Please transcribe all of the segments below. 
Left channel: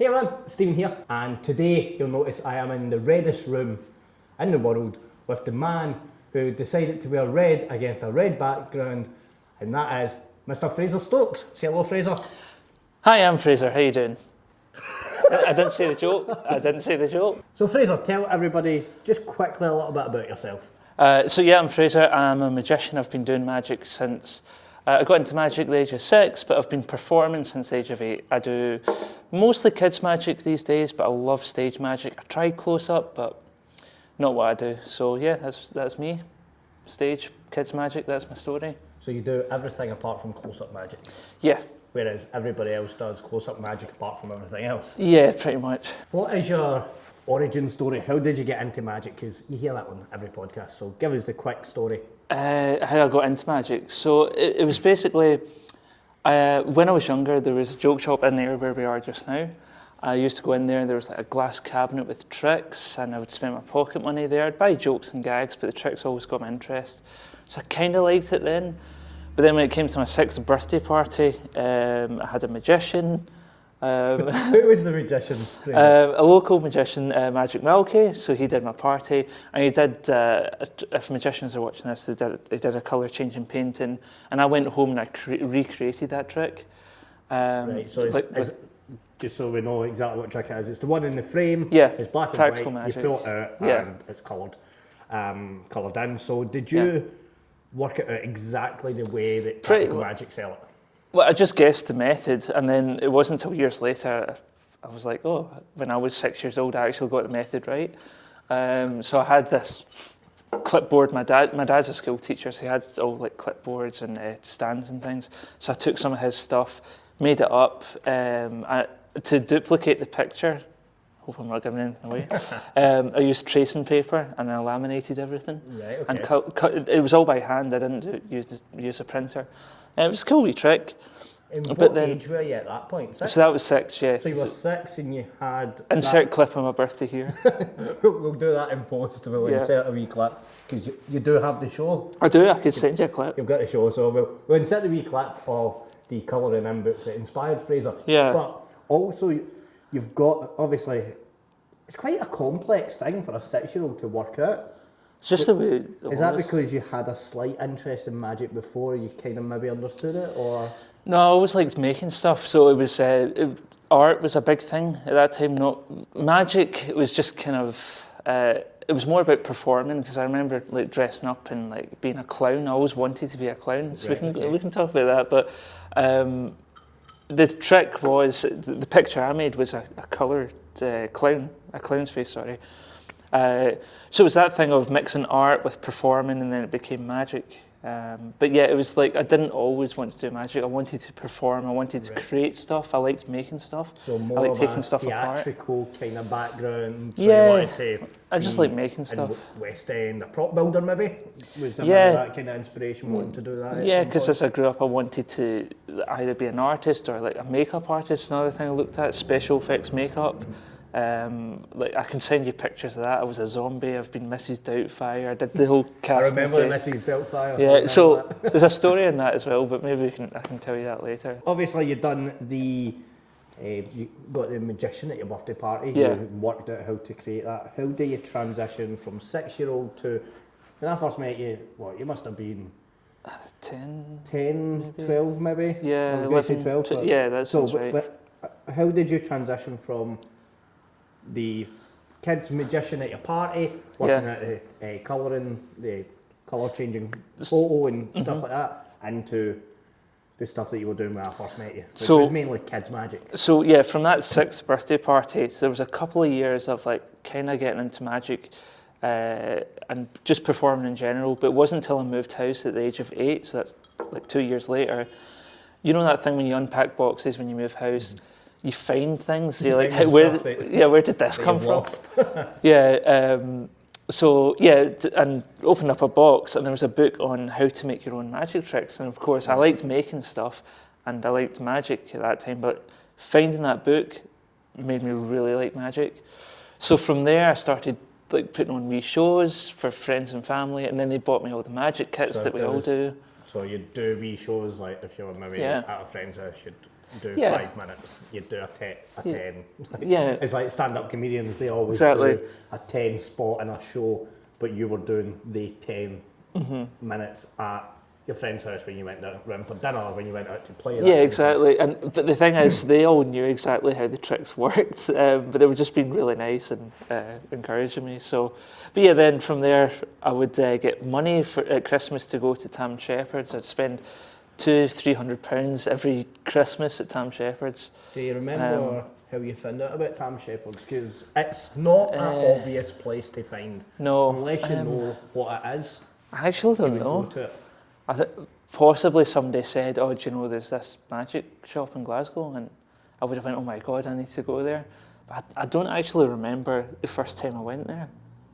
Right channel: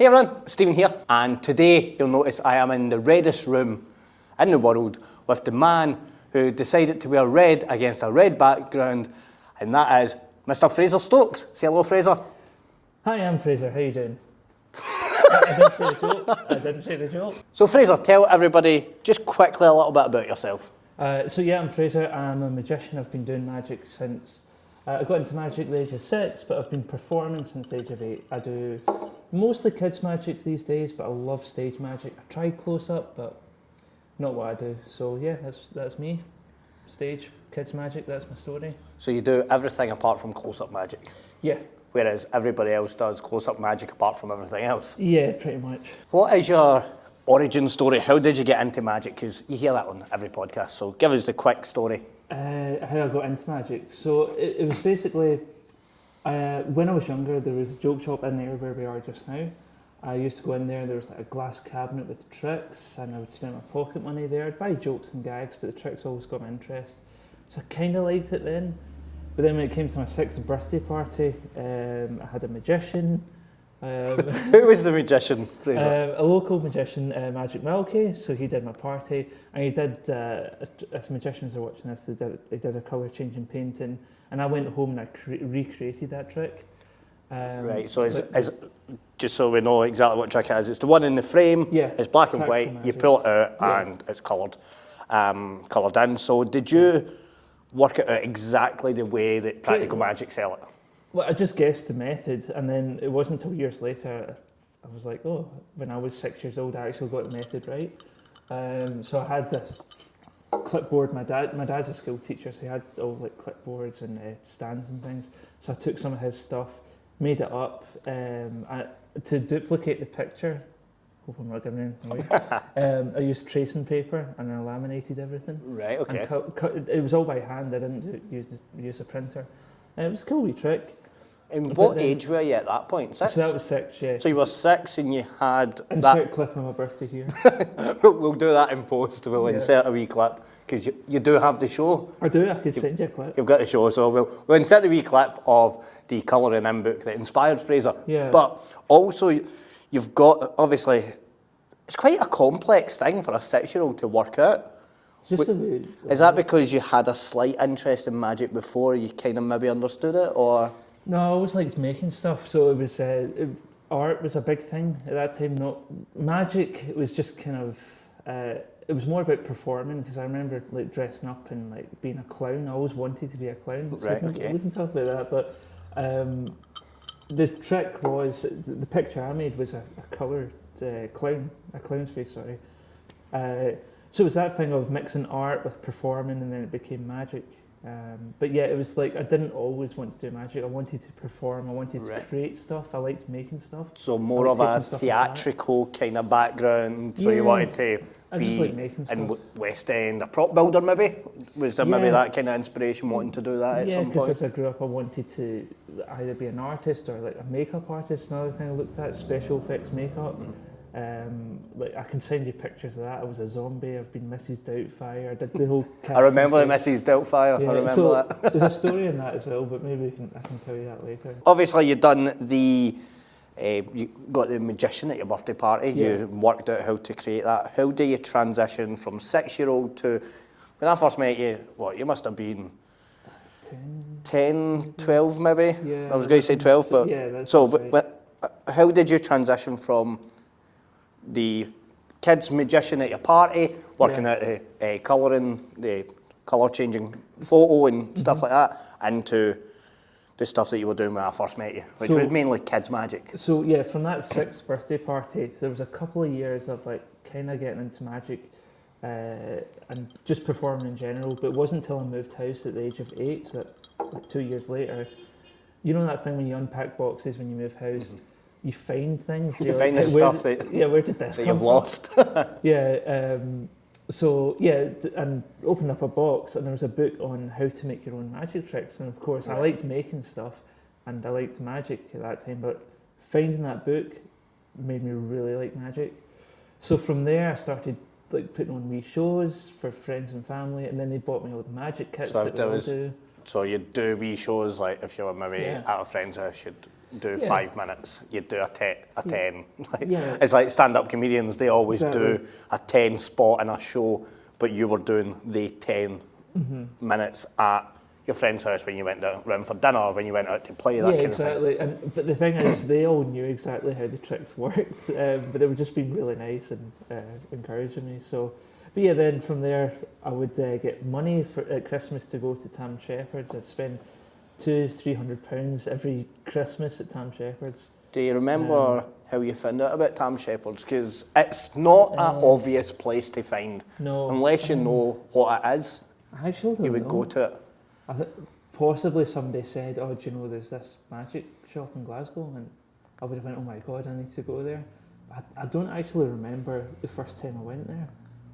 Hey everyone, Stephen here, and today you'll notice I am in the reddest room in the world with the man who decided to wear red against a red background, and that is Mr. Fraser Stokes. Say hello, Fraser. Hi, I'm Fraser. How you doing? I didn't say the joke. So Fraser, tell everybody just quickly a little bit about yourself. I'm Fraser. I'm a magician. I've been doing magic since I got into magic at the age of 6, but I've been performing since the age of 8. I do mostly kids magic these days, but I love stage magic. I tried close up, but not what I do. So yeah, that's me. Stage, kids magic, that's my story. So you do everything apart from close-up magic? Yeah. Whereas everybody else does close-up magic apart from everything else? Yeah, pretty much. What is your origin story? How did you get into magic? Because you hear that on every podcast, so give us the quick story. How I got into magic. So it was basically, when I was younger, there was a joke shop in there where we are just now. I used to go in there and there was like a glass cabinet with tricks, and I would spend my pocket money there. I'd buy jokes and gags, but the tricks always got my interest. So I kind of liked it then. But then when it came to my 6th birthday party, I had a magician. Who was the magician? A local magician, Magic Milky. So he did my party, and he did. If magicians are watching this, they did a colour changing painting, and I went home and I recreated that trick. Right. So just so we know exactly what trick it is, it's the one in the frame. Yeah. It's black and white. Magic. You pull it out and it's coloured in. So did you work it out exactly the way that practical magic sell it? Well, I just guessed the method, and then it wasn't until years later I was like, oh, when I was 6 years old, I actually got the method right. So I had this clipboard. My dad's a school teacher, so he had all like clipboards and stands and things. So I took some of his stuff, made it up to duplicate the picture. Hope I'm not giving anything away. I used tracing paper and I laminated everything. Right. Okay. And cut, it was all by hand. I didn't use a printer. It was a cool wee trick. And what age were you at that point? 6? So that was 6, yeah. So you were 6 and you had... Insert clip of my birthday here. We'll do that in post. We'll insert a wee clip, because you do have the show. I do, I could send you a clip. You've got the show, so we'll insert a wee clip of the colouring in book that inspired Fraser. Yeah. But also, you've got, obviously, it's quite a complex thing for a 6-year-old to work out. It's just the way Is that because you had a slight interest in magic before you kind of maybe understood it, or...? No, I always liked making stuff, so it was art was a big thing at that time. Not magic. It was just kind of it was more about performing, because I remember like dressing up and like being a clown. I always wanted to be a clown. So we can talk about that. But the trick was the picture I made was a coloured clown, a clown's face. Sorry. So it was that thing of mixing art with performing, and then it became magic. But yeah, it was like I didn't always want to do magic. I wanted to perform. I wanted to create stuff. I liked making stuff. So more of a theatrical kind of background. So you wanted to. I just like making stuff. In West End, a prop builder maybe. Was there maybe that kind of inspiration wanting to do that? Yeah, because as I grew up, I wanted to either be an artist or like a makeup artist. Another thing I looked at, special effects makeup. Like I can send you pictures of that. I was a zombie. I've been Mrs. Doubtfire. I did the whole cast. I remember the Mrs. Doubtfire. Yeah, so there's a story in that as well, but maybe I can tell you that later. Obviously, you've done you got the magician at your birthday party. Yeah. You worked out how to create that. How do you transition from 6-year-old to, when I first met you, you must have been 10, 12 maybe? Yeah. I was going to say 12, but... Yeah, that's right. How did you transition from the kids magician at your party, working out the colouring, the colour changing photo and stuff like that, into the stuff that you were doing when I first met you, which was mainly kids magic? So yeah, from that 6th birthday party, there was a couple of years of like kind of getting into magic and just performing in general, but it wasn't until I moved house at the age of 8, so that's like 2 years later. You know that thing when you unpack boxes when you move house? You find things. You're like, where did this come from? Lost. And opened up a box, and there was a book on how to make your own magic tricks. And of course, I liked making stuff, and I liked magic at that time. But finding that book made me really like magic. So from there, I started like putting on wee shows for friends and family, and then they bought me all the magic kits that we all do. So you'd do wee shows, like if you were maybe at a friend's house, you'd do Yeah. 5 minutes, you'd do a 10. Like, Yeah. It's like stand-up comedians, they always Exactly. do a 10 spot in a show, but you were doing the 10 minutes at your friend's house when you went round for dinner or when you went out to play. That Yeah, kind of thing. exactly. But the thing is, they all knew exactly how the tricks worked, but they were just being really nice and encouraging me. So, but yeah, then from there, I would get money at Christmas to go to Tam Shepherd's. I'd spend £200-300 every Christmas at Tam Shepherd's. Do you remember how you found out about Tam Shepherd's? Because it's not an obvious place to find. No, Unless you know what it is, I actually you don't would know. go to it. I think possibly somebody said, "Oh, do you know there's this magic shop in Glasgow?" And I would have went, "Oh my God, I need to go there." But I don't actually remember the first time I went there.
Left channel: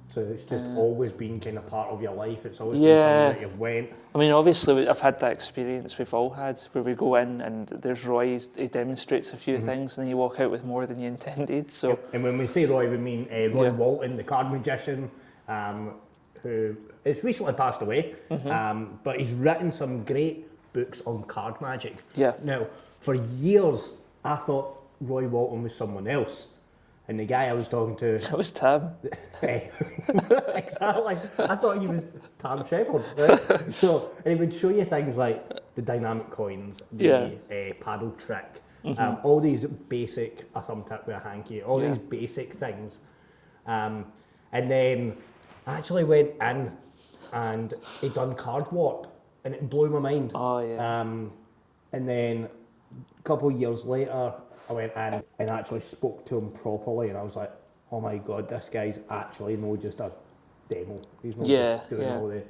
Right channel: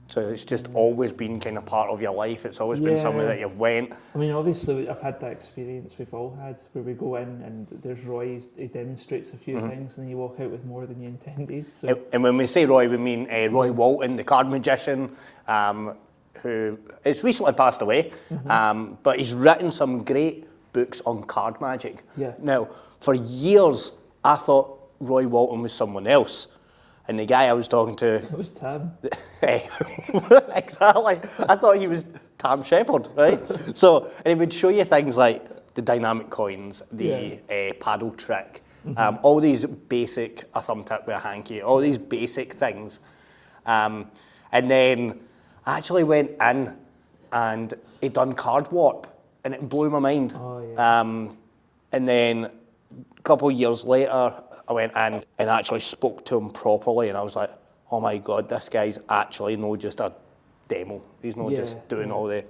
So it's just always been kind of part of your life. It's always been somewhere that you've went. I mean, obviously, I've had that experience we've all had, where we go in and there's Roy, he demonstrates a few things, and then you walk out with more than you intended. So, Yep. And when we say Roy, we mean Roy Walton, the card magician, who has recently passed away, but he's written some great books on card magic. Yeah. Now, for years, I thought Roy Walton was someone else. And the guy I was talking to... it was Tam. Exactly. I thought he was Tam Shepherd, right? So, and he would show you things like the dynamic coins, the paddle trick, all these basic, a thumb tip with a hanky, all these basic things. And then I actually went in and he'd done card warp, and it blew my mind. Oh, yeah. And then a couple of years later, I went in and actually spoke to him properly, and I was like, oh my God, this guy's actually not just a demo. He's not just doing all the,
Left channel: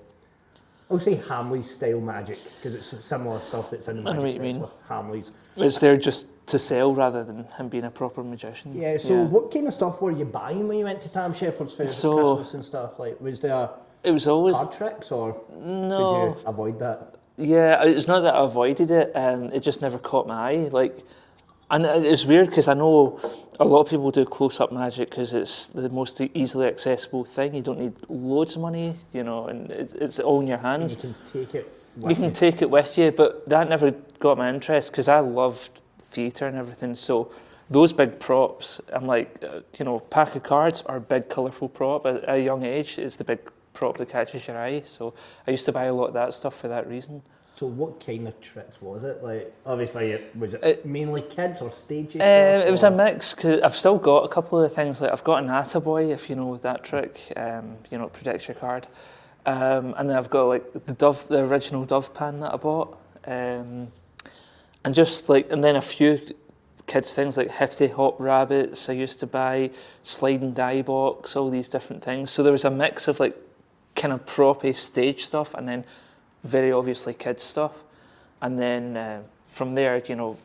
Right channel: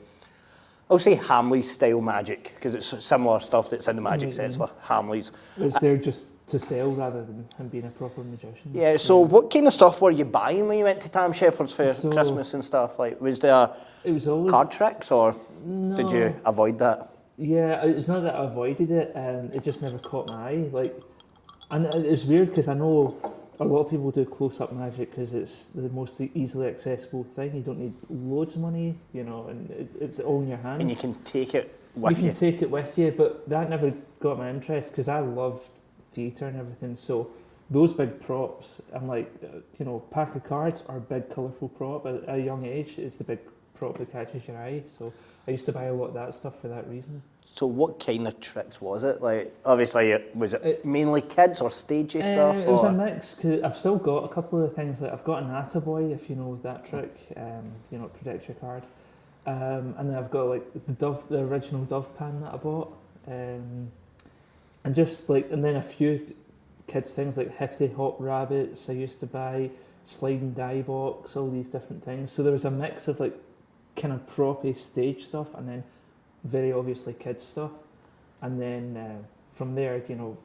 I'll say Hamley's style magic, because it's similar stuff that's in the magic sets with Hamley's. It's there just to sell rather than him being a proper magician. Yeah, so what kind of stuff were you buying when you went to Tam Shepherd's for Christmas and stuff? Like, was there it was always card tricks, or no. did you avoid that? Yeah, it's not that I avoided it, it just never caught my eye. Like, and it's weird because I know a lot of people do close-up magic because it's the most easily accessible thing. You don't need loads of money, you know, and it's all in your hands. And you can take it with you. You can take it with you, but that never got my interest because I loved theatre and everything. So those big props, I'm like, you know, pack of cards are a big colourful prop. At a young age, it's the big prop that catches your eye. So I used to buy a lot of that stuff for that reason. So what kind of tricks was it? Like, obviously, was it mainly kids or stagey stuff? It was a mix, because I've still got a couple of things. Like, I've got an Attaboy, if you know that trick, you know, it protects your card. And then I've got like the original Dove pan that I bought. And just like, and then a few kids things like Hippity Hop Rabbits I used to buy, sliding die box, all these different things. So there was a mix of like kind of proppy stage stuff, and then very obviously kids stuff, and then from there, you know,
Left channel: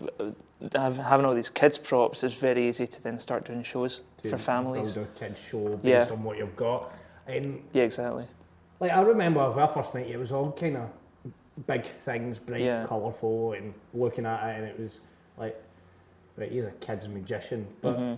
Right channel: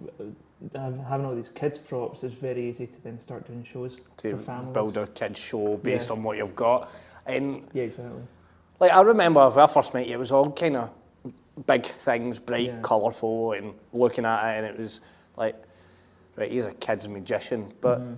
having all these kids props, it's very easy to then start doing shows for families. Build a kids show based on what you've got. And yeah, exactly. like, I remember when I first met you, it was all kind of big things, bright, colourful, and looking at it, and it was like, right, he's a kids magician, but you're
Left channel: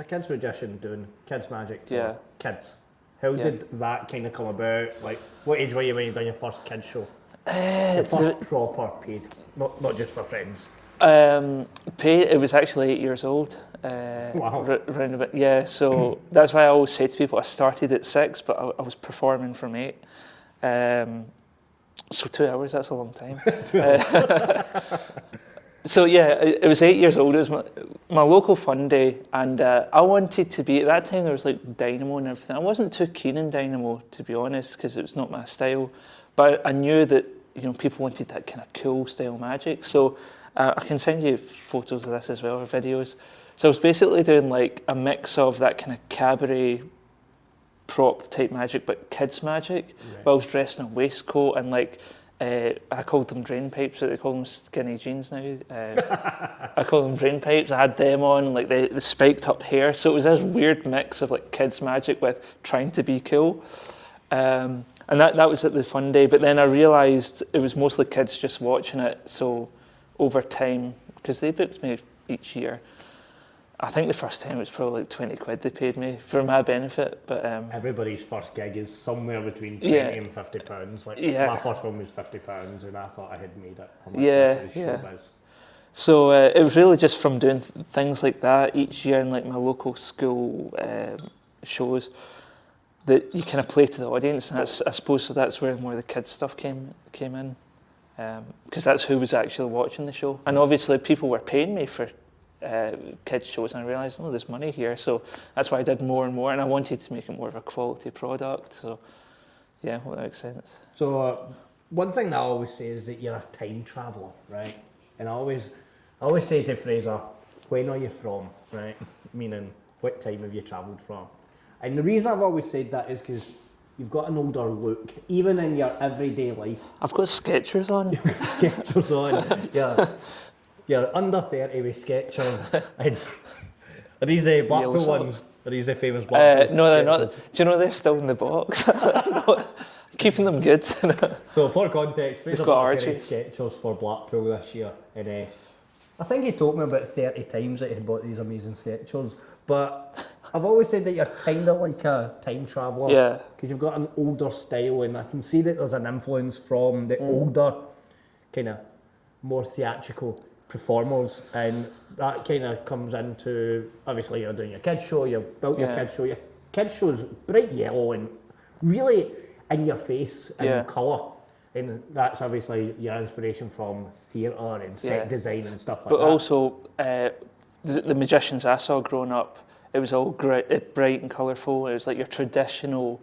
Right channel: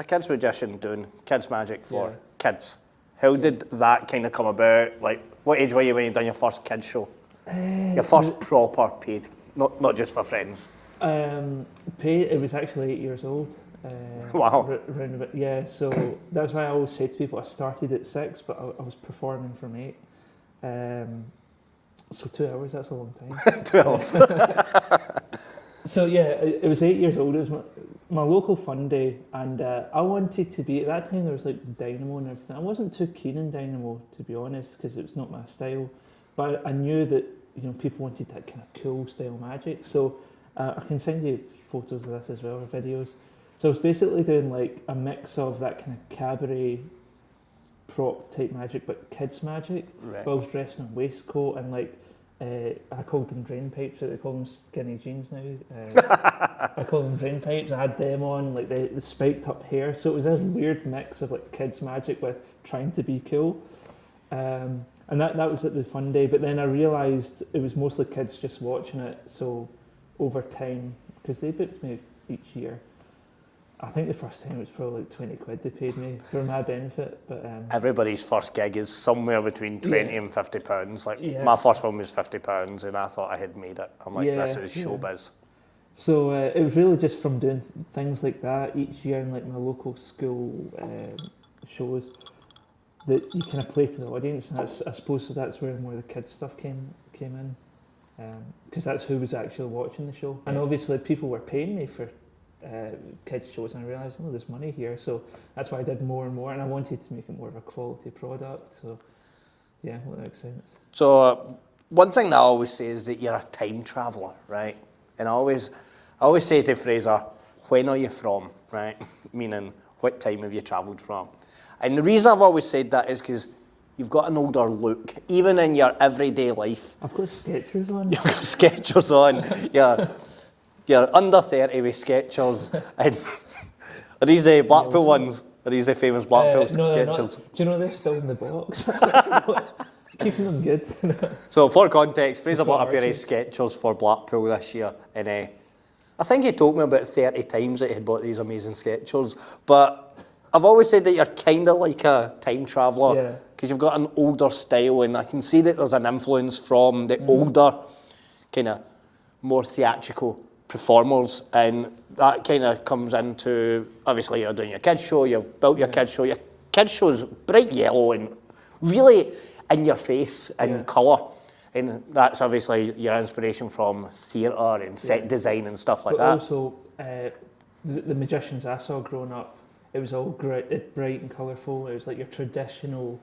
a kids magician doing kids magic for kids. How did that kind of come about? Like, what age were you when you done your first kids show? Your first proper paid, not just for friends. Paid. It was actually 8 years old. Wow. Round about, yeah, so that's why I always say to people I started at 6, but I was performing from 8. So 2 hours, that's a long time. 2 hours. So yeah, it was 8 years old. It was my local fun day, and I wanted to be, at that time there was like Dynamo and everything. I wasn't too keen in Dynamo, to be honest, because it was not my style. But I knew that, you know, people wanted that kind of cool style magic. So I can send you photos of this as well, or videos. So I was basically doing like a mix of that kind of cabaret prop type magic, but kids magic. Right. But I was dressed in a waistcoat and like, I called them drain pipes, but they call them skinny jeans now. I call them drain pipes. I had them on, like the spiked up hair. So it was this weird mix of like kids magic with trying to be cool. And that was at the fun day. But then I realised it was mostly kids just watching it. So over time, because they booked me each year, I think the first time it was probably like 20 quid they paid me for my benefit. But everybody's first gig is somewhere between 20 and £50. Like, my first one was £50, and I thought I had made it. I'm like, this is showbiz. So it was really just from doing things like that each year in like my local school shows that you kind of play to the audience, and that's, I suppose so that's where more of the kids stuff came in, because that's who was actually watching the show. And obviously people were paying me for kids shows, and I realised, oh, there's money here, so that's why I did more and more, and I wanted to make it more of a quality product. So yeah, well, that makes sense. So one thing that I always say is that you're a time traveller, right? And I always say to Fraser, when are you from, right? Meaning, what time have you travelled from? And the reason I've always said that is because you've got an older look, even in your everyday life. I've got Skechers on. You've got Skechers on. You're under 30 with Skechers. And are these the Blackpool ones? Are these the famous Blackpool No, they're Skechers? not. Do you know they're still in the box? Keeping them good. So for context, Fraser bought a pair of arches. Skechers for Blackpool this year, and I think he told me about 30 times that he had bought these amazing Skechers. But I've always said that you're kind of like a time traveller, Yeah. because you've got an older style, and I can see that there's an influence from the older, kind of more theatrical performers, and that kind of comes into, obviously you're doing your kids show, you've built your kids show. Your kids show's bright yellow and really in your face in colour, and that's obviously your inspiration from theatre and set design and stuff like that. But also, the magicians I saw growing up, it was all bright and colourful. It was like your traditional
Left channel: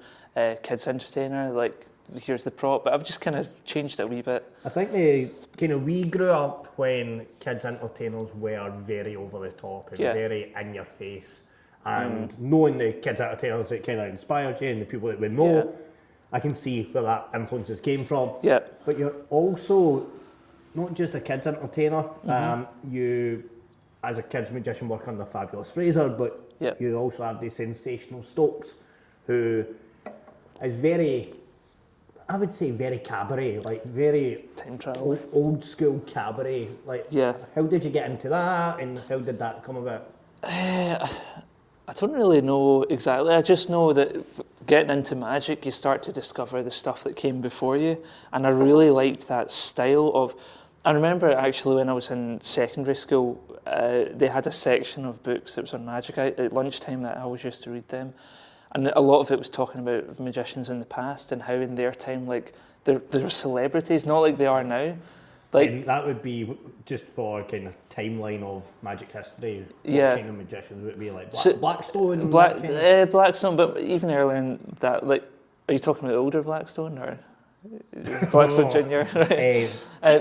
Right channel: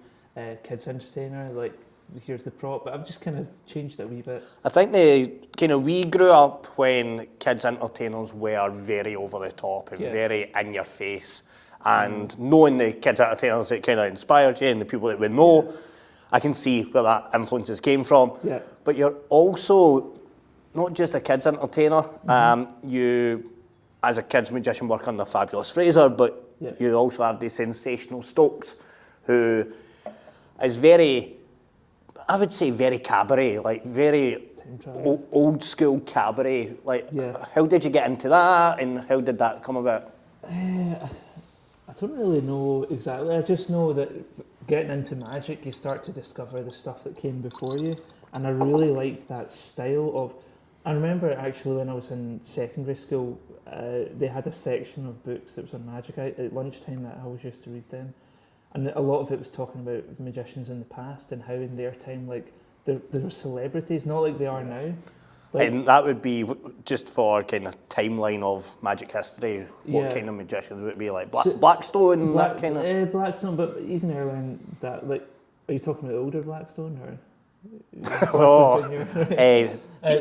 kids entertainer, like here's the prop, but I've just kind of changed it a wee bit. I think we grew up when kids entertainers were very over the top and very in your face, and knowing the kids entertainers that kind of inspired you and the people that we know, I can see where that influences came from. Yeah. But you're also not just a kids entertainer. You, as a kids magician, work under Fabulous Fraser, but you also have the sensational Stokes, who is very, I would say, very cabaret, like very old school cabaret. Like, how did you get into that, and how did that come about? I don't really know exactly. I just know that getting into magic, you start to discover the stuff that came before you, and I really liked that style of. I remember actually when I was in secondary school, they had a section of books that was on magic at lunchtime that I always used to read them. And a lot of it was talking about magicians in the past and how in their time, like, they were celebrities, not like they are now. Like, and that would be just for kind of timeline of magic history. What kind of magicians would it be like? Blackstone? Blackstone, but even earlier in that, like, are you talking about the older Blackstone or Blackstone Junior? Right?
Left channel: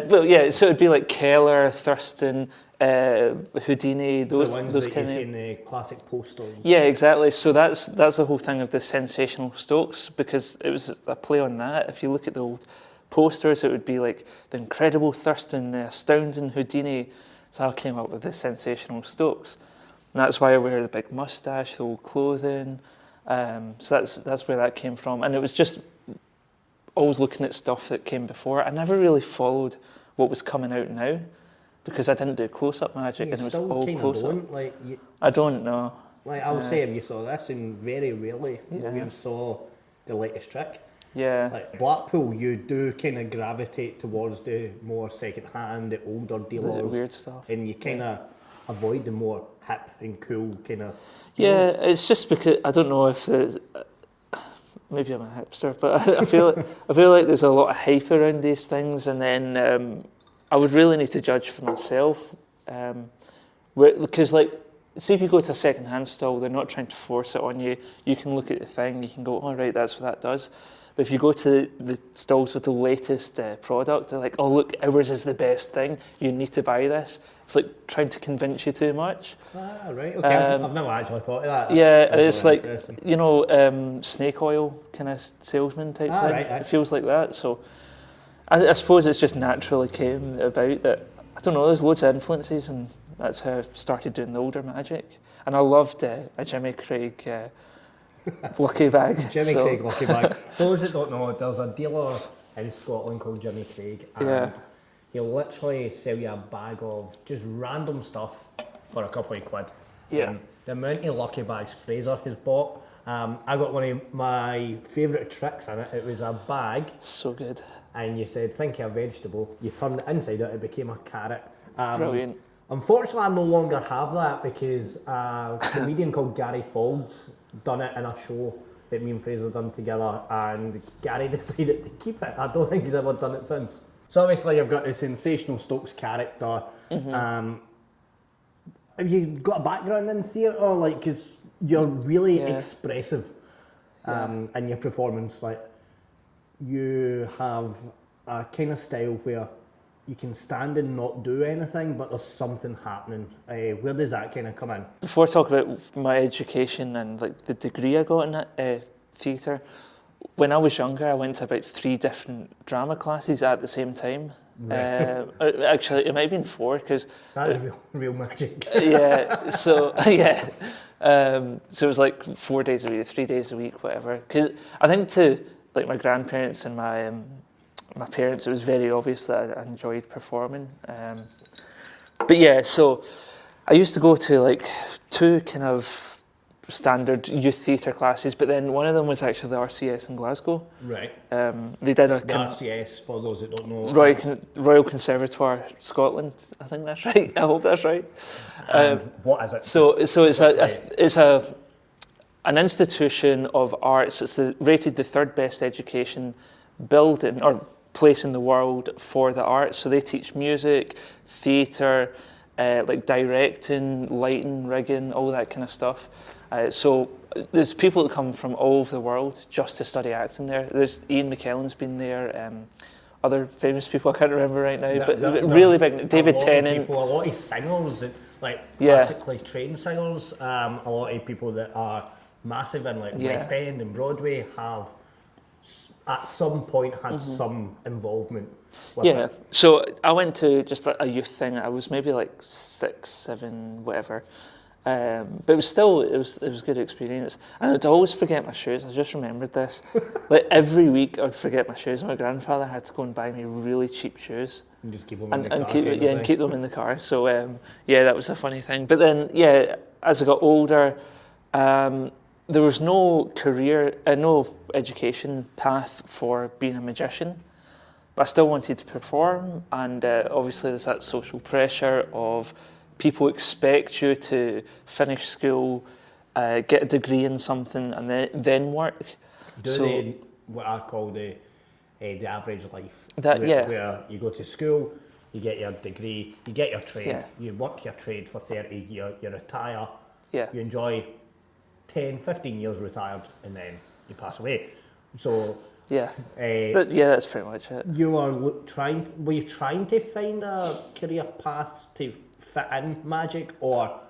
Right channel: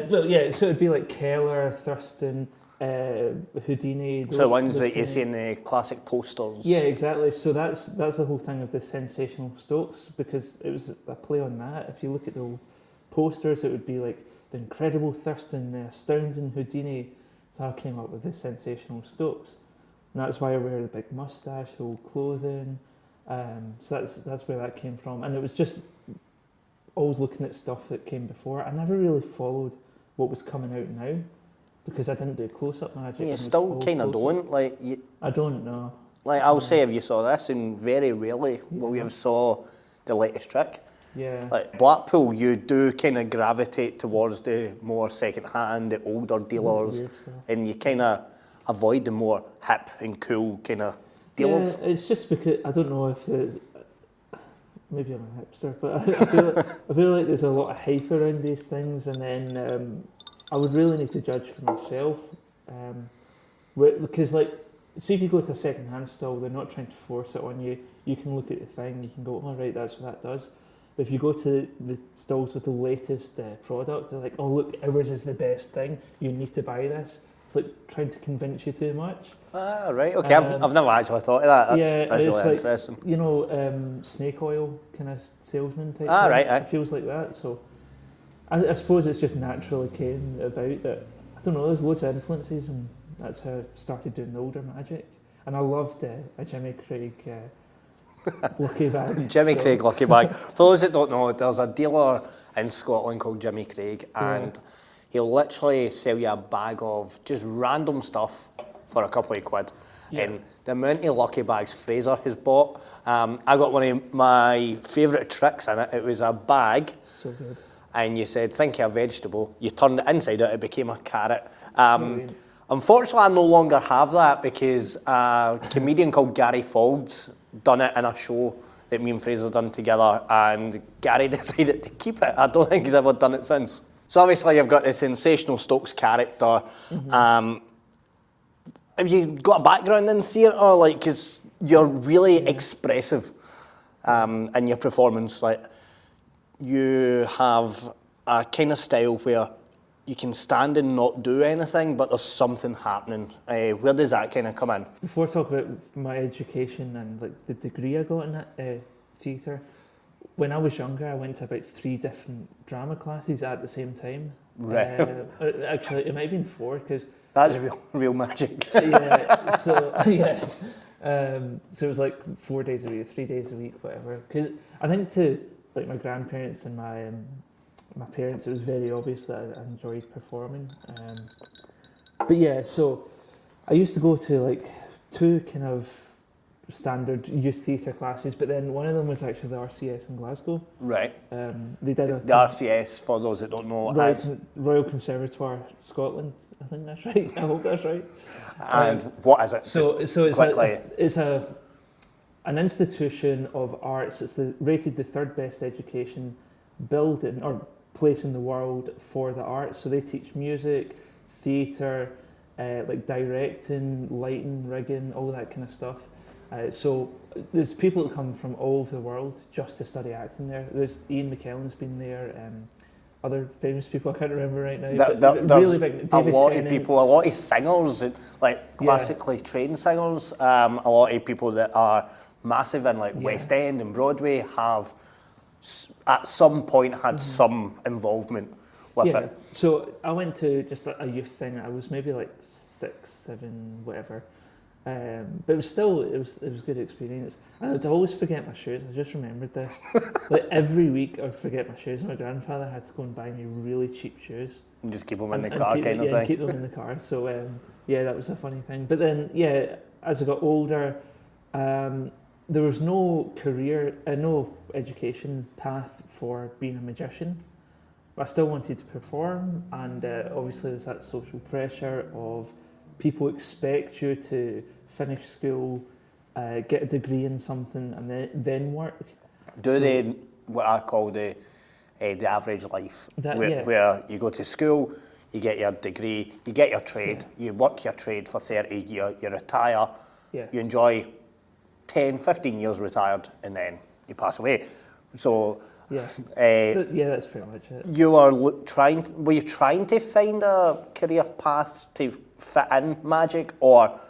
But yeah, so it'd be like Keller, Thurston, Houdini, those, so the ones those that you see in the classic posters. Yeah, exactly. So that's the whole thing of the sensational Stokes, because it was a play on that. If you look at the old posters, it would be like the incredible Thurston, the astounding Houdini. So I came up with the sensational Stokes, and that's why I wear the big mustache, the old clothing. So that's where that came from, and it was just always looking at stuff that came before. I never really followed what was coming out now, because I didn't do close-up magic. You and it was still all kind of close-up. don't. Like, I don't know. Like, I'll say if you saw this, and very rarely will you have saw the latest trick. Yeah. Like Blackpool, you do kind of gravitate towards the more second-hand, the older dealers, weird stuff. and you kind of avoid the more hip and cool kind of dealers. Yeah, it's just because I don't know if maybe I'm a hipster, but I feel like there's a lot of hype around these things, and then I would really need to judge for myself, because like, see if you go to a second-hand stall, they're not trying to force it on you. You can look at the thing, you can go, all right, that's what that does. But if you go to the stalls with the latest product, they're like, oh look, ours is the best thing. You need to buy this. It's like trying to convince you too much. Ah, right. Okay, I've never actually thought of that. It's really like, you know, snake oil kind of salesman type thing. Right. It feels like that. So I suppose it's just naturally came about that, I don't know, there's loads of influences, and that's how I started doing the older magic. And I loved a Jimmy Craig lucky bag. Craig lucky bag. For those that don't know, there's a dealer in Scotland called Jimmy Craig, and he'll literally sell you a bag of just random stuff for a couple of quid. Yeah. And the amount of lucky bags Fraser has bought, I got one of my favourite tricks in it. It was a bag. So good. And you said, think of a vegetable. You turned it inside out, it became a carrot. Brilliant. Unfortunately, I no longer have that because a comedian called Gary Fauld's done it in a show that me and Fraser done together, and Gary decided to keep it. I don't think he's ever done it since. So obviously you've got the sensational Stokes character. Have you got a background in theatre? Like, because you're really expressive in your performance. Like, you have a kind of style where you can stand and not do anything, but there's something happening. Where does that kind of come in? Before I talk about my education and like the degree I got in theatre, when I was younger, I went to about 3 different drama classes at the same time. Right. Actually, it might have been 4 because That's real magic. So it was like 4 days a week, 3 days a week, whatever. Because I think to like my grandparents and my parents, it was very obvious that I enjoyed performing. But yeah, so I used to go to like 2 kind of standard youth theatre classes, but then one of them was actually the RCS in Glasgow. Right. They did the RCS, for those that don't know. Royal Conservatoire Scotland, I think that's right. I hope that's right. And what is it? So it's an institution of arts. It's rated the 3rd best education building or place in the world for the arts. So they teach music, theatre, like directing, lighting, rigging, all that kind of stuff. So there's people that come from all over the world just to study acting there. There's Ian McKellen's been there. Other famous people I can't remember right now, but really big. David Tennant. A lot of singers, like classically trained singers. A lot of people that are massive in like West End and Broadway have at some point had some involvement with it. So I went to just a youth thing. I was maybe like 6, 7, whatever. But it was still it was a good experience. And I'd always forget my shoes. I just remembered this. Like every week I'd forget my shoes. My grandfather had to go and buy me really cheap shoes. And just keep them in the car. And keep them in the car. So that was a funny thing. But then as I got older, there was no no education path for being a magician. But I still wanted to perform, and obviously there's that social pressure of people expect you to finish school, get a degree in something, and then work. Do they what I call the average life? Where you go to school, you get your degree, you get your trade, you work your trade for 30 years, you retire, you enjoy 10, 15 years retired, and then you pass away. So that's pretty much it. You were trying to find a career path to fit in magic, or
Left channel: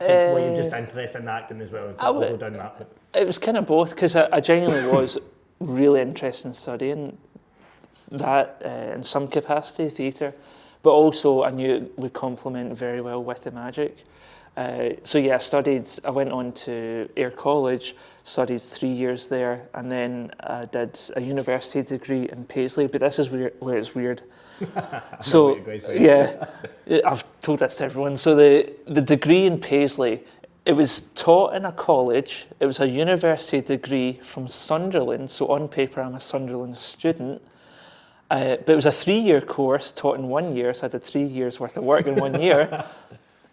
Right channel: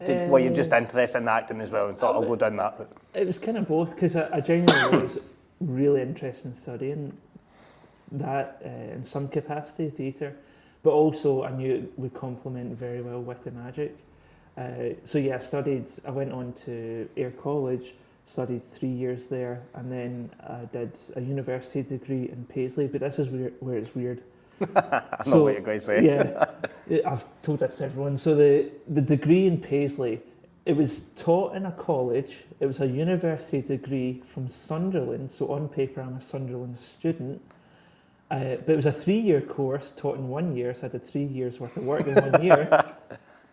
were you just interested in acting as well and thought, I'll go down that route? It was kind of both, because I genuinely was really interested in studying that in some capacity, theatre, but also I knew it would complement very well with the magic. I went on to Ayr College, studied 3 years there, and then I did a university degree in Paisley, but this is where it's weird. I know what you're going to say. Yeah, I've told this to everyone. So the degree in Paisley, it was taught in a college. It was a university degree from Sunderland, so on paper I'm a Sunderland student. But it was a 3-year course taught in 1 year, so I did 3 years worth of work in 1 year.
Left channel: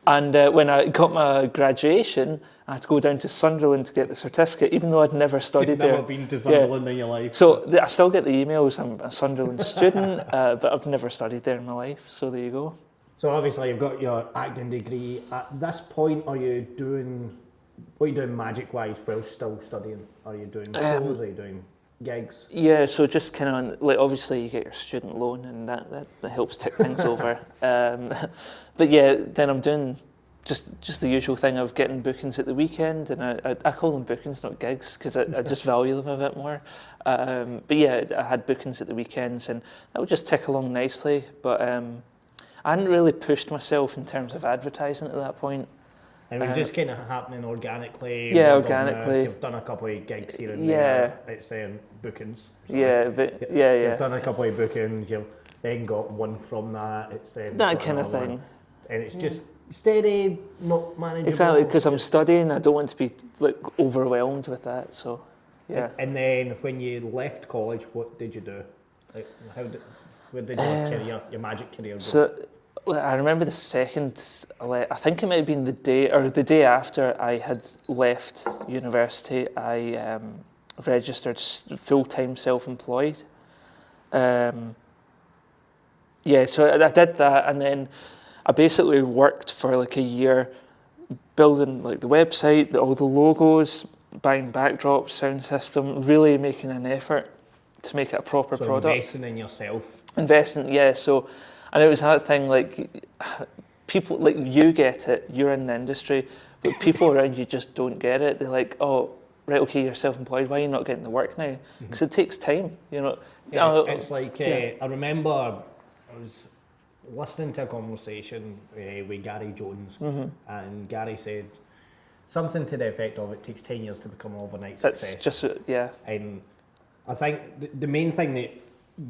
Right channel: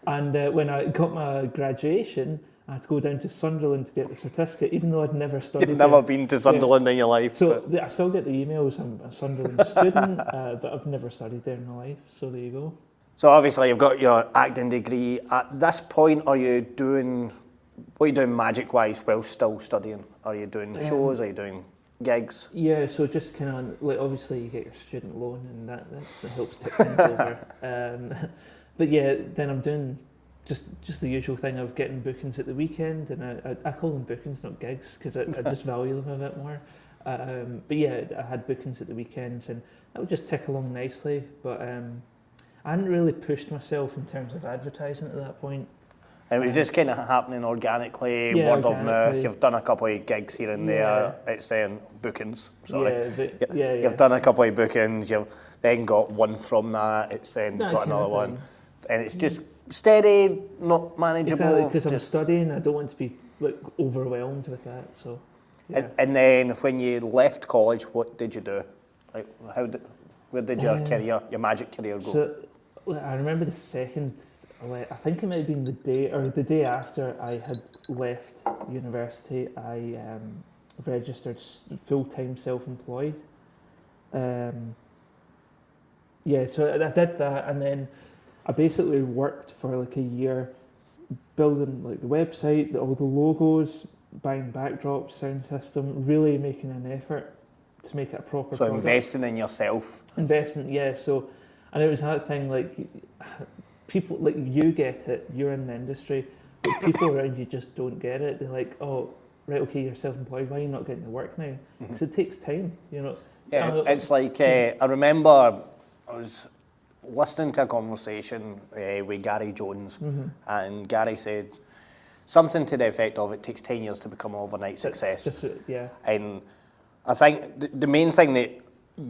And when I got my graduation, I had to go down to Sunderland to get the certificate, even though I'd never studied there. You've never been to Sunderland in your life. So I still get the emails, I'm a Sunderland student, but I've never studied there in my life, so there you go. So obviously you've got your acting degree. At this point, what are you doing magic-wise while still studying? Are you doing shows, are you doing gigs? Yeah, so just kind of, like, obviously you get your student loan, and that helps tip things over. But yeah, then I'm doing just the usual thing of getting bookings at the weekend, and I call them bookings, not gigs, because I just value them a bit more. But yeah, I had bookings at the weekends, and that would just tick along nicely. But I hadn't really pushed myself in terms of advertising at that point. And it was just kind of happening organically. Yeah, word organically. Of mouth. You've done a couple of gigs here and there. It's bookings. Sorry. You've done a couple of bookings. You've then got one from that. It's that got kind another of thing. one. And it's just steady, not manageable. Exactly, because I'm studying, I don't want to be like overwhelmed with that. So, yeah. And then when you left college, what did you do? Like, where did your career, your magic career go? So I remember the second, I think it might have been the day after I had left university, I registered full-time self-employed. Yeah, so I did that, and then I basically worked for like a year building like the website, all the logos, buying backdrops, sound system, really making an effort to make it a proper product. So investing in yourself. Investing, yeah. So, and it was that thing like people, like you get it, you're in the industry, but people around you just don't get it. They're like, oh, right, okay, you're self-employed, why are you not getting the work now? Because it takes time, you know. Yeah, it's like, I remember I was listening to a conversation with Gary Jones, and Gary said something to the effect of it takes 10 years to become an overnight success. Just, yeah. And I think the main thing that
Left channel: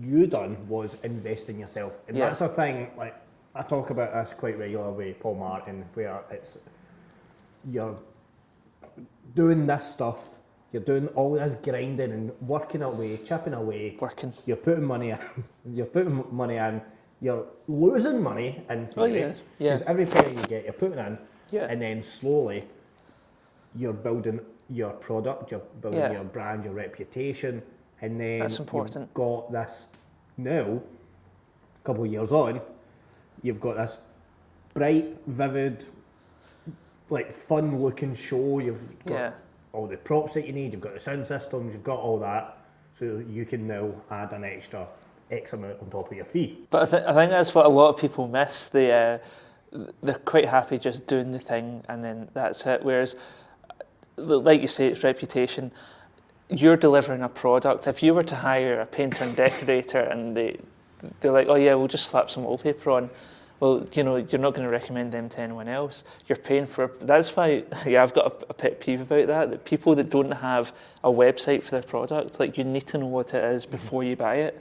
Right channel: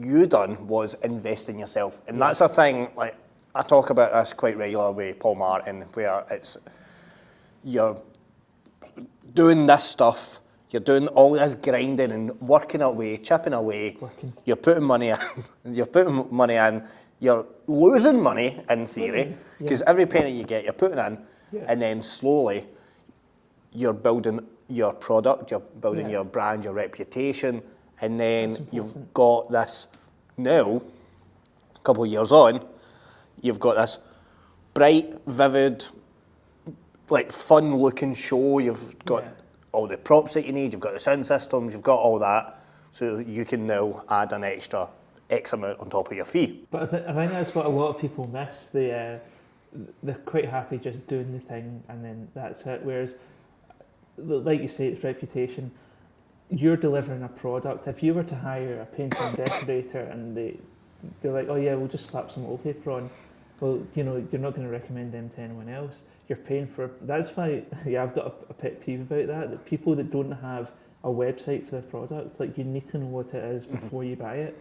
you done was invest in yourself. And that's a thing, like, I talk about this quite regularly with Paul Martin, where it's, you're doing this stuff, you're doing all this grinding and working away, chipping away. You're putting money in, you're losing money in theory, because every penny you get, you're putting in, and then slowly you're building your product, you're building your brand, your reputation, and then you've got this, now, a couple of years on, you've got this bright, vivid, like fun-looking show, you've got all the props that you need, you've got the sound systems, you've got all that, so you can now add an extra X amount on top of your fee. But I think that's what a lot of people miss. They're quite happy just doing the thing and then that's it. Whereas, like you say, it's reputation. You're delivering a product. If you were to hire a painter and decorator and they're like, oh yeah, we'll just slap some wallpaper on. Well, you know, you're not going to recommend them to anyone else. You're paying for. That's why, I've got a pet peeve about that. That people that don't have a website for their product, like you need to know what it is before you buy it.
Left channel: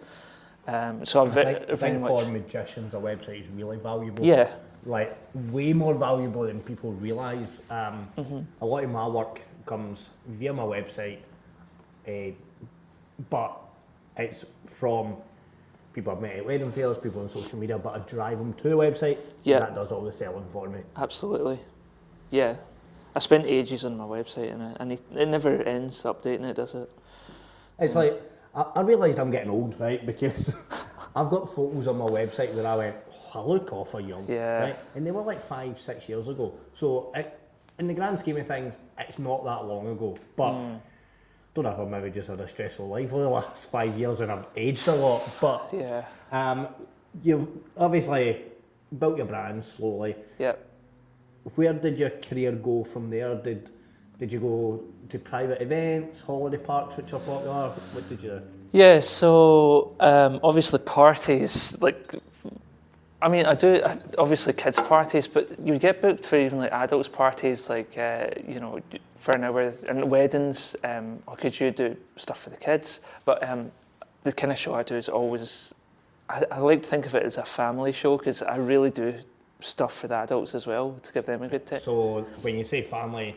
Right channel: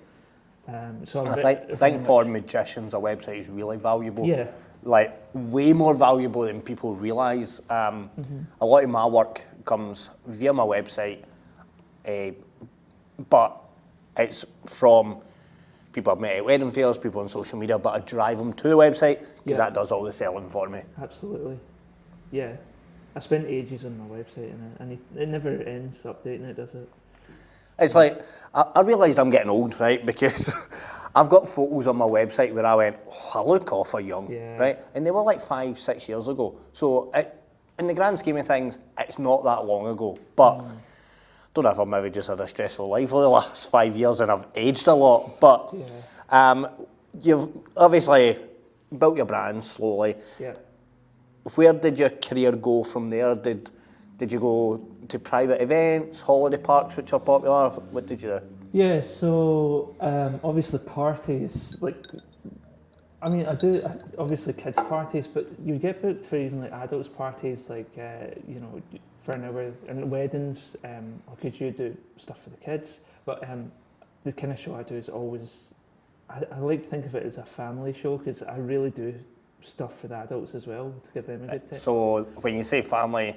So I think for magicians, a website is really valuable. Yeah. Like way more valuable than people realise. A lot of my work comes via my website, but it's from people I've met at wedding fairs, people on social media, but I drive them to the website because that does all the selling for me. Absolutely. Yeah. I spent ages on my website and it never ends updating it, does it? It's like, I realised I'm getting old, right? Because I've got photos on my website where I went, oh, I look awful young, right? And they were like 5-6 years ago. So in the grand scheme of things, it's not that long ago. But I don't know if I've maybe just had a stressful life over the last 5 years and I've aged a lot. But you've obviously built your brand slowly. Yeah. Where did your career go from there? Did you go to private events, holiday parks, which are popular? What did you do? Yeah, so obviously parties, like, I mean, I do obviously kids parties, but you get booked for even like adults parties, like, you know, for an hour, and weddings, or could you do stuff for the kids? But the kind of show I do is always, I like to think of it as a family show, because I really do stuff for the adults as well, to give them a good time. So when you say family,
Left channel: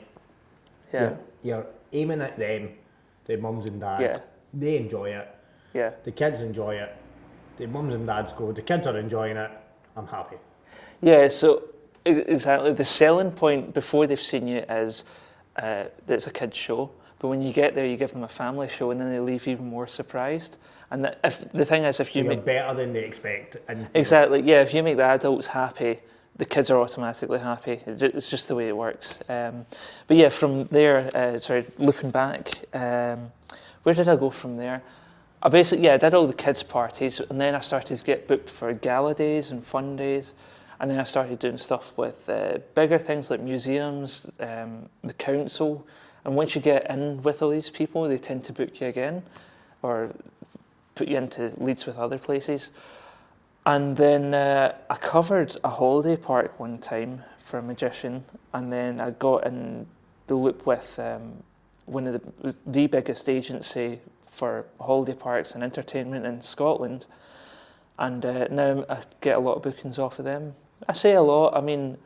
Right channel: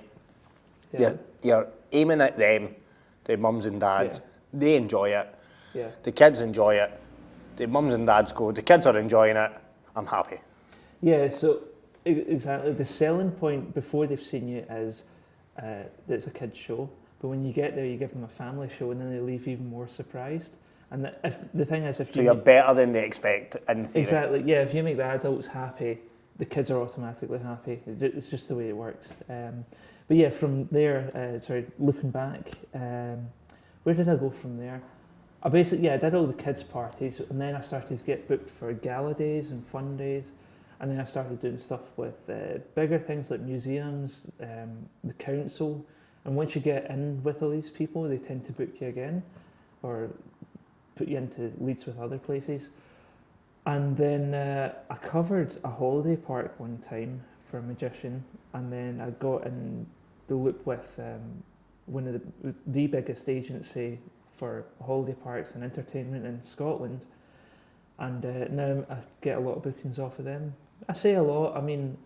you're aiming at them, the mums and dads. They enjoy it. Yeah. The kids enjoy it. The mums and dads go, the kids are enjoying it. I'm happy. Yeah, so exactly. The selling point before they've seen you is that it's a kids show. But when you get there, you give them a family show, and then they leave even more surprised. And if the thing is, if you're better than they expect. Exactly. Yeah. If you make the adults happy, the kids are automatically happy. It's just the way it works. But yeah, from there, looking back, where did I go from there? I basically, I did all the kids' parties, and then I started to get booked for gala days and fun days, and then I started doing stuff with bigger things like museums, the council, and once you get in with all these people, they tend to book you again, or put you into leads with other places. And then I covered a holiday park one time for a magician, and then I got in the loop with one of the biggest agency for holiday parks and entertainment in Scotland, and now I get a lot of bookings off of them. I say a lot, I mean,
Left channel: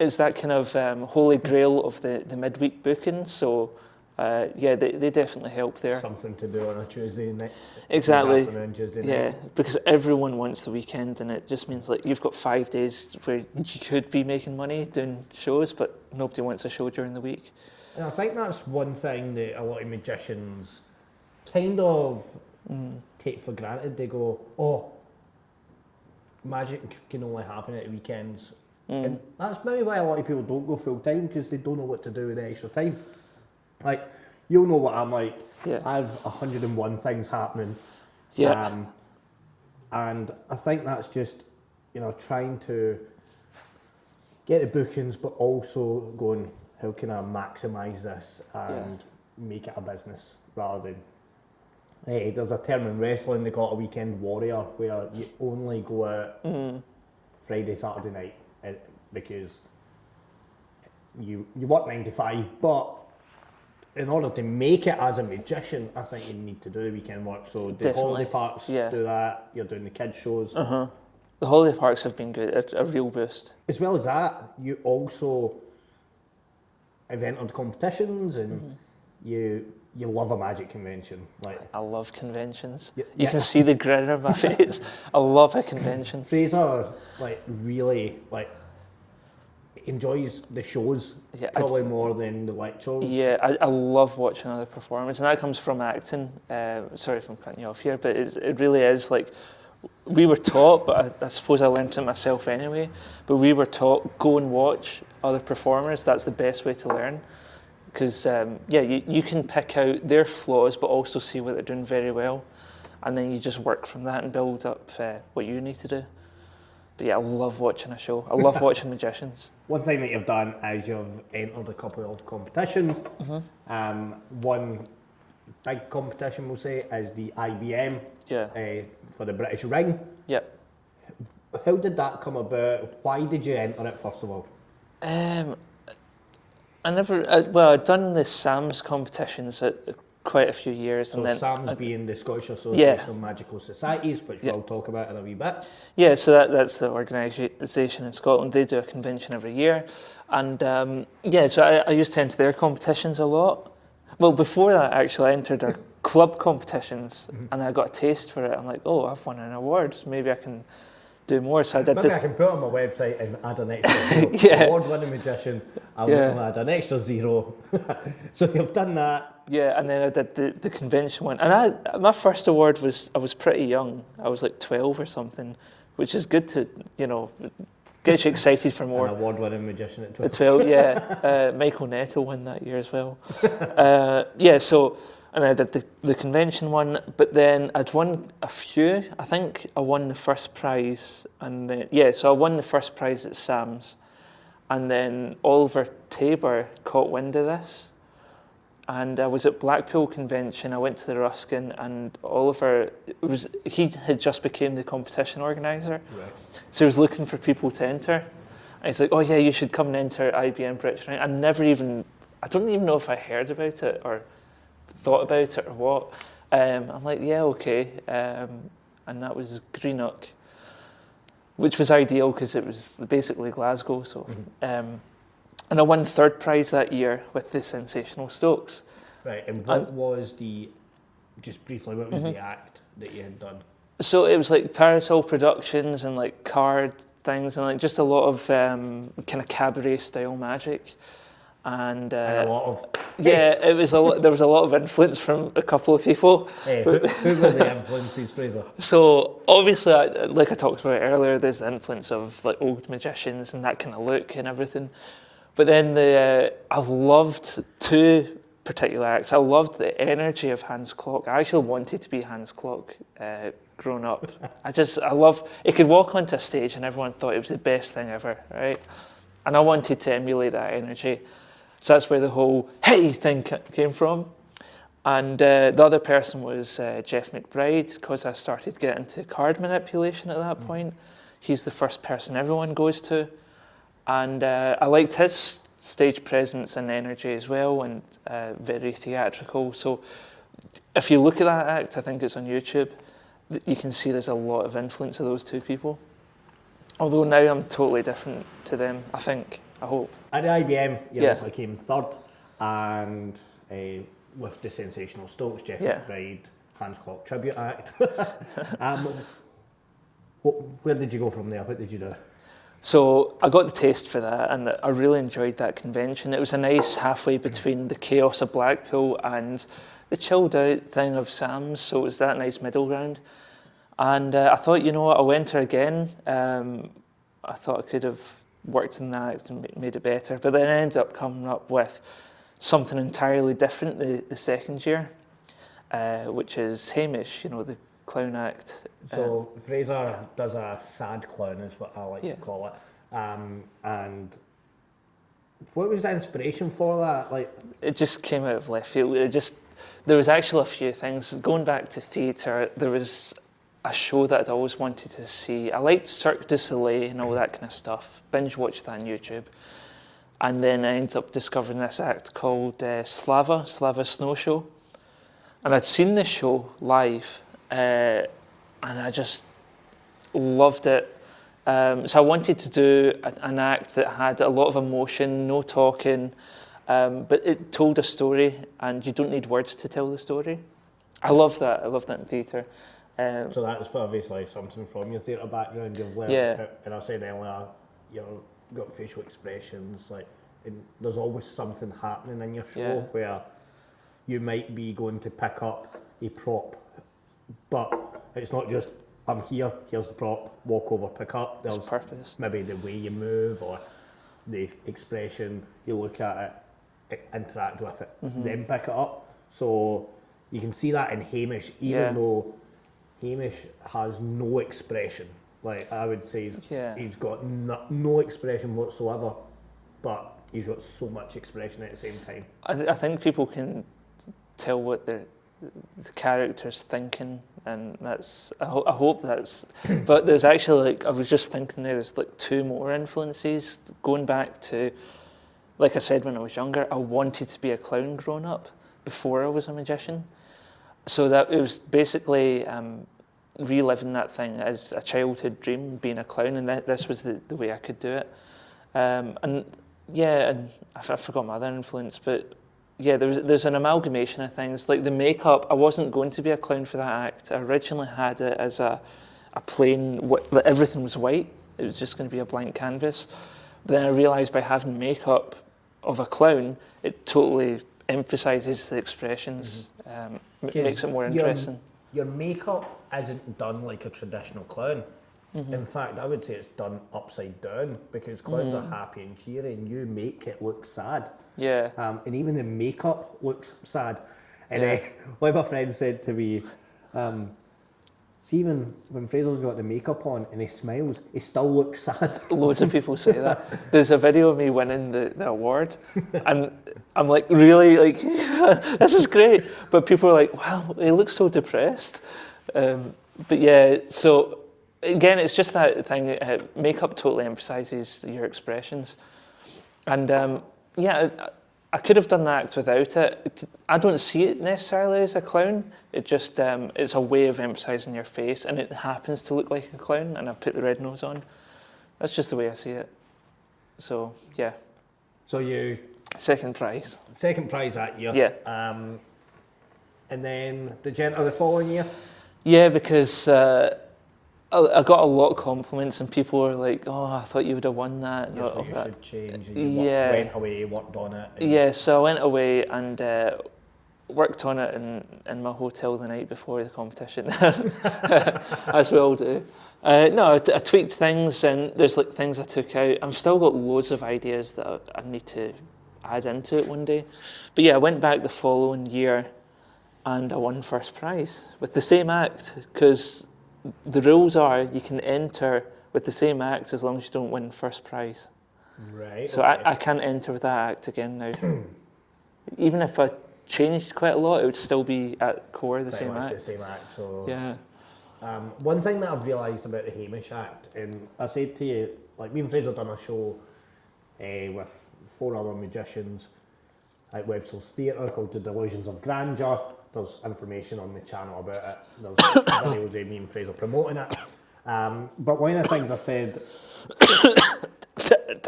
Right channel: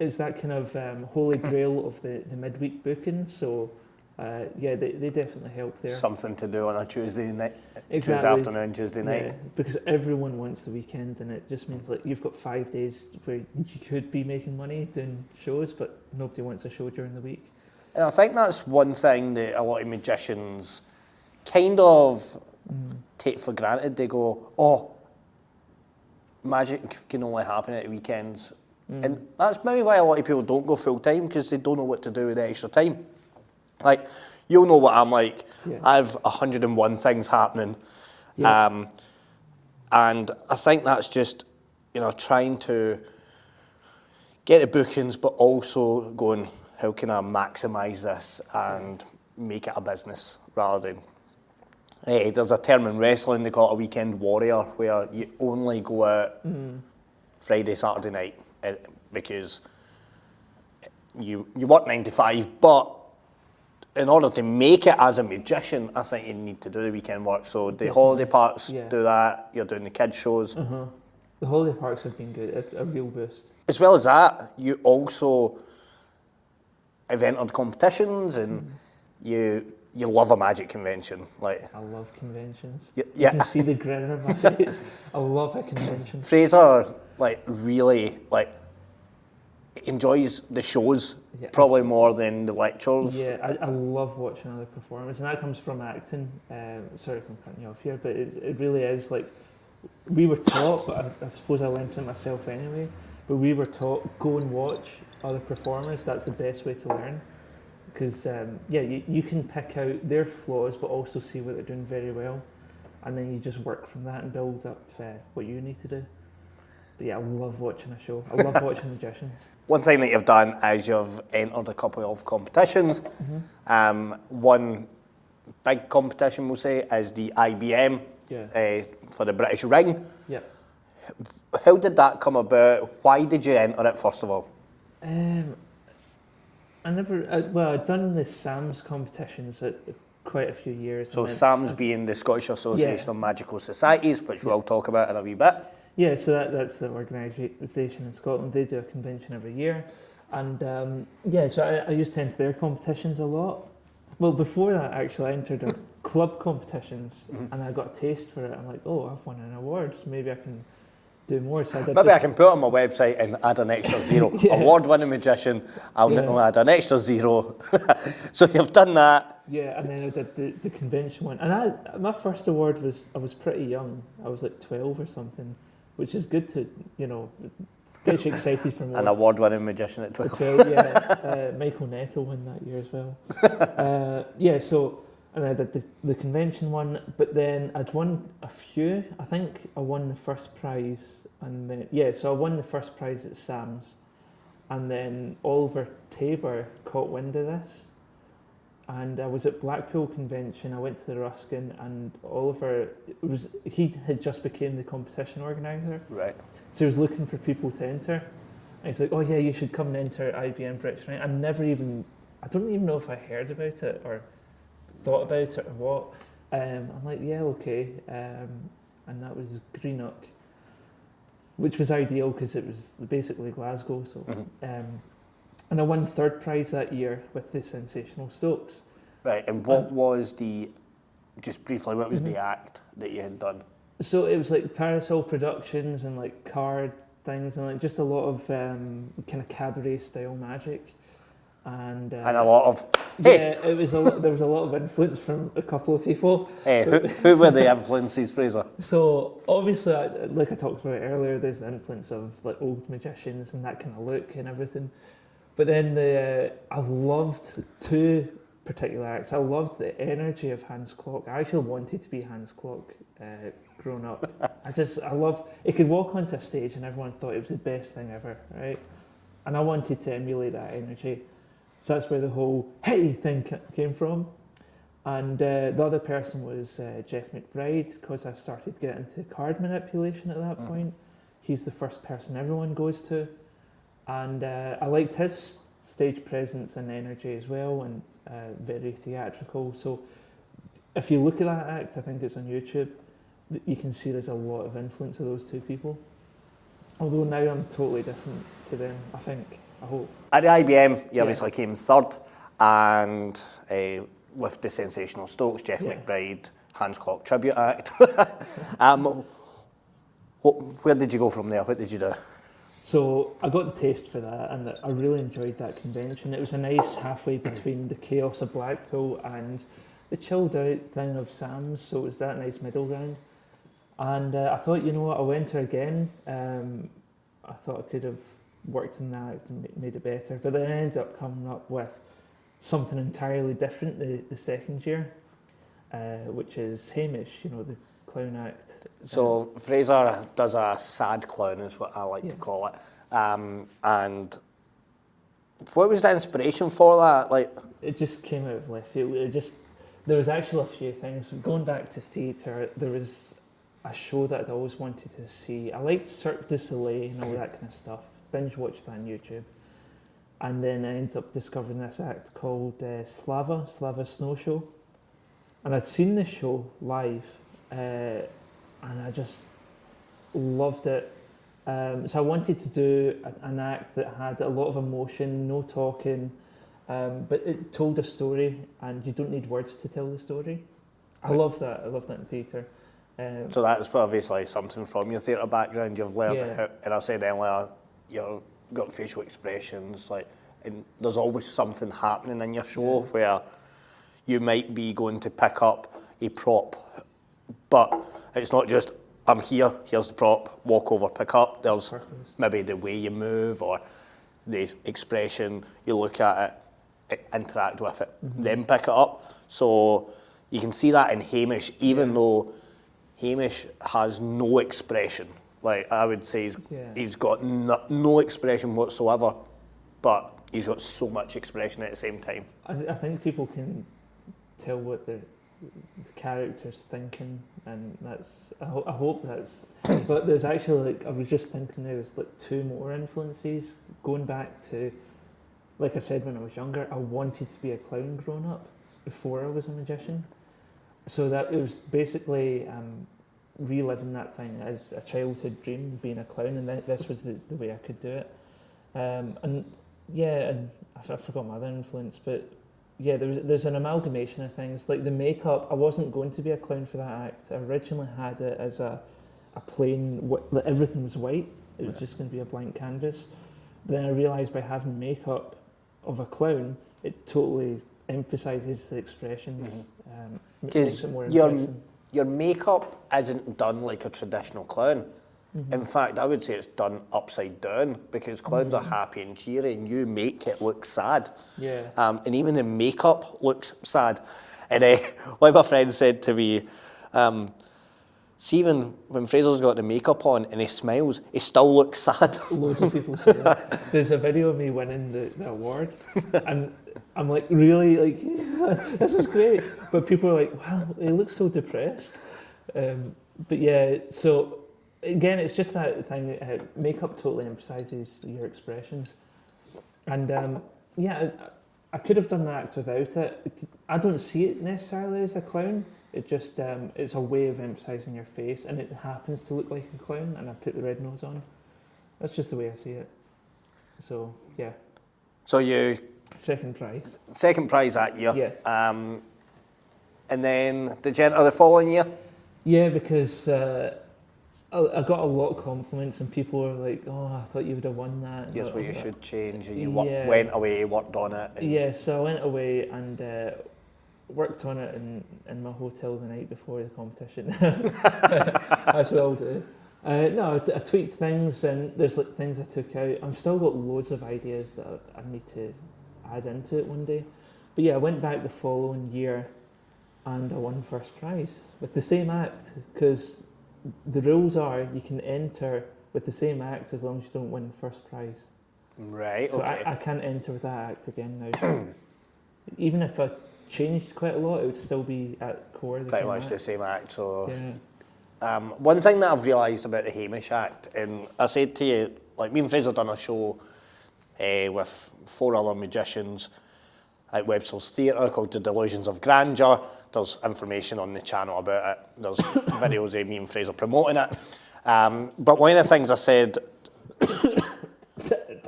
it's that kind of holy grail of the midweek booking, so Yeah, they definitely help there. Something to do on a Tuesday night. Exactly. Tuesday afternoon, Tuesday night. Yeah, because everyone wants the weekend, and it just means like you've got 5 days where you could be making money doing shows, but nobody wants a show during the week. And I think that's one thing that a lot of magicians kind of take for granted. They go, oh, magic can only happen at weekends. And that's maybe why a lot of people don't go full time, because they don't know what to do with the extra time. Like, you'll know what I'm like. Yeah. I have 101 things happening. Yeah. And I think that's just, trying to get the bookings, but also going, how can I maximise this and make it a business rather than... Hey, there's a term in wrestling, they call it a weekend warrior, where you only go out Friday, Saturday night, because you work 9 to 5, but in order to make it as a magician, I think you need to do the weekend work. So the holiday parks do that, you're doing the kids' shows. The holiday parks have been good, a real boost. As well as that, you also have entered competitions, and you love a magic convention. Like, I love conventions. Yeah. You can see the grin on my face. I love a convention. Fraser, really, enjoys the shows probably more than the lectures. Yeah, I love watching other performers, and that comes from acting. Sorry if I'm cutting you off here, but it really is like, we were taught, but I suppose I learned it myself anyway, but we were taught, go and watch other performers. That's the best way to learn. Because, you can pick out their flaws, but also see what they're doing very well. And then you just work from that and build up what you need to do. But yeah, I love watching a show. I love watching magicians. One thing that you've done is you've entered a couple of competitions. One big competition, we'll say, is the IBM for the British Ring. Yeah. How did that come about? Why did you enter it, first of all? I'd done the SAMS competitions at quite a few years. So and then SAMS being the Scottish Association of Magical Societies, which we'll talk about in a wee bit. Yeah, so that's the organisation in Scotland. They do a convention every year. And so I used to enter their competitions a lot. Well, before that, actually, I entered their club competitions, and I got a taste for it. I'm like, oh, I've won an award. Maybe I can do more. So I did. Maybe I can put it on my website and add an extra 0. Award-winning magician. I'll add an extra 0. So you've done that. Yeah, and then I did the convention one. And my first award I was pretty young. I was like 12 or something, which is good to, get you excited for more. An award-winning magician at 12. At 12, Michael Nettle won that year as well. And I did the convention one, but then I'd won a few. I think I won the first prize, and then, so I won the first prize at SAMS, and then Oliver Tabor caught wind of this, and I was at Blackpool Convention. I went to the Ruskin, and Oliver he had just became the competition organizer, right? So he was looking for people to enter, and he's like, "Oh yeah, you should come and enter IBM British Ring." I don't even know if I heard about it or thought about it or what. I'm like, yeah, okay. And that was Greenock, which was ideal because it was basically Glasgow. So, and I won third prize that year with the Sensational Stokes. Right, and what was the act that you had done? So it was like Parasol Productions and like card things and like just a lot of kind of cabaret style magic. And a lot of... it was there was a lot of influence from a couple of people. Hey, who were the influences, Fraser? So obviously, like I talked about earlier, there's the influence of like old magicians and that kind of look and everything. But then I loved two particular acts. I loved the energy of Hans Klok. I actually wanted to be Hans Klok growing up. I love... He could walk onto a stage and everyone thought it was the best thing ever, right? And I wanted to emulate that energy. So that's where the whole hey thing came from. And the other person was Jeff McBride, because I started getting into card manipulation at that point. He's the first person everyone goes to. And I liked his stage presence and energy as well, and very theatrical. So if you look at that act, I think it's on YouTube, you can see there's a lot of influence of those two people. Although now I'm totally different to them, I think. I hope. At the IBM, you obviously came third. and with the sensational Stokes, Jeff McBride, Hans Clock Tribute Act. Where did you go from there? What did you do? So I got the taste for that, and I really enjoyed that convention. It was a nice halfway between the chaos of Blackpool and the chilled out thing of Sam's, so it was that nice middle ground. And I thought, you know what, I'll enter again. I thought I could have worked in that act and made it better, but then I ended up coming up with something entirely different the second year, which is Hamish, you know, the clown act. So Fraser does a sad clown, is what I like to call it. And what was the inspiration for that? Like, it just came out of left field. There was actually a few things. Going back to theatre, there was a show that I'd always wanted to see. I liked Cirque du Soleil and all that kind of stuff. Binge watched that on YouTube. And then I ended up discovering this act called Slava Snow Show. And I'd seen this show live, and I just loved it. So I wanted to do an act that had a lot of emotion, no talking, but it told a story, and you don't need words to tell the story. I love that. I love that in theatre. So that's obviously something from your theatre background. You've learned, and I said earlier, you've got facial expressions, and there's always something happening in your show where you might be going to pick up a prop, but it's not just, I'm here, here's the prop, walk over, pick up. There's maybe the way you move or the expression, you look at it, interact with it, then pick it up. So you can see that in Hamish, even though Hamish has no expression. Like, I would say he's got no expression whatsoever, but he's got so much expression at the same time. I think people can tell what the character's thinking, and that's I hope that's. But there's actually, I was just thinking there's two more influences going back to, like I said, when I was younger, I wanted to be a clown growing up before I was a magician. So that it was basically reliving that thing as a childhood dream, being a clown, and this was the way I could do it. And I forgot my other influence, but yeah, there's an amalgamation of things. Like the makeup, I wasn't going to be a clown for that act. I originally had it as a plain, everything was white. It was just going to be a blank canvas. But then I realised by having makeup of a clown, it totally emphasises the expressions, makes it more interesting. Your makeup isn't done like a traditional clown. In fact, I would say it's done upside down, because clowns are happy and cheery, and you make it look sad. Yeah. And even the makeup looks sad. And one of my friends said to me, see, when Fraser's got the makeup on and he smiles, he still looks sad. Loads of people say that. There's a video of me winning the award, and I'm like, really? Like, this is great. But people are like, wow, he looks so depressed. But yeah, so again, it's just that thing, makeup totally emphasises your expressions. And I could have done that act without it. I don't see it necessarily as a clown. It just, it's a way of emphasising your face, and it happens to look like a clown, and I put the red nose on. That's just the way I see it. So, yeah. So you... Second prize. Second prize that year. Yeah. And then did you enter the following year? Yeah, because I got a lot of compliments, and people were like, oh, I thought you would have won that. Yes, what you should change. You went away, worked on it. Yeah, so I went away and worked on it in my hotel the night before the competition, as we all do. No, I tweaked things, and there's things I took out. I've still got loads of ideas that I need to add into it one day. But yeah, I went back the following year, and I won first prize with the same act, because the rules are you can enter with the same act as long as you don't win first prize. Right. So okay. I can't enter with that act again now. Even if I changed quite a lot, it would still be at core the same act. Pretty much the same act. So yeah. One thing that I've realised about the Hamish act, and I said to you, like, me and Fraser done a show with 4 other magicians at Webster's Theatre called The Delusions of Grandeur. There's information on the channel about it. There's videos of me and Fraser promoting it. But one of the things I said...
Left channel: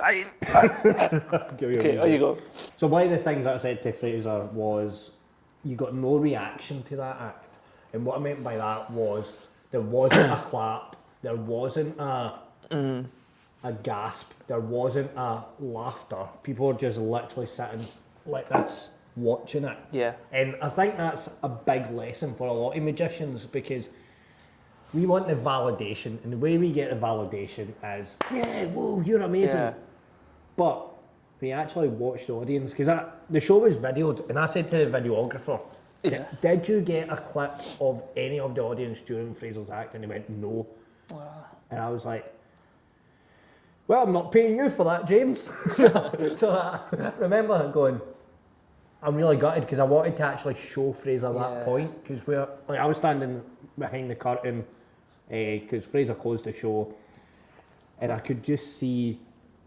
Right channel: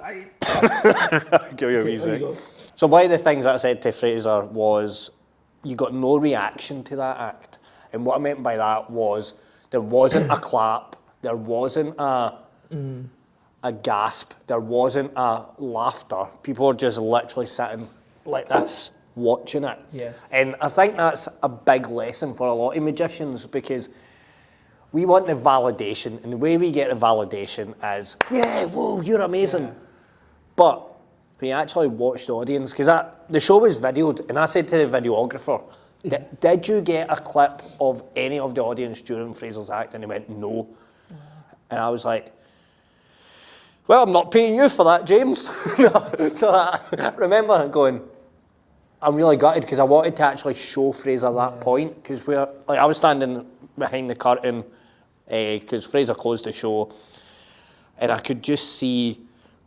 Okay, there you go. So one of the things that I said to Fraser was, you got no reaction to that act. And what I meant by that was, there wasn't a clap, there wasn't a gasp, there wasn't a laughter. People were just literally sitting like this, watching it. Yeah. And I think that's a big lesson for a lot of magicians, because we want the validation, and the way we get the validation is, yeah, whoa, you're amazing. Yeah. But when you actually watch the audience, because the show was videoed, and I said to the videographer, did you get a clip of any of the audience during Fraser's act? And he went, no. Wow. And I was like, well, I'm not paying you for that, James. So I remember going, I'm really gutted, because I wanted to actually show Fraser that point, because I was standing behind the curtain, because Fraser closed the show, and I could just see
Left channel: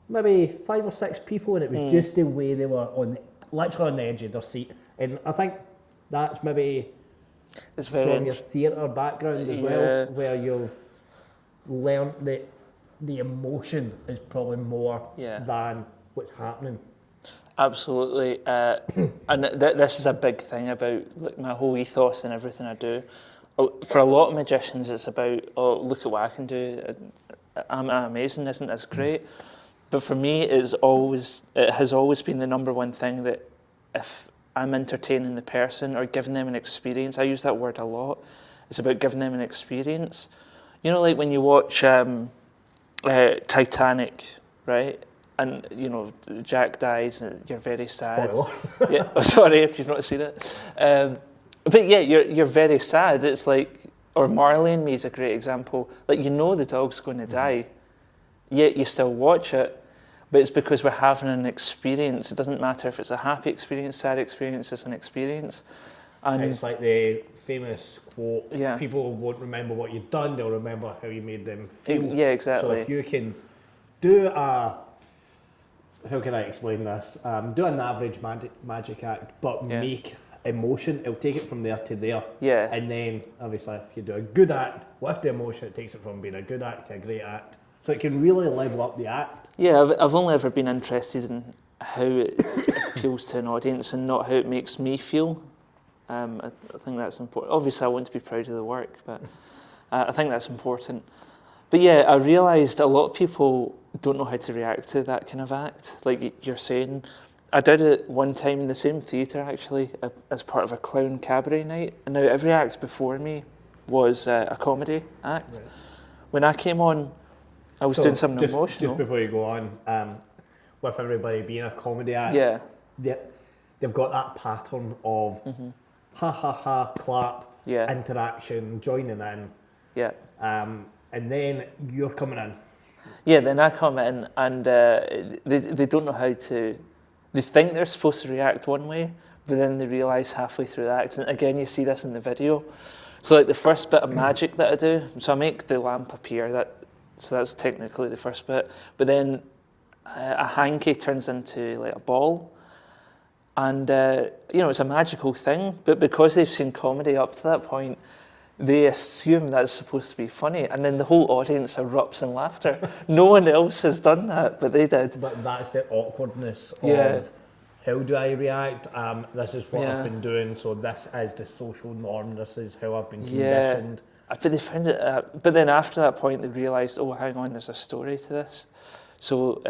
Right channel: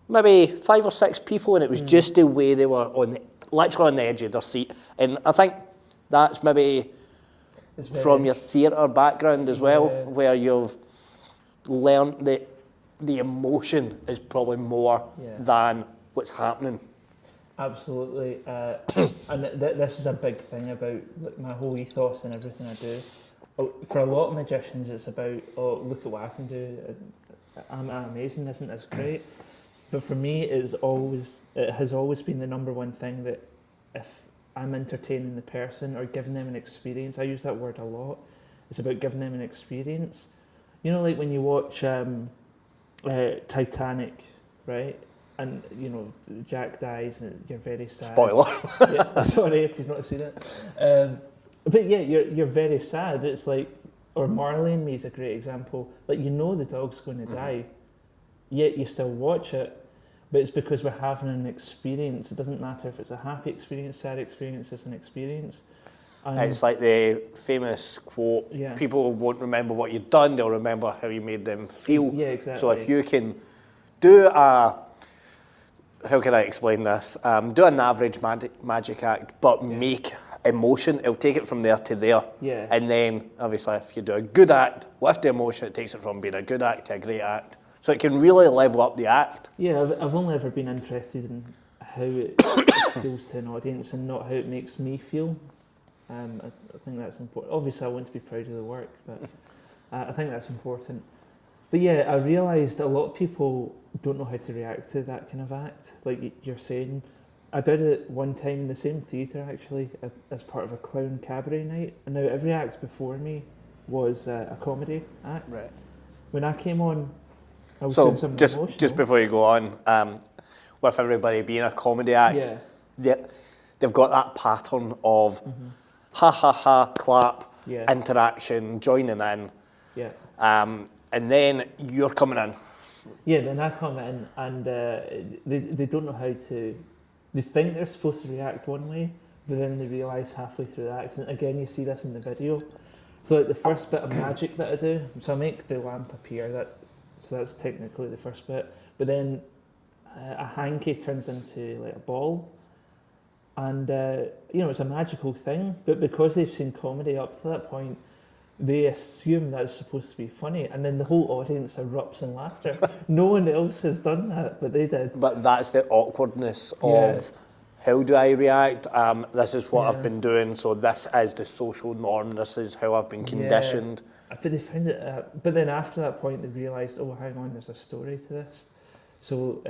maybe 5 or 6 people, and it was just the way they were literally on the edge of their seat. And I think that's maybe from your theatre background as well, where you've learned that the emotion is probably more than what's happening. Absolutely. And this is a big thing about my whole ethos and everything I do. For a lot of magicians, it's about, oh, look at what I can do. I'm amazing, isn't this great? But for me, it has always been the number one thing, that if I'm entertaining the person or giving them an experience, I use that word a lot, it's about giving them an experience. You know, like when you watch Titanic, right? And, you know, Jack dies and you're very sad. Spoiler. Yeah, oh, sorry if you've not seen it. But yeah, you're very sad. It's like, or Marley and Me is a great example. Like, you know the dog's going to die, yet you still watch it. But it's because we're having an experience. It doesn't matter if it's a happy experience, sad experience, it's an experience. And it's like the famous quote, people won't remember what you've done, they'll remember how you made them feel. Yeah, exactly. So if you can do how can I explain this? Do an average magic act, but make emotion, it'll take it from there to there. Yeah. And then, obviously, if you do a good act with the emotion, it takes it from being a good act to a great act. So it can really level up the act. Yeah, I've only ever been interested in how it appeals to an audience and not how it makes me feel. I think that's important. Obviously, I want to be proud of the work, but I think that's important. But yeah, I realised a lot of people don't know how to react to that kind of act. Like you're saying, I did it one time in the same theatre, actually, as part of a clown cabaret night. And now every act before me was a comedy act. Right. When I came on, I was doing something emotional. Just before you go on, with everybody being a comedy act, they've got that pattern of ha ha ha, clap, interaction, joining in, and then you're coming in. Yeah, then I come in and they don't know how to. They think they're supposed to react one way, but then they realise halfway through the act. And again, you see this in the video. So like the first bit of magic that I do, so I make the lamp appear. So that's technically the first bit. But then a hanky turns into like a ball. And, it's a magical thing. But because they've seen comedy up to that point, they assume that's supposed to be funny. And then the whole audience erupts in laughter. No one else has done that, but they did. But that's the awkwardness of how do I react? This is what I've been doing, so this is the social norm. This is how I've been conditioned. But they found it. But then after that point, they realised, oh, hang on, there's a story to this. So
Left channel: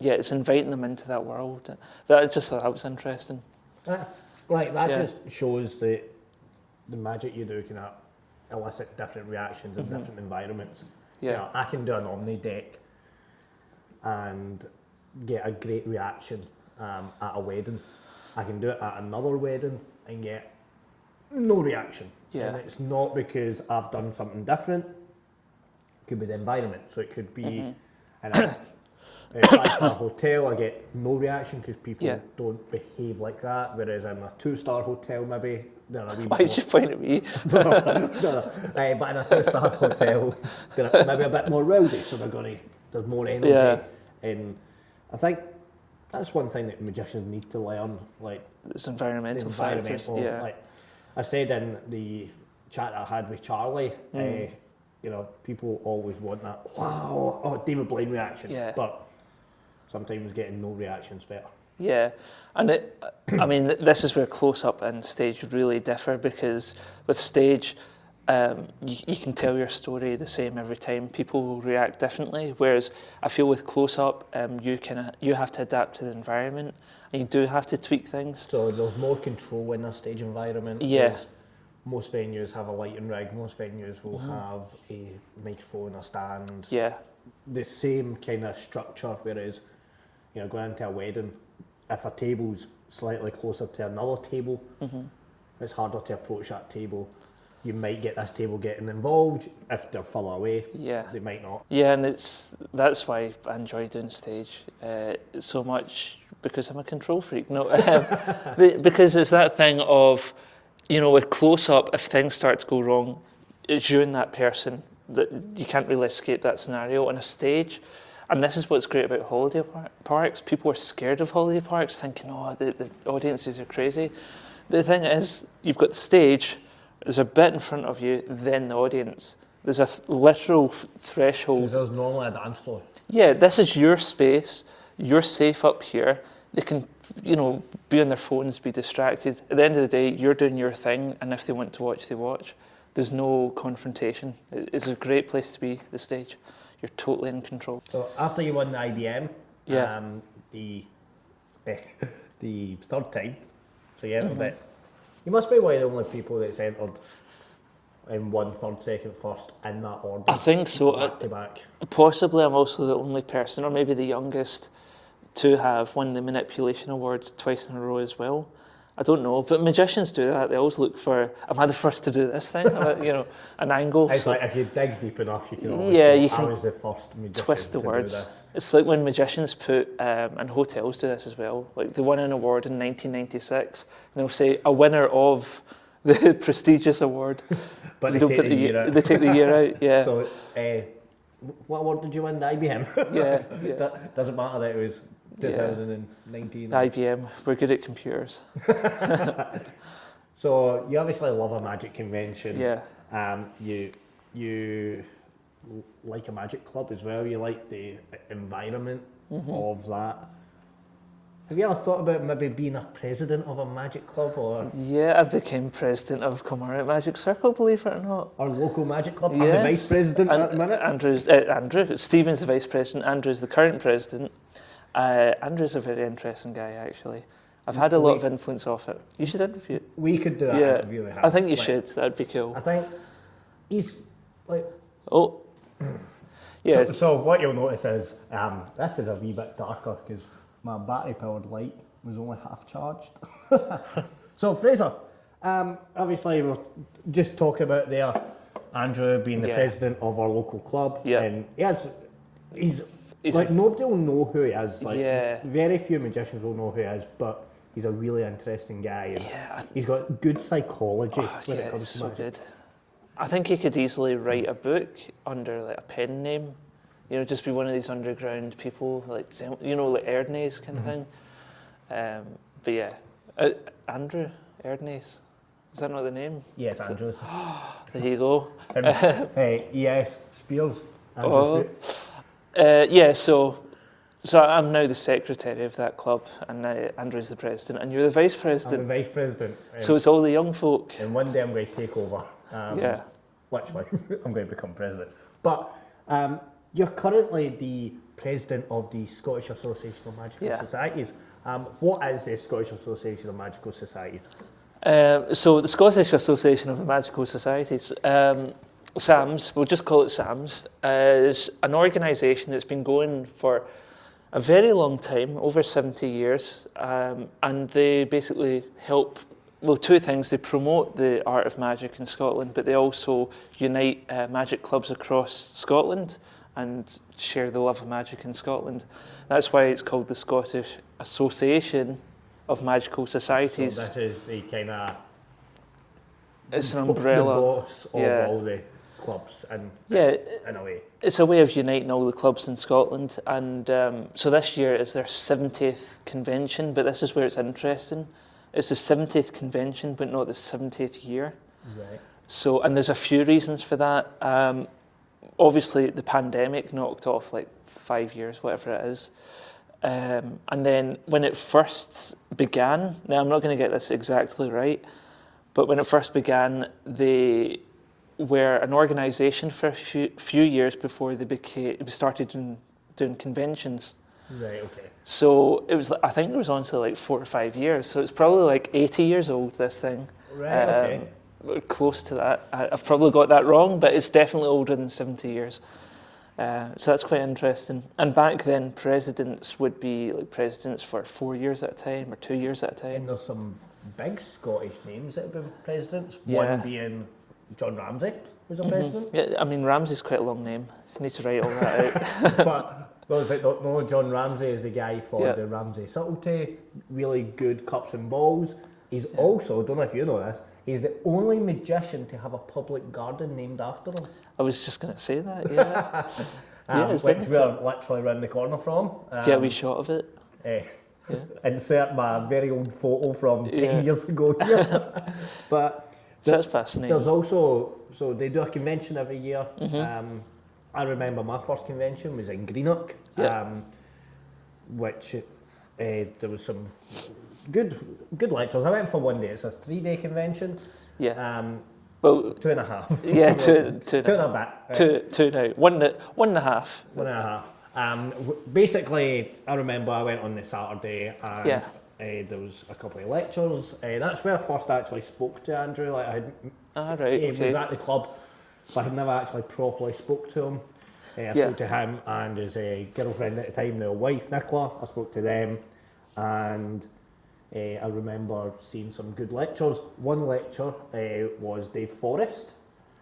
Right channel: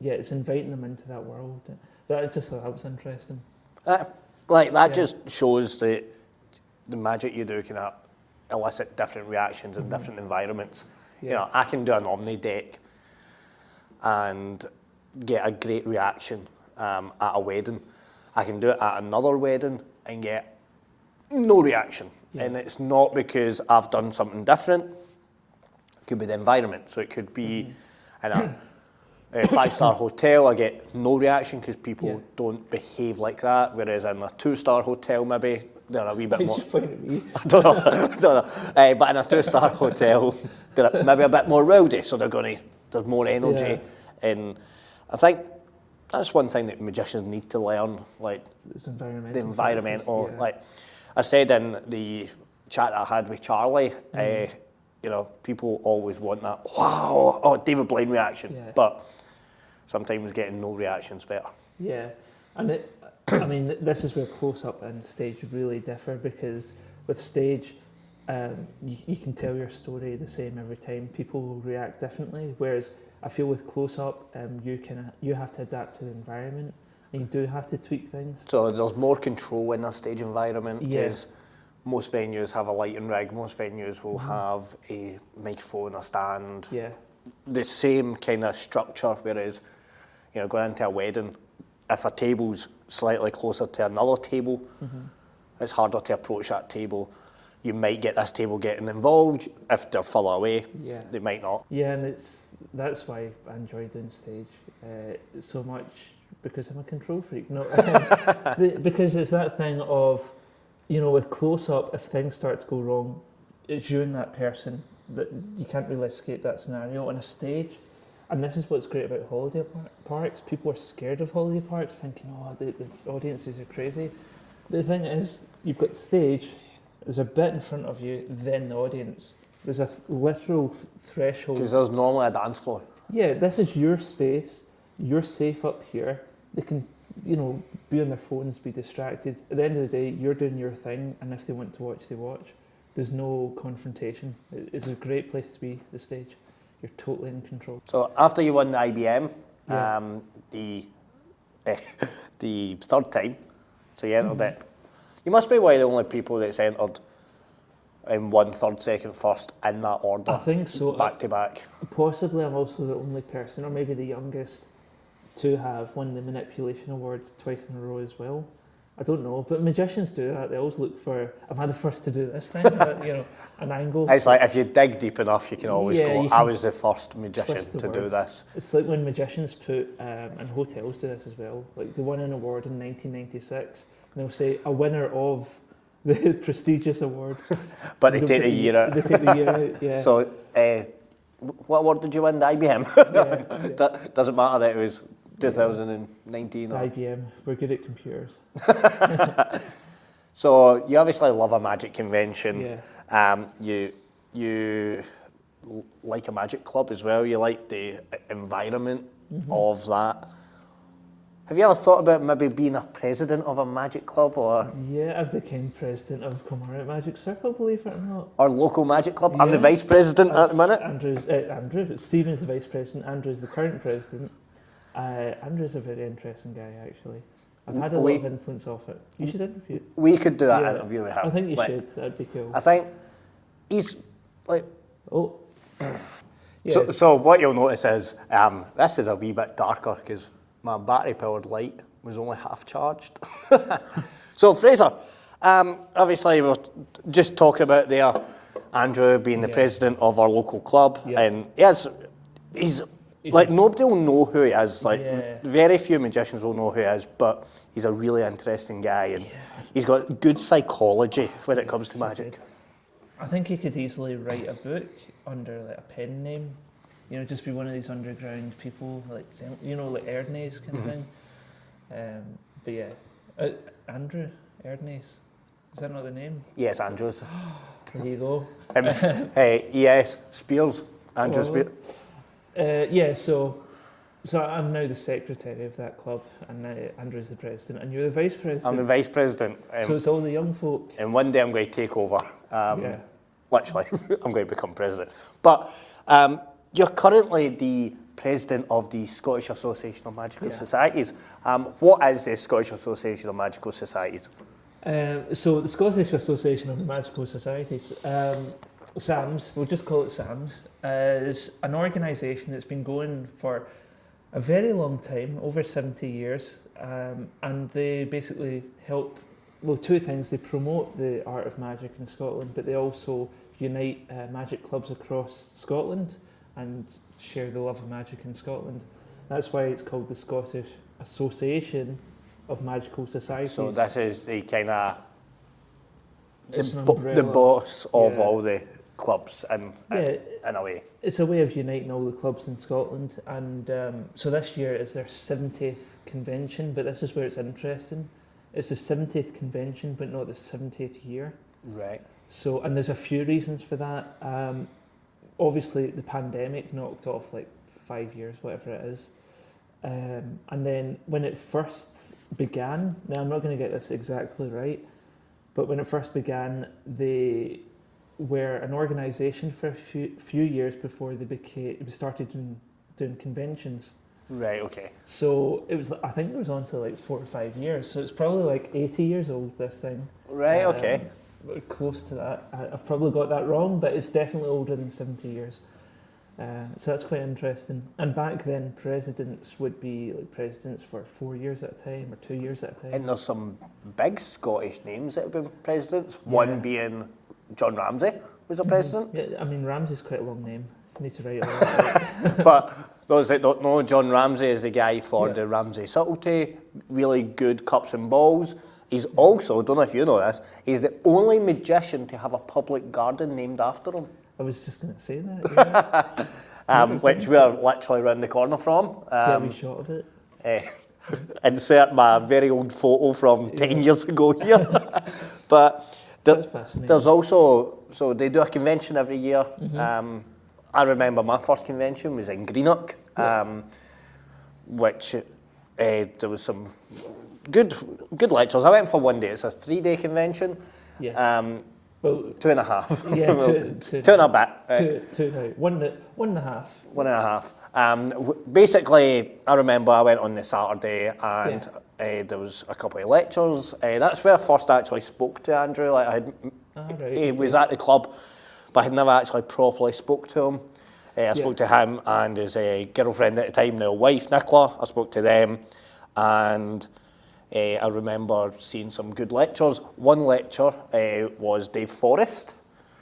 it's inviting them into that world. I just thought that was interesting. Just shows that the magic you do can elicit different reactions in different environments. Yeah. You know, I can do an Omni deck and get a great reaction at a wedding. I can do it at another wedding and get no reaction. Yeah. And it's not because I've done something different. It could be the environment. So it could be in a 5-star hotel, I get no reaction because people don't behave like that. Whereas in a 2-star hotel, maybe they're a wee bit more. Why did you point at me? I don't know. But in a 2-star hotel, they're maybe a bit more rowdy, so there's more energy. Yeah. And I think that's one thing that magicians need to learn, like it's environmental. The environmental, like I said in the chat that I had with Charlie, people always want that, wow, David Blaine reaction. Yeah. But sometimes getting no reaction's better. Yeah. And I mean, this is where close-up and stage really differ, because with stage, you can tell your story the same every time. People will react differently, whereas I feel with close-up, you have to adapt to the environment, and you do have to tweak things. So there's more control in a stage environment. Yes. Most venues have a lighting rig. Most venues will have a microphone, a stand. Yeah. The same kind of structure, whereas, going into a wedding, if a table's slightly closer to another table, it's harder to approach that table. You might get this table getting involved. If they're further away, they might not. Yeah, and that's why I enjoy doing stage so much, because I'm a control freak. No, because it's that thing of, with close-up, if things start to go wrong, it's you and that person, that you can't really escape that scenario. On a stage, and this is what's great about holiday parks, people are scared of holiday parks, thinking, the audiences are crazy. But the thing is, you've got the stage, there's a bit in front of you, then the audience. There's a literal threshold. Because there's normally a dance floor. Yeah, this is your space, you're safe up here. They can, be on their phones, be distracted. At the end of the day, you're doing your thing, and if they want to watch, they watch. There's no confrontation. It's a great place to be, the stage. You're totally in control. So after you won the IBM, Yeah. the third time, so you entered it. You must be one of the only people that's entered in 1, 3rd, 2nd, 1st in that order. I think so. Back to back. Possibly I'm also the only person, or maybe the youngest, to have won the Manipulation Awards twice in a row as well. I don't know, but magicians do that. They always look for, am I the first to do this thing? An angle. It's like, if you dig deep enough, you can always go, I was the first magician to do this. It's like when magicians put, and hotels do this as well, like they won an award in 1996, and they'll say, a winner of the prestigious award. But they take the year out. They take the year out, yeah. So, what award did you win? The IBM? Yeah. Doesn't matter that it was 2019. The IBM, we're good at computers. So you obviously love a magic convention. Yeah. You like a magic club as well. You like the environment of that. Have you ever thought about maybe being a president of a magic club, or? Yeah, I became president of Kilmarnock Magic Circle, believe it or not. Our local magic club. I'm the vice president at the minute. Andrew. Stephen's the vice president. Andrew's the current president. Andrew's a very interesting guy, actually. I've had a lot of influence off it. You should interview. We could do that interview with him. I think you should. That'd be cool. I think he's like. Oh. Yeah. So what you'll notice is this is a wee bit darker because my battery-powered light was only half charged. So Fraser, obviously we're just talking about there, Andrew being the president of our local club, and he's like, nobody will know who he is. Like, very few magicians will know who he is, but he's a really interesting guy, and he's got good psychology when it comes to magic. Good. I think he could easily write a book under like a pen name, just be one of these underground people, like like Erdnase kind of thing. But yeah, Andrew Erdnase, is that not the name? Yes, Andrews. There you go. Yes, Spears. Andrew Spears. So I'm now the secretary of that club, and Andrew's the president, and you're the vice president. I'm the vice president. So it's all the young folk. And one day I'm going to take over. Literally, I'm going to become president. But you're currently the president of the Scottish Association of Magical Societies. What is the Scottish Association of Magical Societies? So the Scottish Association of Magical Societies, SAMS, we'll just call it SAMS, is an organisation that's been going for a very long time, over 70 years, and they basically help, two things. They promote the art of magic in Scotland, but they also unite magic clubs across Scotland and share the love of magic in Scotland. That's why it's called the Scottish Association of Magical Societies. So this is the kind of it's an umbrella. The boss of all the clubs in a way. It's a way of uniting all the clubs in Scotland, and so this year is their 70th convention, but this is where it's interesting. It's the 70th convention, but not the 70th year. Right. So, and there's a few reasons for that. Obviously, the pandemic knocked off like 5 years, whatever it is. And then when it first began, now I'm not going to get this exactly right, but when it first began, they were an organisation for a few years before they started doing conventions. Right, okay. So it was, I think it was honestly like 4 or 5 years. So it's probably like 80 years old, this thing. Right, okay. Close to that. I've probably got that wrong, but it's definitely older than 70 years. So that's quite interesting. And back then, presidents would be like presidents for 4 years at a time or 2 years at a time. And there's some big Scottish names that have been presidents. Yeah. One being John Ramsay was a president. Yeah, I mean, Ramsay's quite a long name. I need to write all that out. But those that don't know, John Ramsay is the guy for Yeah. the Ramsay Subtlety, really good cups and balls. He's also, don't know if you know this, he's the only magician to have a public garden named after him. I was just going to say that, yeah. Which we're literally round the corner from. Get a wee shot of it. Insert my very old photo from 10 years ago here. But That's fascinating. there's also, so they do a convention every year. I remember my first convention was in Greenock, which there was some good lectures. I went for one day. It's a 3-day convention. Yeah. Well, 2.5. Yeah, two and a bit. Two now. One and a half. 1.5. Basically, I remember I went on the Saturday and there was a couple of lectures. That's where I first actually spoke to Andrew. Like he was at the club, but I had never actually properly spoke to him. I spoke to him and his girlfriend at the time, now wife, Nicola. I spoke to them, and I remember seeing some good lectures. One lecture was Dave Forrest.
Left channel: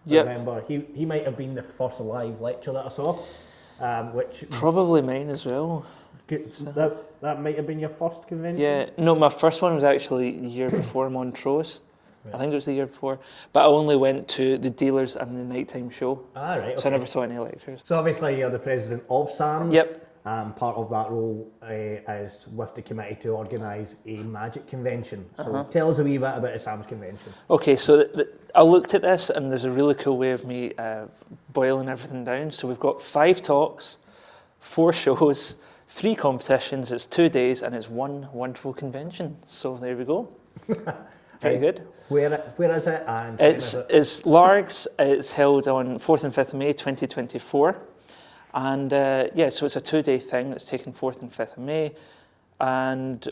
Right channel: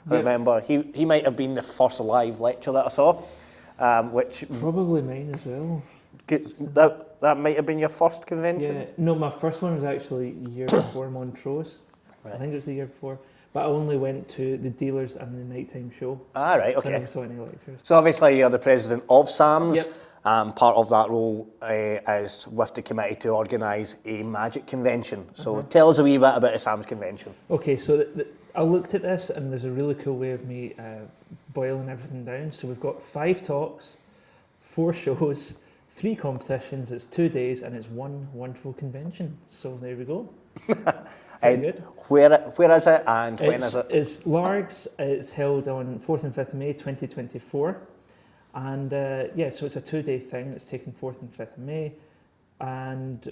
I remember he might have been the first live lecture that I saw, which probably mine as well. That might have been your first convention. Yeah, no, my first one was actually the year before Montrose. Right. I think it was the year before, but I only went to the dealers and the nighttime show. Ah, right, okay. So I never saw any lectures. So obviously you're the president of SAMS. Yep. Part of that role is with the committee to organise a magic convention. So tell us a wee bit about the SAMS convention. Okay, so I looked at this and there's a really cool way of me boiling everything down. So we've got 5 talks, 4 shows, 3 competitions, it's 2 days and it's one wonderful convention. So there we go. Very good. Where is it and when is it? It's Largs. It's held on 4th and 5th of May 2024. And so it's a 2-day thing that's taken 4th and 5th of May. And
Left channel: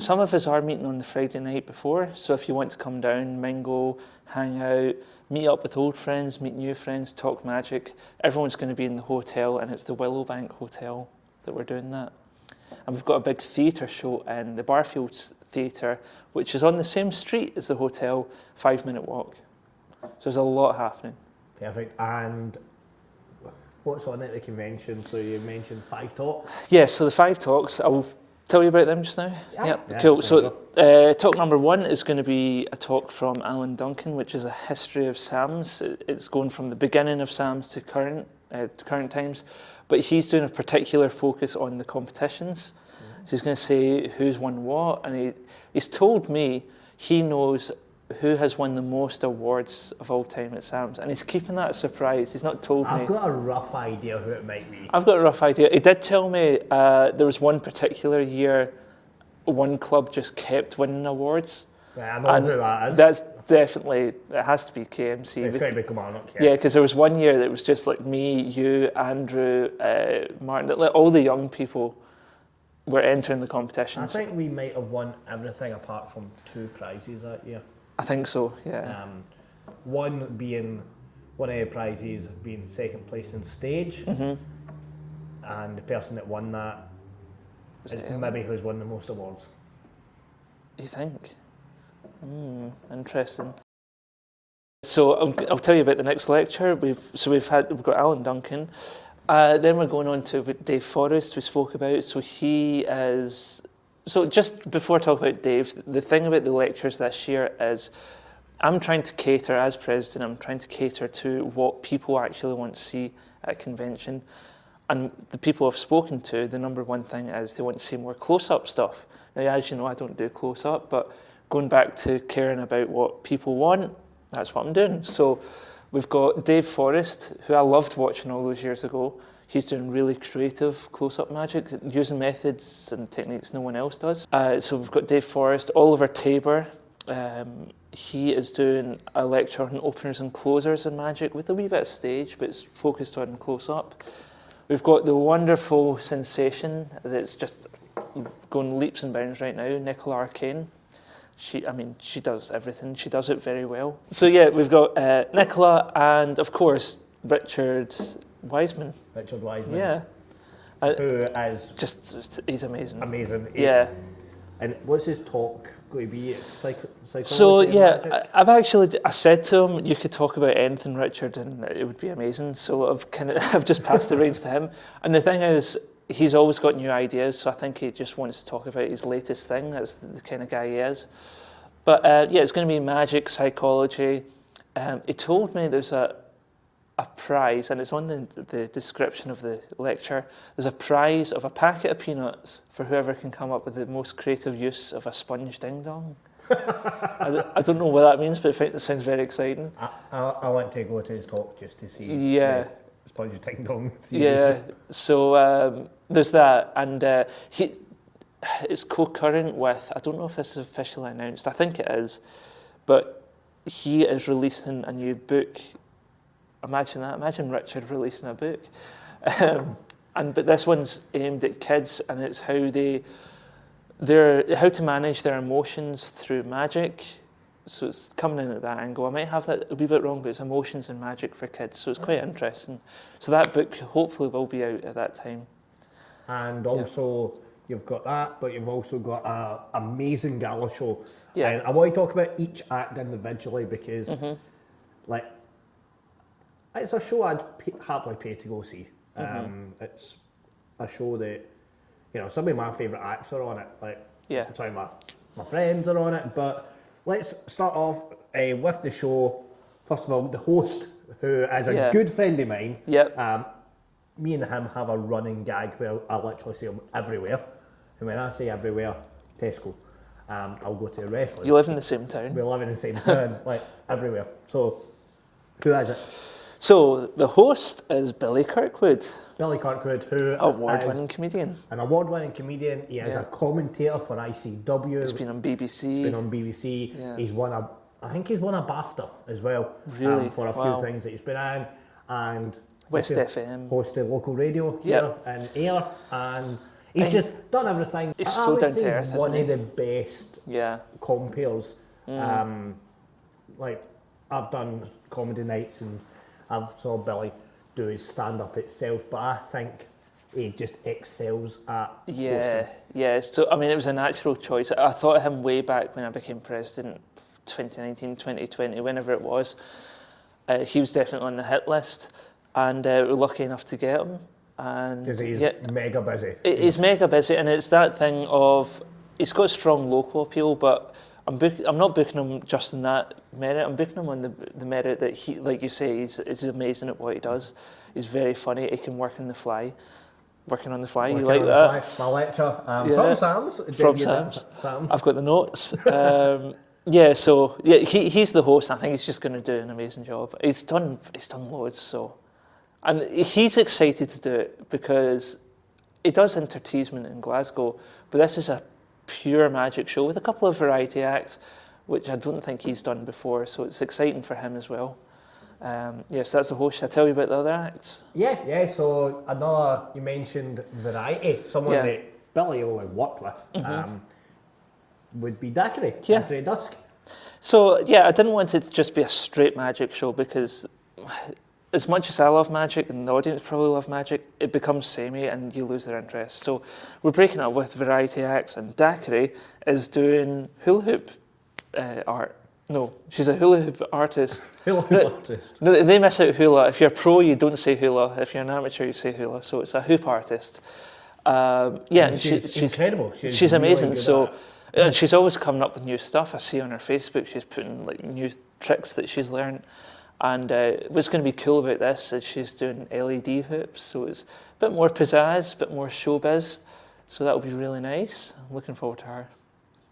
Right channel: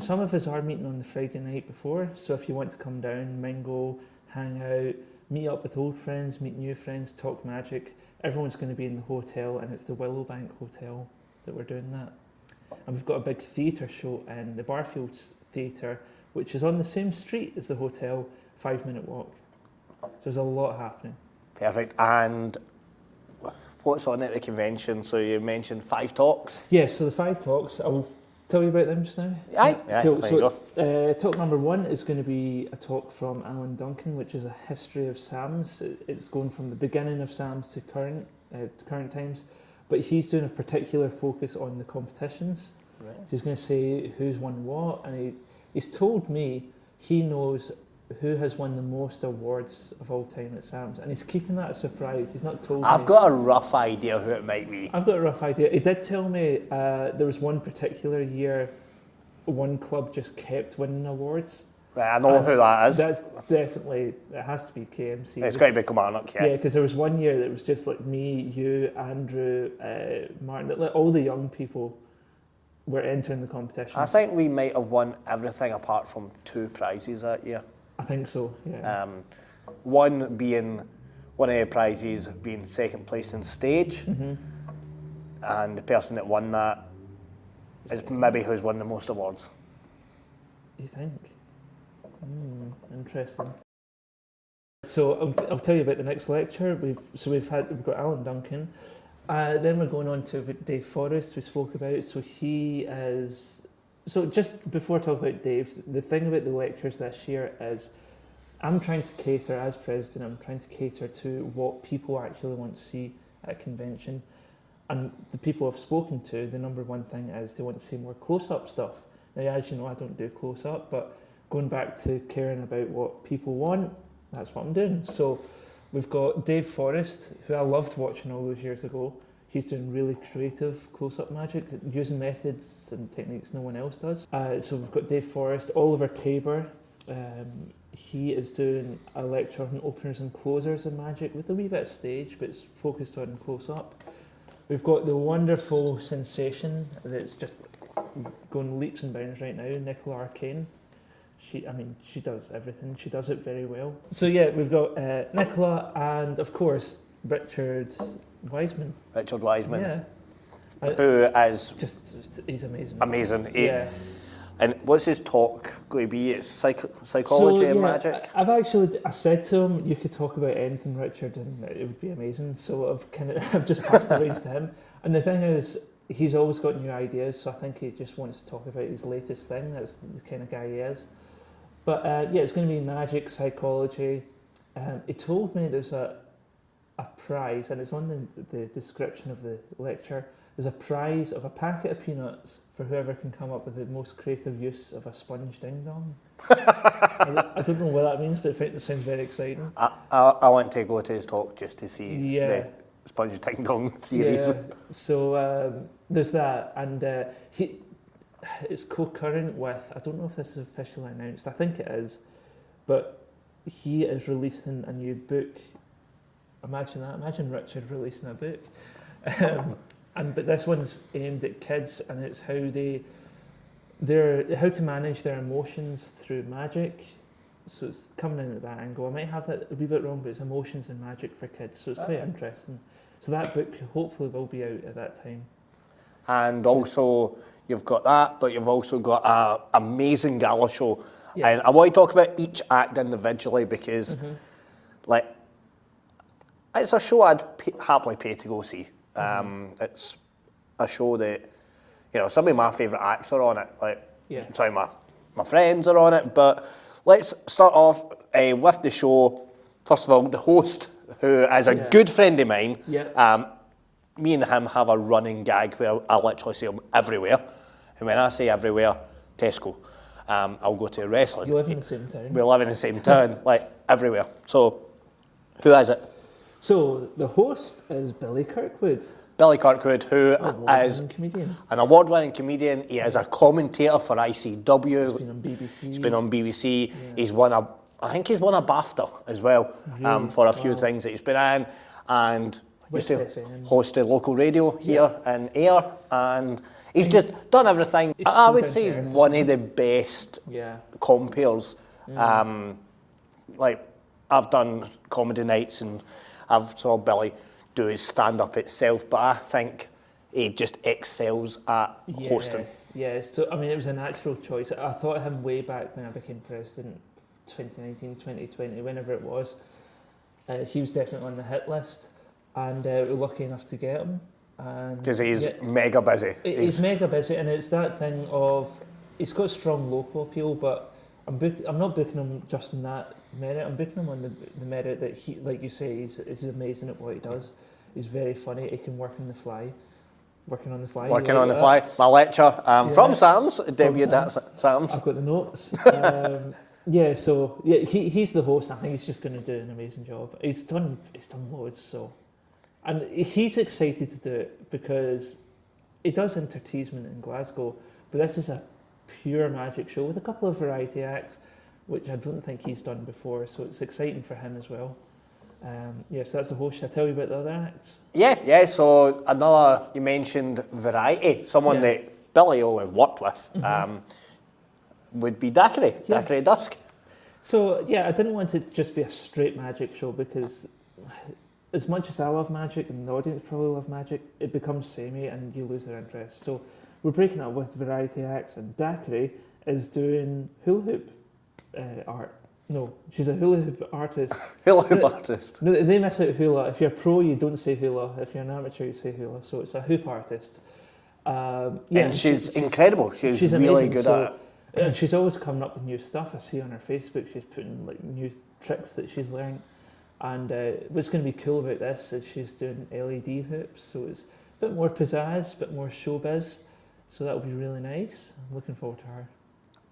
some of us are meeting on the Friday night before. So if you want to come down, mingle, hang out, meet up with old friends, meet new friends, talk magic, everyone's going to be in the hotel, and it's the Willowbank Hotel that we're doing that. And we've got a big theatre show in the Barfields Theatre, which is on the same street as the hotel, 5-minute walk. So there's a lot happening. Perfect. And what's on at the convention? So you mentioned 5 talks. Yeah, so the 5 talks, I'll tell you about them just now. Yeah, cool. So talk number 1 is going to be a talk from Alan Duncan, which is a history of SAMS. It's going from the beginning of SAMS to current times, but he's doing a particular focus on the competitions. Yeah. So he's going to say who's won what, and he's told me he knows who has won the most awards of all time at SAMS, and he's keeping that a surprise. He's not told me. I've got a rough idea who it might be. I've got a rough idea. He did tell me there was one particular year one club just kept winning awards. Right, I know who that is. That's definitely, it has to be KMC. It's got to be Kilmarnock, yeah. Yeah, because there was one year that it was just like me, you, Andrew, Martin, like all the young people were entering the competitions. I think we might have won everything apart from 2 prizes that year. I think so, yeah. One of the prizes being second place in stage, and the person that won that is maybe who's won the most awards. You think? Interesting. So I'll tell you about the next lecture. We've got Alan Duncan. Then we're going on to Dave Forrest, we spoke about. So he is. So just before I talk about Dave, the thing about the lectures this year is I'm trying to cater, as president, I'm trying to cater to what people actually want to see at a convention. And the people I've spoken to, the number one thing is they want to see more close-up stuff. Now, as you know, I don't do close-up, but going back to caring about what people want, that's what I'm doing. So we've got Dave Forrest, who I loved watching all those years ago. He's doing really creative close-up magic, using methods and techniques no one else does. So we've got Dave Forrest, Oliver Tabor. He is doing a lecture on openers and closers in magic with a wee bit of stage, but it's focused on close-up. We've got the wonderful sensation that's just going leaps and bounds right now, Nicola Arcane. She does everything. She does it very well. So yeah, we've got Nicola and of course Richard Wiseman. Richard Wiseman. Yeah. Who is he's amazing. Amazing. Yeah. And what's his talk going to be? It's psychology So and yeah, magic? I said to him, you could talk about anything, Richard, and it would be amazing. So I've just passed the reins to him. And the thing is, he's always got new ideas, so I think he just wants to talk about his latest thing. That's the kind of guy he is. But yeah, it's going to be magic, psychology. He told me there's a prize, and it's on the description of the lecture. There's a prize of a packet of peanuts for whoever can come up with the most creative use of a sponge ding dong. I don't know what that means, but I think it sounds very exciting. I want to go to his talk just to see the sponge ding dong theories. Yeah, so there's that, and it's co-current with, I don't know if this is officially announced, I think it is, but he is releasing a new book. Imagine that, imagine Richard releasing a book. But this one's aimed at kids, and it's how to manage their emotions through magic. So it's coming in at that angle. I might have that a wee bit wrong, but it's emotions and magic for kids, so it's quite interesting. So that book hopefully will be out at that time. And also, you've got that, but you've also got an amazing gala show. Yeah. And I want to talk about each act individually because, it's a show I'd happily pay to go see. It's a show that, some of my favourite acts are on it. Sorry, my friends are on it, but let's start off with the show. First of all, the host, who is a good friend of mine. Me and him have a running gag where I literally see him everywhere. And when I say everywhere, Tesco. I'll go to wrestling. You live in the same town. We live in the same town, everywhere. So, who is it? So, the host is Billy Kirkwood. Billy Kirkwood, who is an award-winning comedian. He is a commentator for ICW. He's been on BBC. Yeah. I think he's won a BAFTA as well, really? for a few things that he's been in. And West FM. Hosted local radio here in Ayr. And he's just done everything. I would say he's one of the best compares. I've done comedy nights and I've saw Billy do his stand-up itself, but I think he just excels at hosting. Yeah, so it was a natural choice. I thought of him way back when I became president, 2019, 2020, whenever it was. He was definitely on the hit list, and we were lucky enough to get him. Because he's mega busy. He's mega busy, and it's that thing of, he's got strong local appeal, but I'm not booking him just in that merit. I'm booking him on the merit that he, like you say, he's amazing at what he does. He's very funny. He can work on the fly. Working on the fly. My lecture from Sam's. Sam's. I've got the notes. He's the host. I think he's just going to do an amazing job. He's done loads. So, and he's excited to do it because he does Interteasement in Glasgow, but this is a pure magic show with a couple of variety acts, which I don't think he's done before, so it's exciting for him as well. So that's the host. Shall I tell you about the other acts? Yeah, so you mentioned variety, someone that Billy always worked with, would be Daiquiri Dusk. So, I didn't want it to just be a straight magic show because as much as I love magic and the audience probably love magic, it becomes samey and you lose their interest. So we're breaking up with variety acts, and Daiquiri is doing hula hoop art. No, she's a hula hoop artist. Artist. No, they miss out hula. If you're a pro, you don't say hula. If you're an amateur, you say hula. So it's a hoop artist. And she's incredible. She's really amazing. Good and she's always coming up with new stuff. I see on her Facebook she's putting new tricks that she's learned. And what's going to be cool about this is she's doing LED hoops, so it's a bit more pizzazz, a bit more showbiz. So that'll be really nice. I'm looking forward to her.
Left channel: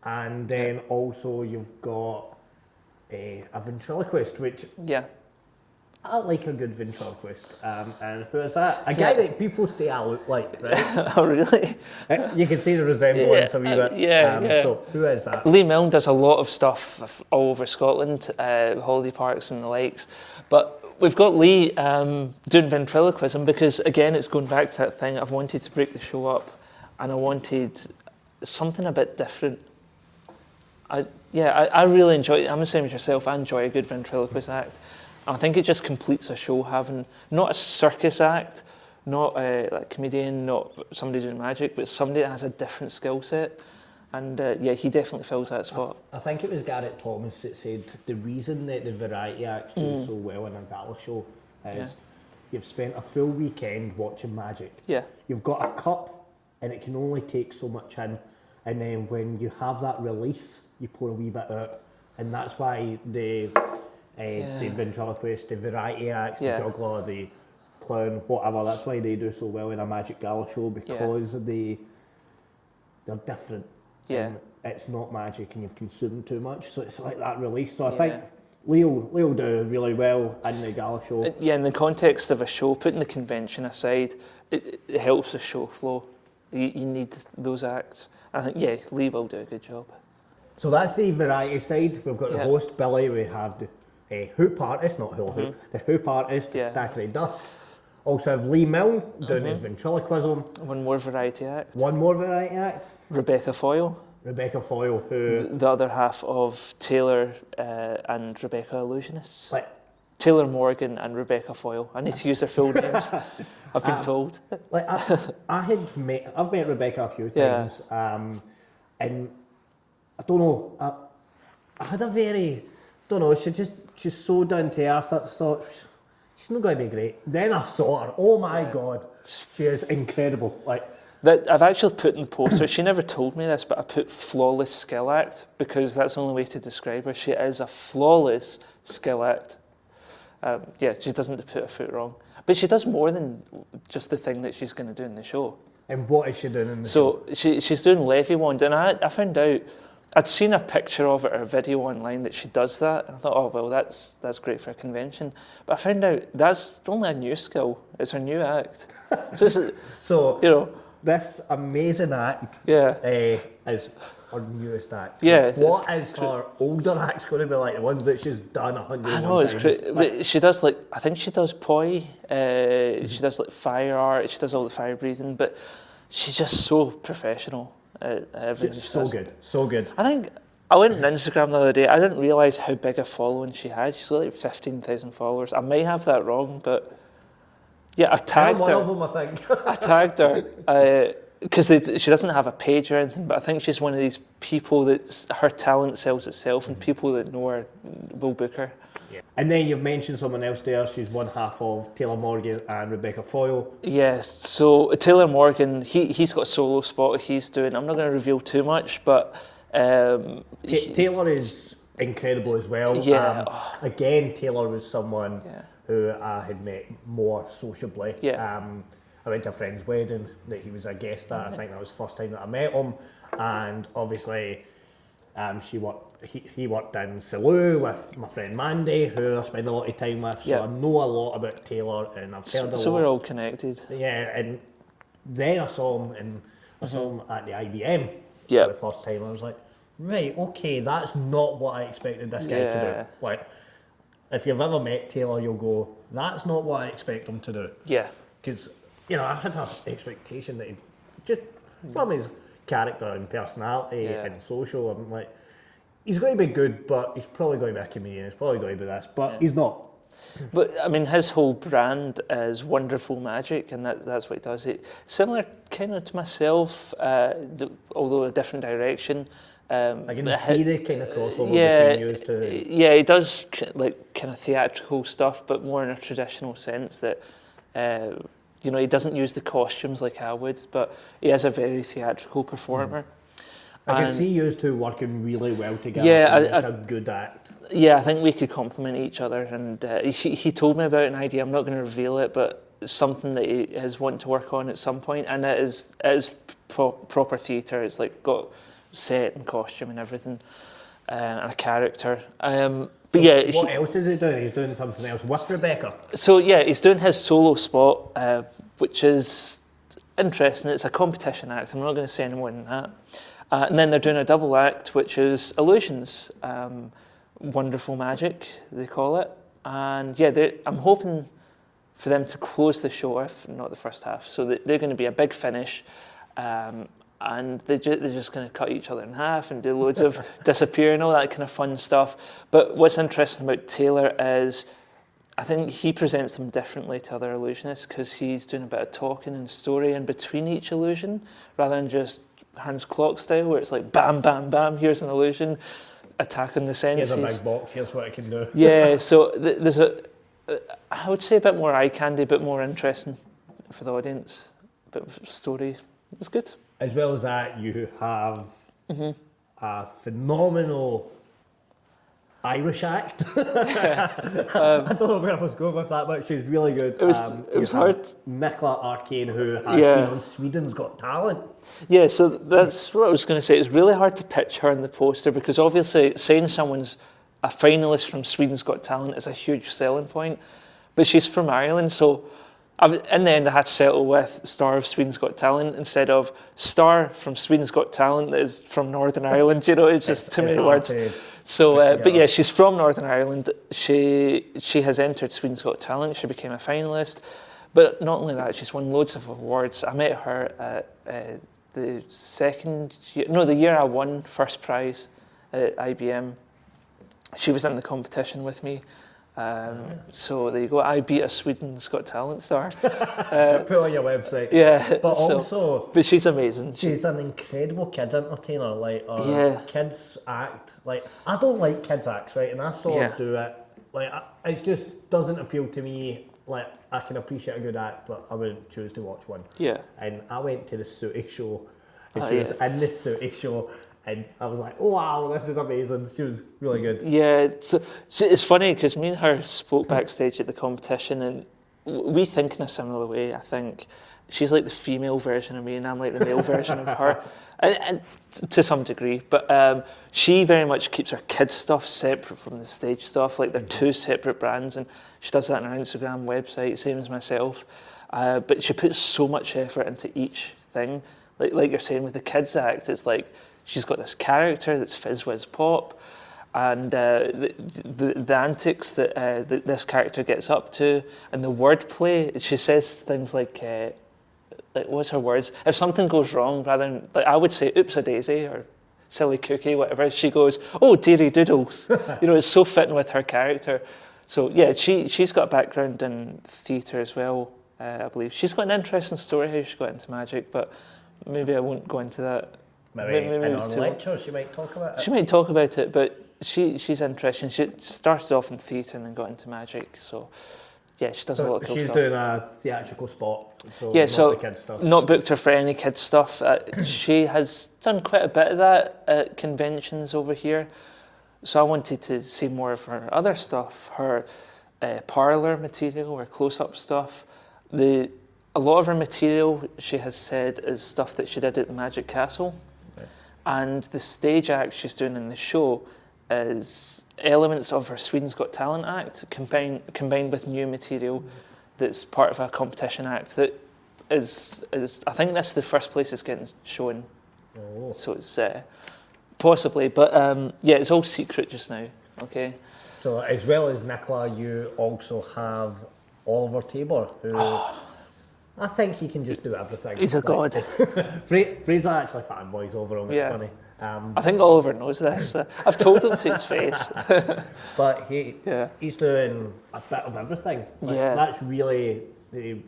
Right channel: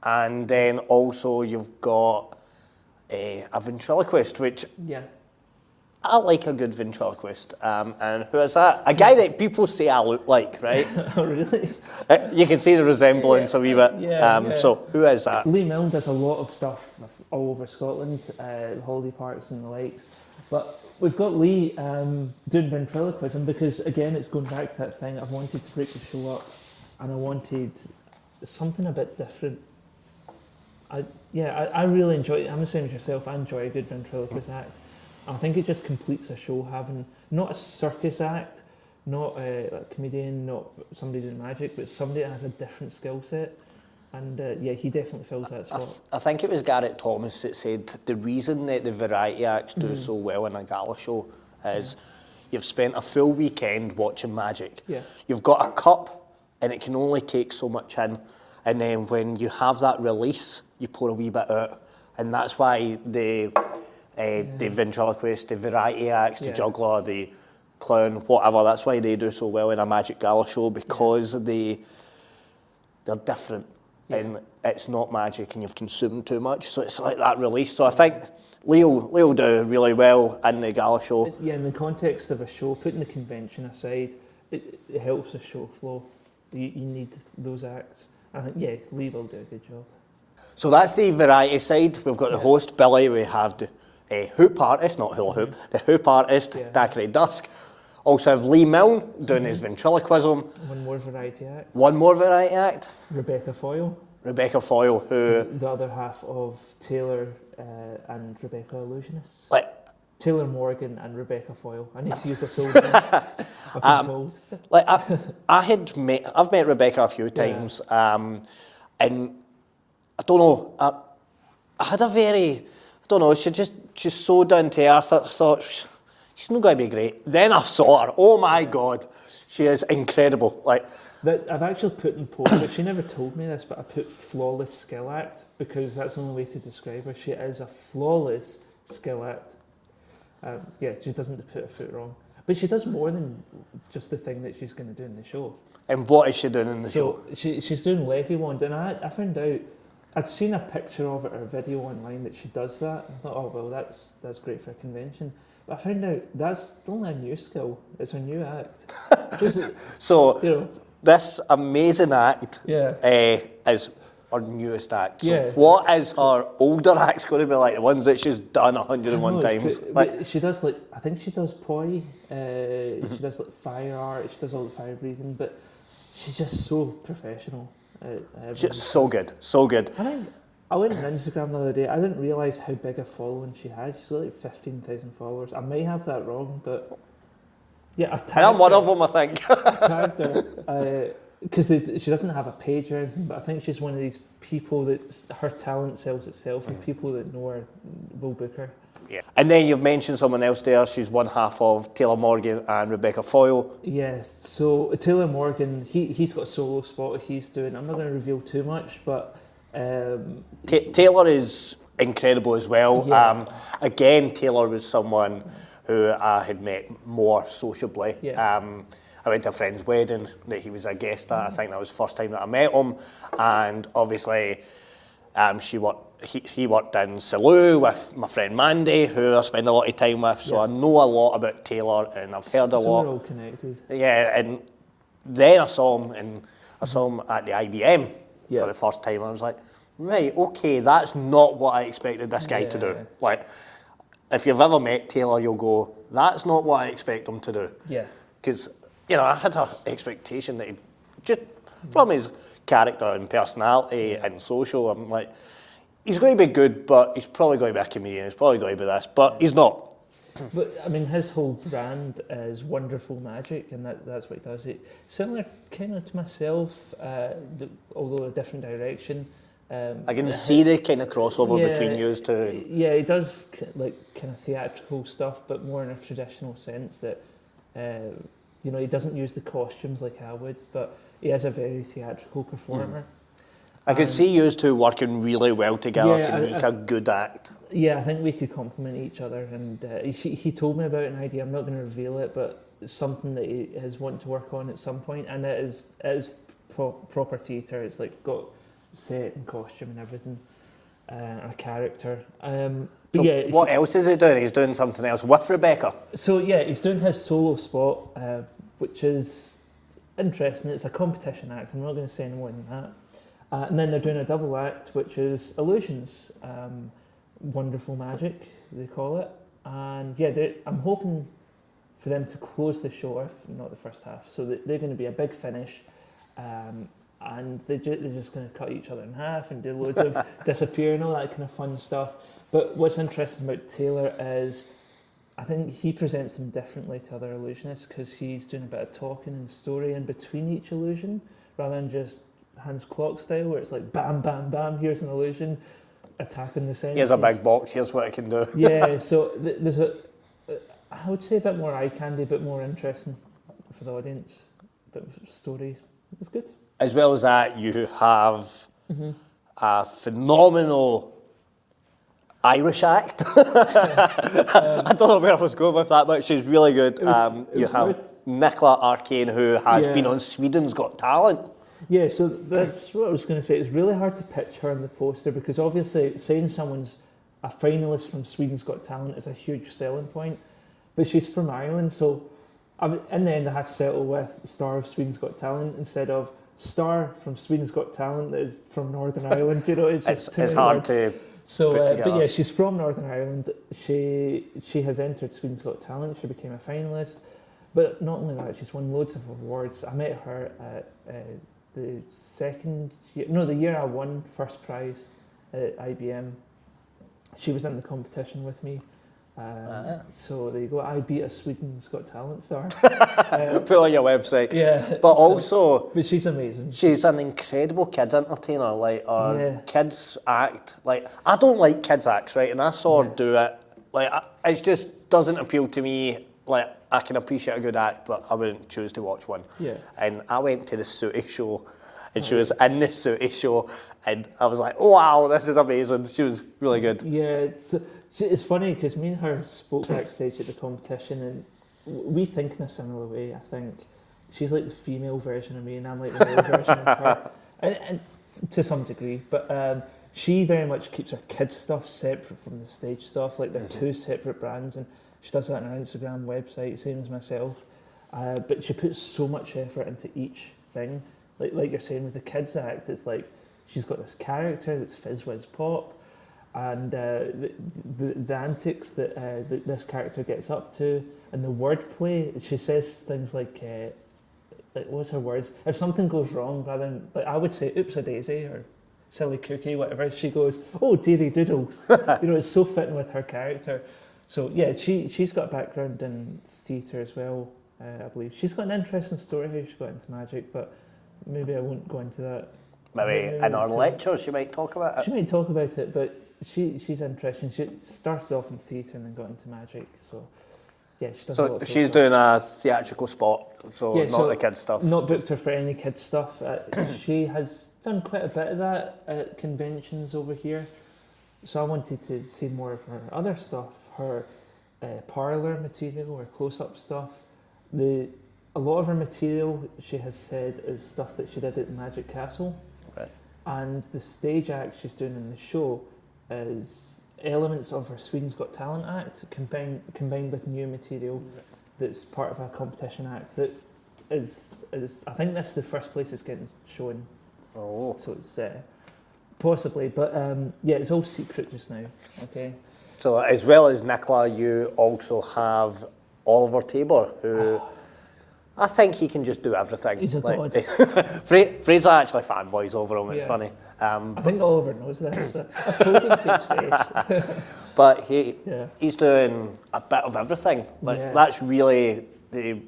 And then also you've got a ventriloquist, which I like a good ventriloquist. And who is that? A guy that people say I look like, right? Oh, really? You can see the resemblance a wee bit. Yeah. So who is that? Lee Milne does a lot of stuff all over Scotland, holiday parks and the likes. But we've got Lee doing ventriloquism because, again, it's going back to that thing. I've wanted to break the show up and I wanted something a bit different. I really enjoy it. I'm the same as yourself. I enjoy a good ventriloquist act. I think it just completes a show having not a circus act, not a like comedian, not somebody doing magic, but somebody that has a different skill set. And he definitely fills that spot. I think it was Garrett Thomas that said the reason that the variety acts do so well in a gala show is you've spent a full weekend watching magic. Yeah. You've got a cup and it can only take so much in. And then when you have that release, you pour a wee bit out. And that's why the ventriloquist, the variety acts, the juggler, the clown, whatever, that's why they do so well in a magic gala show because they're different. Yeah. And it's not magic and you've consumed too much, so it's like that release. So I think Leo do really well in the gala show. Yeah, in the context of a show, putting the convention aside, it helps the show flow. You need those acts. I think, Lee will do a good job. So that's the variety side. We've got the host, Billy. We have the hoop artist, not hula hoop, the hoop artist, Thackeray Dusk. Also have Lee Milne doing his ventriloquism. One more variety act. One more variety act. Rebecca Foyle, who... The other half of Taylor and Rebecca Illusionists. Like, Taylor Morgan and Rebecca Foyle. I need to use their full names, I've been told. Like I've met Rebecca a few times, and I don't know, I had a very, she's so down to earth. I thought, she's not going to be great. Then I saw her. Oh my God, she is incredible. Like that, I've actually put in the poster. She never told me this, but I put flawless skill act because that's the only way to describe her. She is a flawless skill act. She doesn't put a foot wrong, but she does more than just the thing that she's going to do in the show. And what is she doing in the show? So she's doing Levy wand, and I found out. I'd seen a picture of it or a video online that she does that. And I thought, oh well, that's great for a convention. But I found out that's only a new skill. It's her new act. So this amazing act is her newest act. So what is her older act going to be like? The ones that she's done 101 times. But she does I think she does poi. She does fire art. She does all the fire breathing. But she's just so professional. She's so good. I think I went on Instagram the other day. I didn't realise how big a following she had. She's got 15,000 followers. I may have that wrong, but I tagged her. I'm one of them, I think. I tagged her because she doesn't have a page or anything, but I think she's one of these people that her talent sells itself, and people that know her will book her. Yeah. And then you've mentioned someone else there. She's one half of Taylor Morgan and Rebecca Foyle. Yes. So Taylor Morgan, he's got a solo spot he's doing. I'm not going to reveal too much, but Taylor is incredible as well. Yeah. Again, Taylor was someone who I had met more sociably. Yeah. I went to a friend's wedding that he was a guest at. I think that was the first time that I met him, and obviously he worked in Salou with my friend Mandy, who I spend a lot of time with, so I know a lot about Taylor, and I've heard a lot. So we're all connected. Yeah, and then I saw him at the IBM for the first time. I was like, right, okay, that's not what I expected this guy to do. Like, if you've ever met Taylor, you'll go, that's not what I expect him to do. Yeah. Because, I had an expectation that just from his character and personality and social, I'm like, he's going to be good, but he's probably going to be a comedian, he's probably going to be this, but he's not. But, I mean, his whole brand is wonderful magic, and that's what he does. Similar kind of to myself, although a different direction. I can see the kind of crossover between you two. Yeah, he does kind of theatrical stuff, but more in a traditional sense that, he doesn't use the costumes like I would, but he is a very theatrical performer. I could see you two working really well together to make a good act. Yeah, I think we could complement each other, and he told me about an idea. I'm not going to reveal it, but it's something that he is wanting to work on at some point, and it is proper theatre. It's got set and costume and everything, and a character. But yeah, what else is he doing? He's doing something else with Rebecca. So yeah, he's doing his solo spot, which is interesting. It's a competition act. I'm not going to say any more than that. And then they're doing a double act, which is illusions, wonderful magic, they call it. And yeah, I'm hoping for them to close the show, if not the first half. So they're going to be a big finish, and they're just going to cut each other in half and do loads of disappear and all that kind of fun stuff. But what's interesting about Taylor is, I think he presents them differently to other illusionists because he's doing a bit of talking and story in between each illusion, rather than just Hans Clock style, where it's like bam, bam, bam, here's an illusion, attacking the senses. Here's a big box, here's what it can do. Yeah, so there's I would say a bit more eye candy, a bit more interesting for the audience, a bit of story. It's good. As well as that, you have a phenomenal Irish act. I don't know where I was going with that, but she's really good. It was hard. Nicola Arcane, who has been on Sweden's Got Talent. Yeah, so that's what I was going to say. It's really hard to pitch her in the poster because obviously saying someone's a finalist from Sweden's Got Talent is a huge selling point, but she's from Ireland, so in the end I had to settle with star of Sweden's Got Talent instead of star from Sweden's Got Talent that is from Northern Ireland. You know, it's just too many words. So, but yeah, she's from Northern Ireland. She has entered Sweden's Got Talent. She became a finalist, but not only that, she's won loads of awards. I met her at the year I won first prize at IBM. She was in the competition with me. So there you go. I beat a Sweden's Got Talent star. Put on your website. Yeah. But she's amazing. She's an incredible kids entertainer. Like kids act. Like I don't like kids acts, right? And I saw her do it. Like it just doesn't appeal to me. Like I can appreciate a good act, but I wouldn't choose to watch one. Yeah. And I went to the Sooty show, and she was in the Sooty show. And I was like, oh, wow, this is amazing. She was really good. Yeah, it's funny because me and her spoke backstage at the competition and we think in a similar way, I think. She's like the female version of me and I'm like the male version of her, and to some degree. But she very much keeps her kids' stuff separate from the stage stuff. Like they're two separate brands and she does that on her Instagram website, same as myself. But she puts so much effort into each thing. Like you're saying with the kids act, it's like, she's got this character that's fizz whiz pop, and the antics that this character gets up to, and the wordplay. She says things like what's her words? If something goes wrong, rather than like I would say, "Oops a daisy" or "silly cookie," whatever. She goes, "Oh, dearie doodles." You know, it's so fitting with her character. So yeah, she's got a background in theatre as well. I believe she's got an interesting story how she got into magic, but maybe I won't go into that. Maybe in our lecture she might talk about it. She might talk about it, but she's interesting. She started off in theatre and then got into magic, so yeah, she does a lot of cool she's stuff. Doing a theatrical spot, so yeah, not the kids stuff. Not booked her for any kids stuff. She has done quite a bit of that at conventions over here, so I wanted to see more of her other stuff, her parlour material, her close-up stuff. A lot of her material, she has said, is stuff that she did at the Magic Castle. And the stage act she's doing in the show is elements of her Sweden's Got Talent act combined with new material that's part of a competition act that is I think that's the first place it's getting shown. Oh. So it's possibly, but yeah, it's all secret just now. Okay. So as well as Nicola, you also have Oliver Tabor, who I think he can just do everything. He's a god. Fraser actually fanboys over him, it's funny. I think Oliver knows this. I've told him to his face. But he's doing a bit of everything. That's really the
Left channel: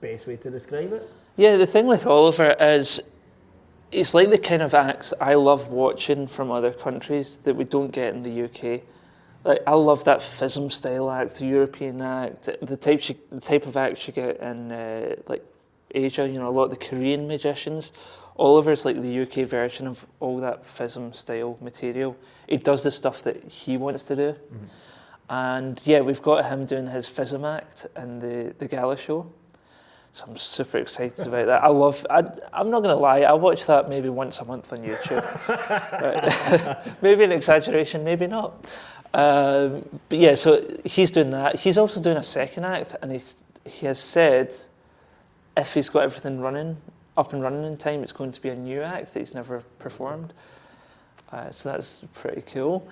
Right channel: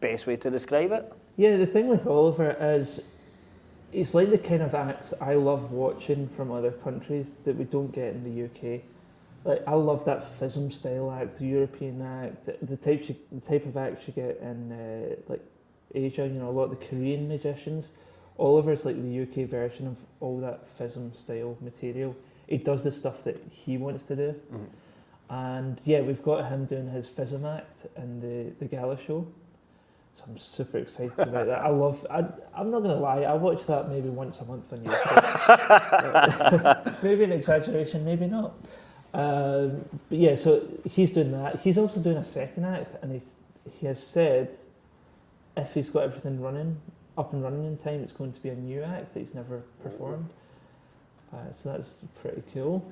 best way to describe it. Yeah, the thing with Oliver is it's like the kind of acts I love watching from other countries that we don't get in the UK. Like I love that FISM style act, the European act, the type of act you get in like Asia. You know, a lot of the Korean magicians. Oliver's like the UK version of all that FISM style material. He does the stuff that he wants to do, and yeah, we've got him doing his FISM act in the gala show. So I'm super excited about that. I'm not going to lie, I watch that maybe once a month on YouTube. Maybe an exaggeration, maybe not. But yeah, so he's doing that. He's also doing a second act, and he has said if he's got everything up and running in time, it's going to be a new act that he's never performed. So that's pretty cool.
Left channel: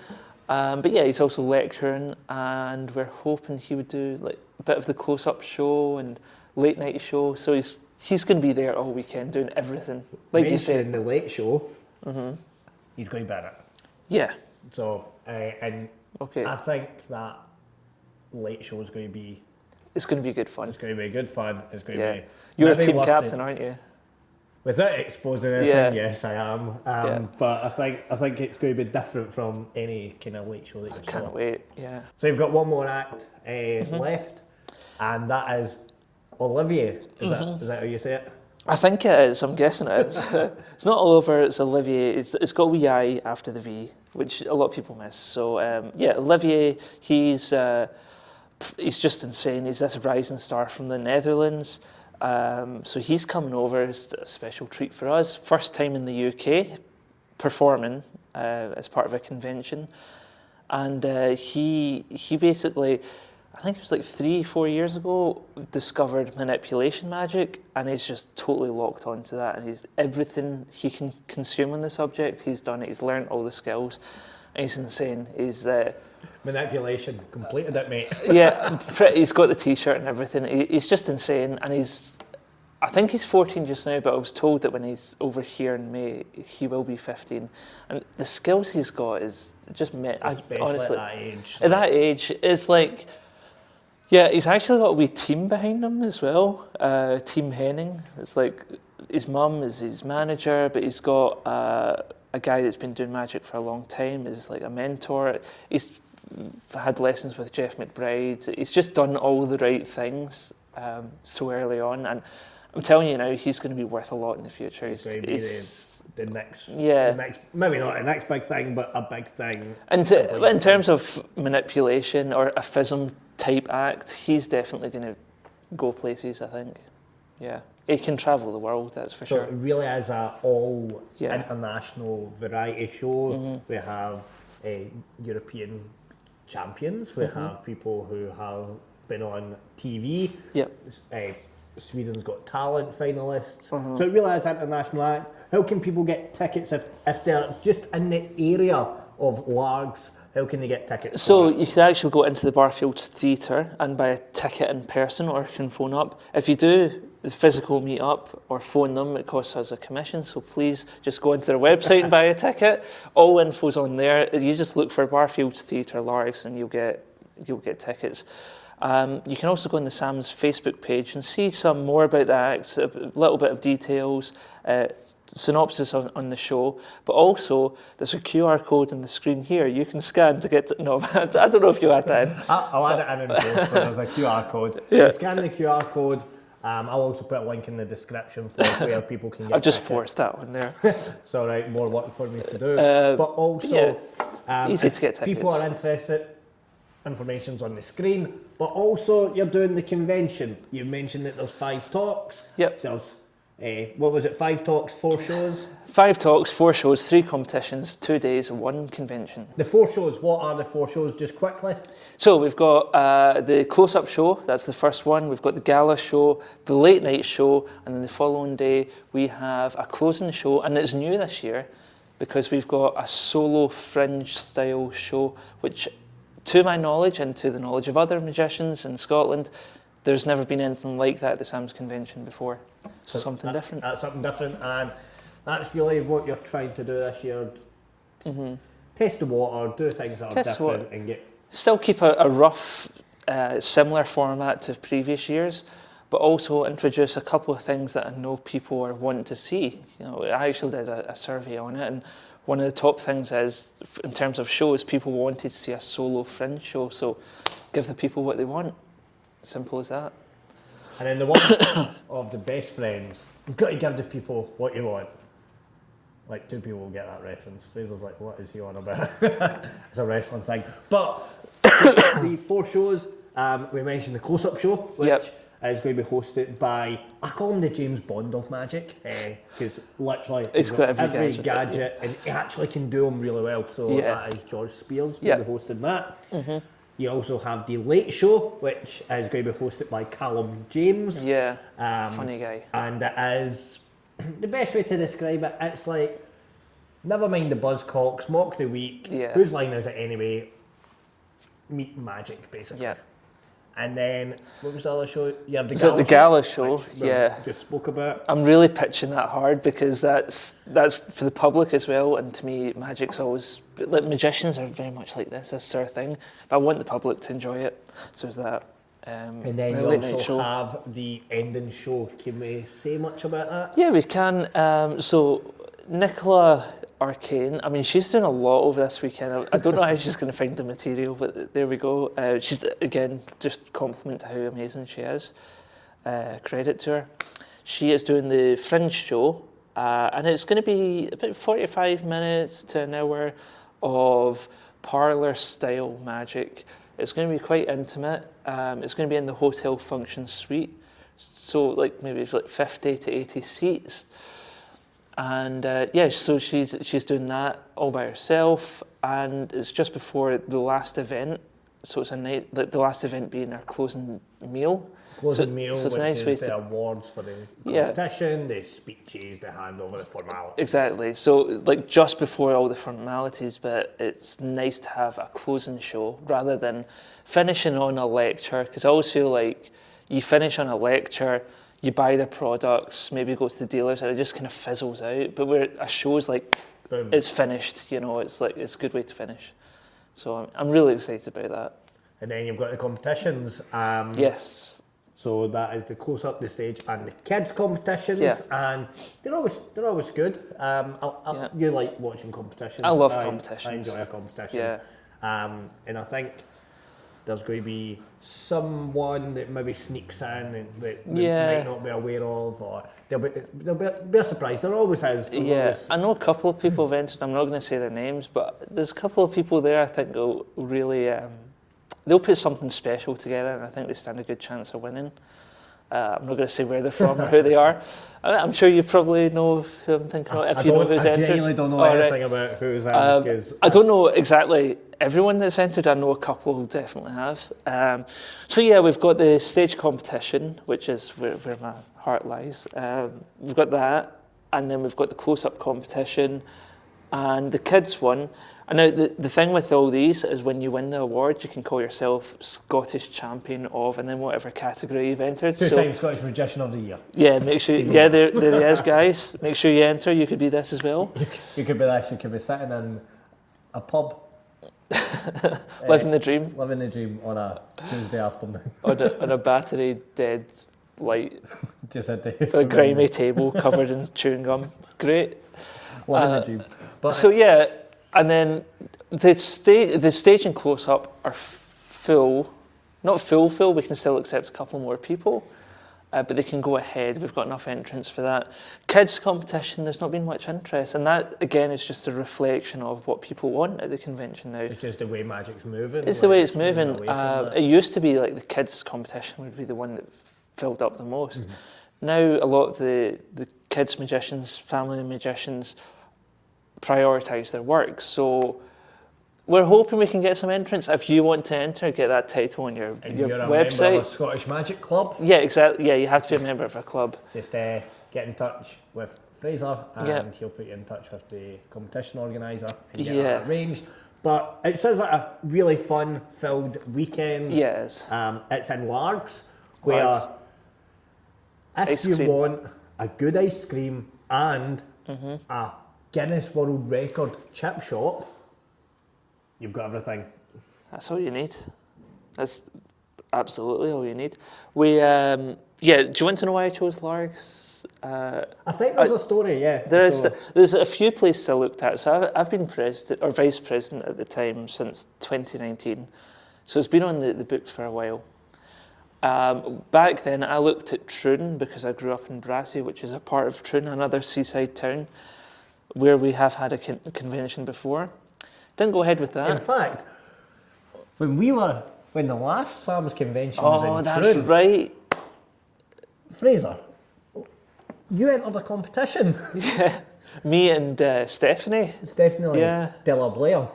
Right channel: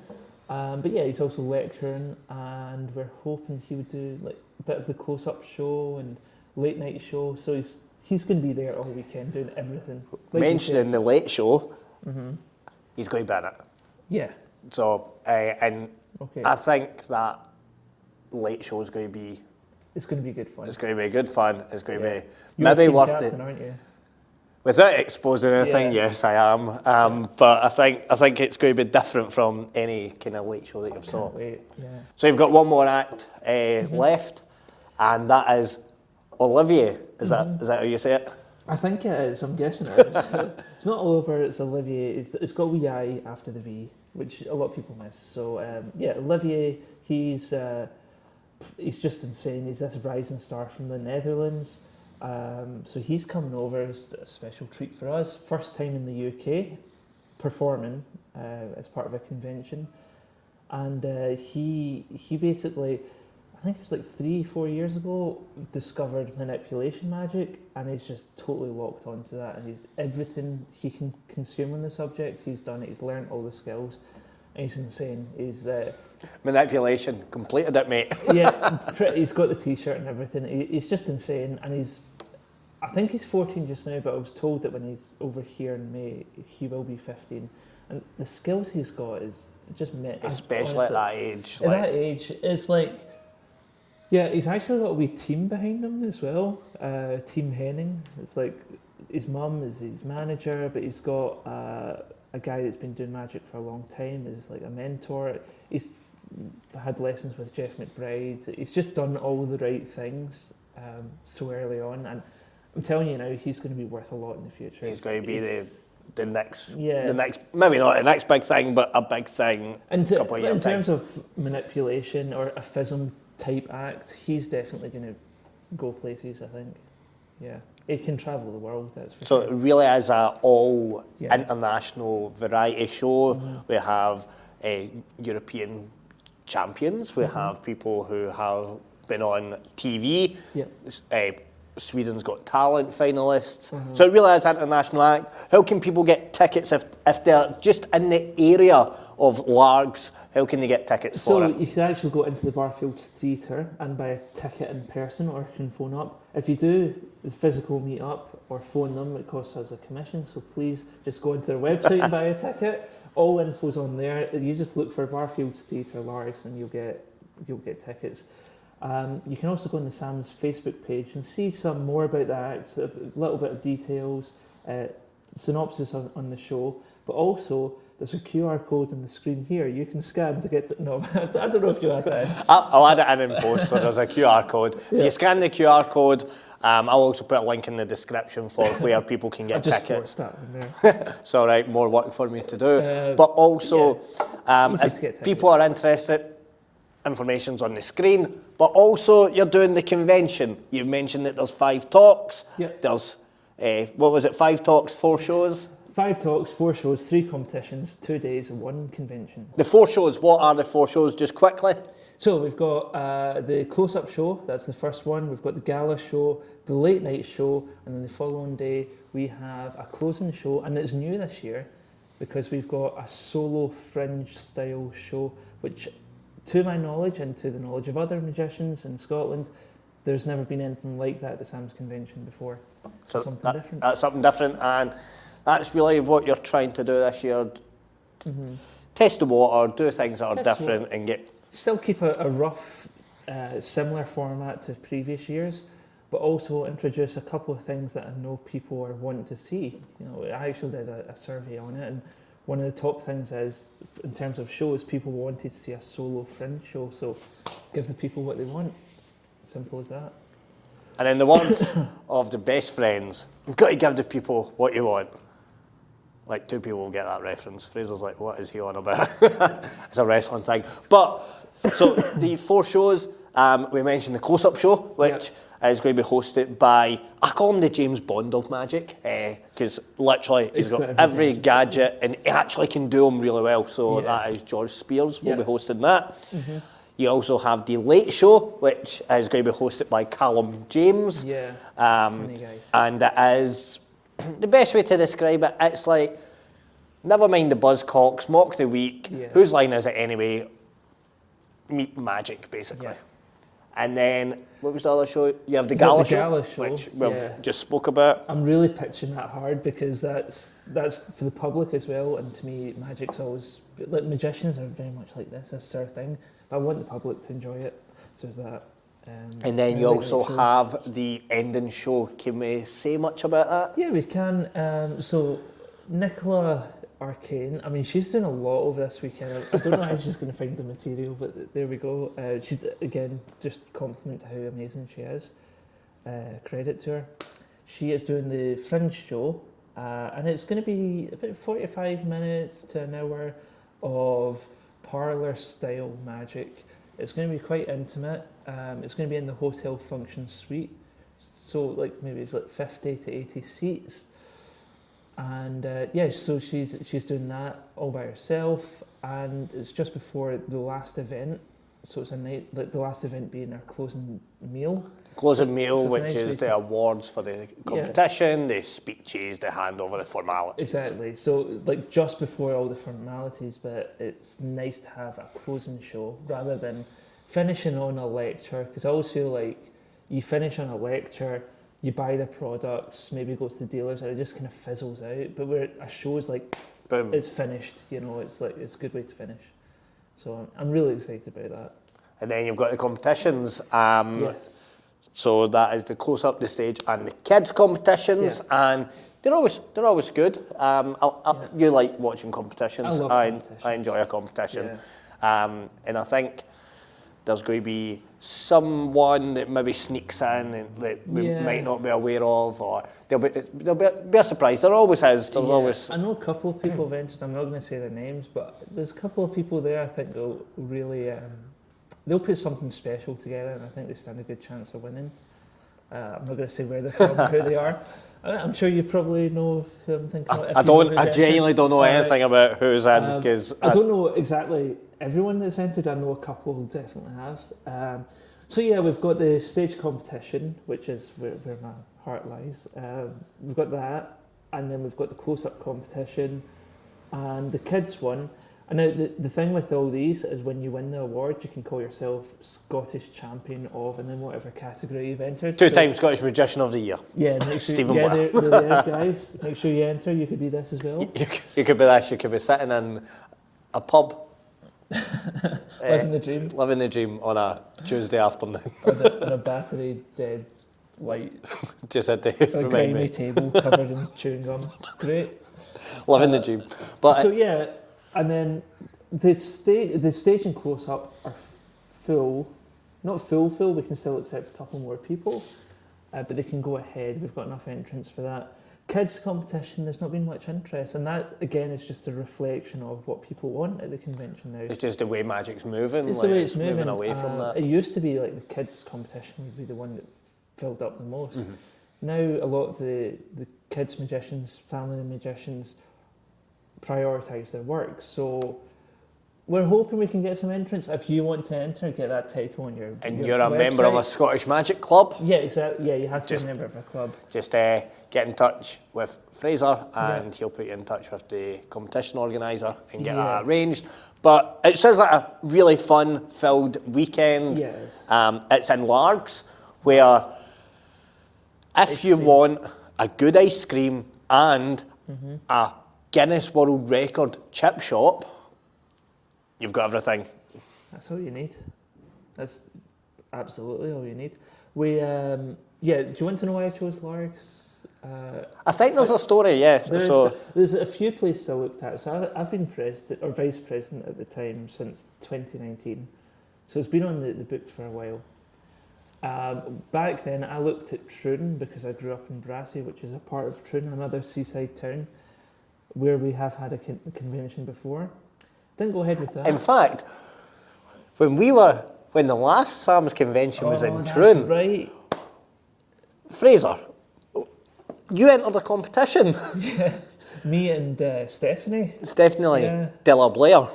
But yeah, he's also lecturing, and we're hoping he would do like a bit of the close-up show and late night show. So he's going to be there all weekend doing everything. Like you said, mentioning the late show, he's going to be in it. Yeah. So, and Okay. I think that late show is going to be. It's going to be good fun. It's going to be good fun. It's going to be. You're a maybe team worth captain, aren't you? Without exposing anything, Yeah. yes, I am. But I think it's going to be different from any kind of late show that you've saw. Can't wait. Yeah. So you've got one more act left, and that is Olivier. Is that how you say it? I think it is. I'm guessing it is. It's not Oliver. It's Olivier. It's got a wee I after the V, which a lot of people miss. So yeah, Olivier. He's just insane. He's this rising star from the Netherlands. So he's coming over. It's a special treat for us. First time in the UK performing as part of a convention, and he basically, I think it was like 3-4 years ago, discovered manipulation magic, and he's just totally locked onto that. And everything he can consume on the subject, he's done it. He's learned all the skills. And he's insane. He's Manipulation, completed it, mate. yeah, he's got the T-shirt and everything. He's just insane, and I think he's 14 just now, but I was told that when he's over here in May, he will be 15. And the skills he's got is just Especially honestly, at that age. at that age, it's like, yeah, he's actually got a wee team behind him as well. Team Henning. It's like his mum is his manager, but he's got a guy that's been doing magic for a long time is like a mentor. He's had lessons with Jeff McBride. He's just done all the right things so early on, and I'm telling you now, he's going to be worth a lot in the future. He's going to be the next, maybe not the next big thing, but a big thing. And in terms of manipulation or a FISM type act, he's definitely going to go places, I think. Yeah. He can travel the world, that's for sure. So it really is an all international variety show. Mm-hmm. We have European champions. We have people who have been on TV. Yeah. Sweden's Got Talent finalists. So it really is an international act. How can people get tickets if they're just in the area of Largs? How can they get tickets So for it? you can actually go into the Barfields Theatre and buy a ticket in person, or you can phone up. If you do the physical meet up or phone them, it costs us a commission. So please just go into their website and buy a ticket. All info's on there. You just look for Barfields Theatre Largs and you'll get tickets. You can also go on the Sam's Facebook page and see some more about the acts, a little bit of details, synopsis on the show, but also there's a QR code on the screen here you can scan to get to, no, I don't know if you add that in. I'll add it in post, so there's a QR code. So you scan the QR code. I'll also put a link in the description for where people can get I've just tickets. forced that on there. It's all right, more work for me to do. But also, easy if to get people are interested, information's on the screen. But also, you're doing the convention. You mentioned that there's 5 talks. Yep. There's, 5 talks, 4 shows? 5 talks, 4 shows, 3 competitions, 2 days, 1 convention. The 4 shows, what are the 4 shows, just quickly? So we've got the close-up show, that's the first one. We've got the gala show, the late night show, and then the following day we have a closing show, and it's new this year because we've got a solo fringe style show, which to my knowledge and to the knowledge of other magicians in Scotland, there's never been anything like that at the Sam's Convention before. So something different. That's something different, and that's really what you're trying to do this year. Test the water, do things that are different, and get... Still keep a rough, similar format to previous years, but also introduce a couple of things that I know people are wanting to see. You know, I actually did a survey on it, and one of the top things is, in terms of shows, people wanted to see a solo fringe show, so give the people what they want. Simple as that. And then the ones of the best friends, you've got to give the people what you want. Like 2 people will get that reference. Fraser's like, what is he on about? It's a wrestling thing. But so the 4 shows, we mentioned the close-up show, which is going to be hosted by, I call him the James Bond of magic, because literally he's got every gadget and he actually can do them really well. So that is George Spears will be hosting that. You also have The Late Show, which is going to be hosted by Callum James. Yeah, funny guy. And it is, the best way to describe it, it's like, never mind the buzzcocks, mock the week, whose line is it anyway? Meet magic, basically. Yeah. And then, what was the other show? You have the Gala Show, which we just spoke about. I'm really pitching that hard because that's for the public as well, and to me, magic's always, like, magicians are very much like this. That's their thing. But I want the public to enjoy it, so is that. And then you also have the ending show. Can we say much about that? Yeah, we can. So Nicola Arcane, I mean, she's doing a lot over this weekend. I don't know how she's going to find the material, but there we go. She's, again, just compliment to how amazing she is. Credit to her. She is doing the Fringe show, and it's going to be about 45 minutes to an hour of parlour-style magic. It's going to be quite intimate. It's going to be in the hotel function suite, so like maybe it's like 50 to 80 seats. And so she's doing that all by herself, and it's just before the last event. So it's a night, the last event being our closing meal. Closing meal, which is the awards for the competition, the speeches, the handover, the formalities. Exactly. So like just before all the formalities, but it's nice to have a closing show rather than finishing on a lecture, because I always feel like you finish on a lecture, you buy the products, maybe go to the dealers, and it just kind of fizzles out. But where a show's like, boom, it's finished, it's like, it's a good way to finish. So I'm really excited about that. And then you've got the competitions. Yes. So that is the close-up, the stage, and the kids' competitions, and they're always good. You like watching competitions. I love competitions. I enjoy a competition. And I think there's going to be someone that maybe sneaks in and that we might not be aware of, or there'll be a surprise. There always is. Always. I know a couple of people have entered. I'm not going to say their names, but there's a couple of people there I think will really, they'll put something special together, and I think they stand a good chance of winning. I'm not going to say where they're from or who they are. I'm sure you probably know who I'm thinking of. I genuinely don't know anything about who's in, because I don't know exactly everyone that's entered. I know a couple who definitely have. We've got the stage competition, which is where my heart lies. We've got that, and then we've got the close-up competition, and the kids one. And now the thing with all these is when you win the award, you can call yourself Scottish Champion of, and then whatever category you've entered. Two-time Scottish Magician of the Year. Yeah, make sure. There he is, guys. Make sure you enter. You could be this as well. You could be this. You could be sitting in a pub, living the dream. Living the dream on a Tuesday afternoon on a battery dead white, just a grimy table covered in chewing gum. Great. Living the dream. But and then the stage and close-up are full. Not full, we can still accept a couple more people, but they can go ahead. We've got enough entrants for that. Kids competition, there's not been much interest, and that, again, is just a reflection of what people want at the convention now. It's just the way magic's moving. It's the way it's moving. It used to be like the kids competition would be the one that filled up the most. Mm-hmm. Now a lot of the kids magicians, family magicians, prioritise their work. So we're hoping we can get some entrants. If you want to enter, get that title on your and you're a website. Member of a Scottish Magic Club. Yeah, exactly. Yeah, you have to be a member of a club. Just get in touch with Fraser, and he'll put you in touch with the competition organiser and get that arranged. But it sounds like a really fun-filled weekend. Yes. It's in Largs, where if you want a good ice cream and a Guinness World Record chip shop, you've got everything. That's all you need. That's absolutely all you need. We, do you want to know why I chose Largs? I think there's a story, There's a few places I looked at. So I've been president or vice president at the time since 2019. So it's been on the books for a while. Back then I looked at Troon because I grew up in Brassey, which is a part of Troon, another seaside town, where we have had a convention before. Didn't go ahead with that. In fact, when the last Sam's convention was in that's Troon, right. Fraser, you entered a competition. Yeah, me and Stephanie. Stephanie Yeah. Della Blair.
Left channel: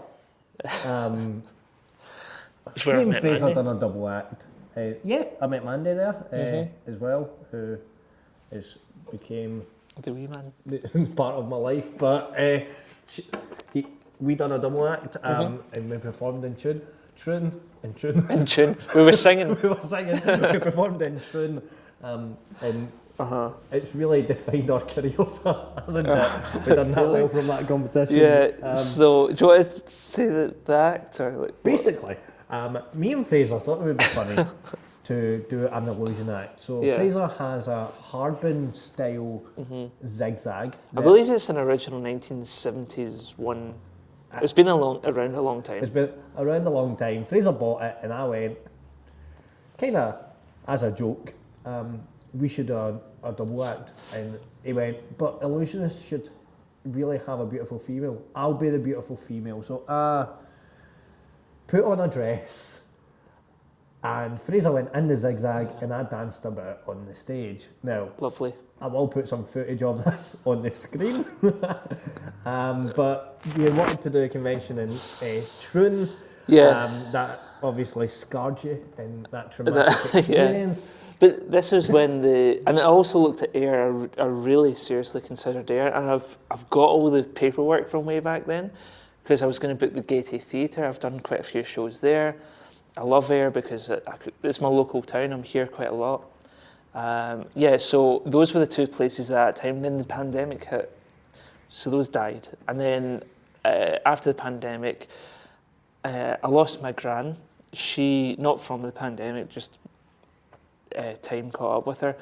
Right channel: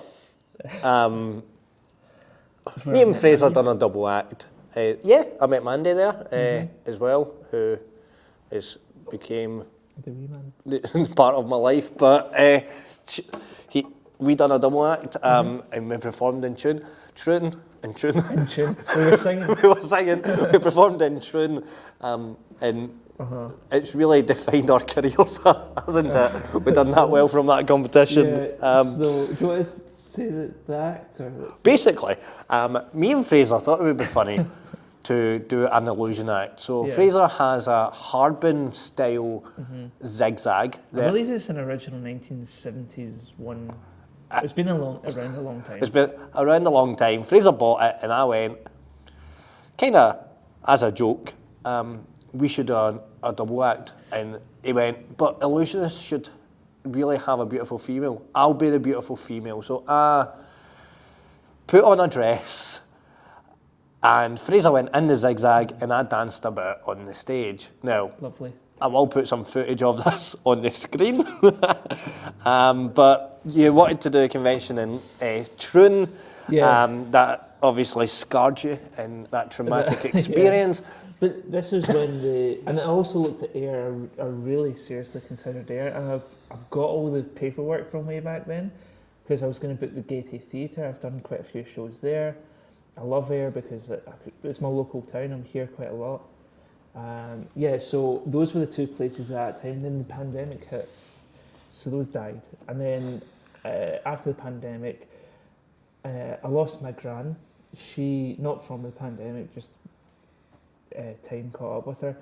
That's where Me I and met Fraser Mandy. done a double act. Yeah, I met Mandy there as well, who became The wee man. part of my life. But we done a double act and we performed in tune. In tune. We were singing. We were singing. We performed in tune, and it's really defined our careers, hasn't it? We've done that well from that competition. Yeah. So, do you want to say the act or like? Basically, me and Fraser thought it would be funny to do an illusion act. So Yeah. Fraser has a Harbin style zigzag. I believe it's an original 1970s one. It's been around a long time. It's been around a long time. Fraser bought it, and I went, kind of as a joke, we should do a double act. And he went, but illusionists should really have a beautiful female. I'll be the beautiful female. So I put on a dress, and Fraser went in the zigzag, and I danced a bit on the stage. Now, Lovely. I will put some footage of this on the screen. But you wanted to do a convention in Troon. Yeah. That obviously scarred you in that traumatic experience. But this is when and I also looked at Ayr. I really seriously considered Ayr, and I've got all the paperwork from way back then, because I was going to book the Gaiety Theatre. I've done quite a few shows there. I love Ayr because it's my local town. I'm here quite a lot. So those were the two places at that time. Then the pandemic hit, so those died. And then after the pandemic, I lost my gran. She, not from the pandemic, just time caught up with her.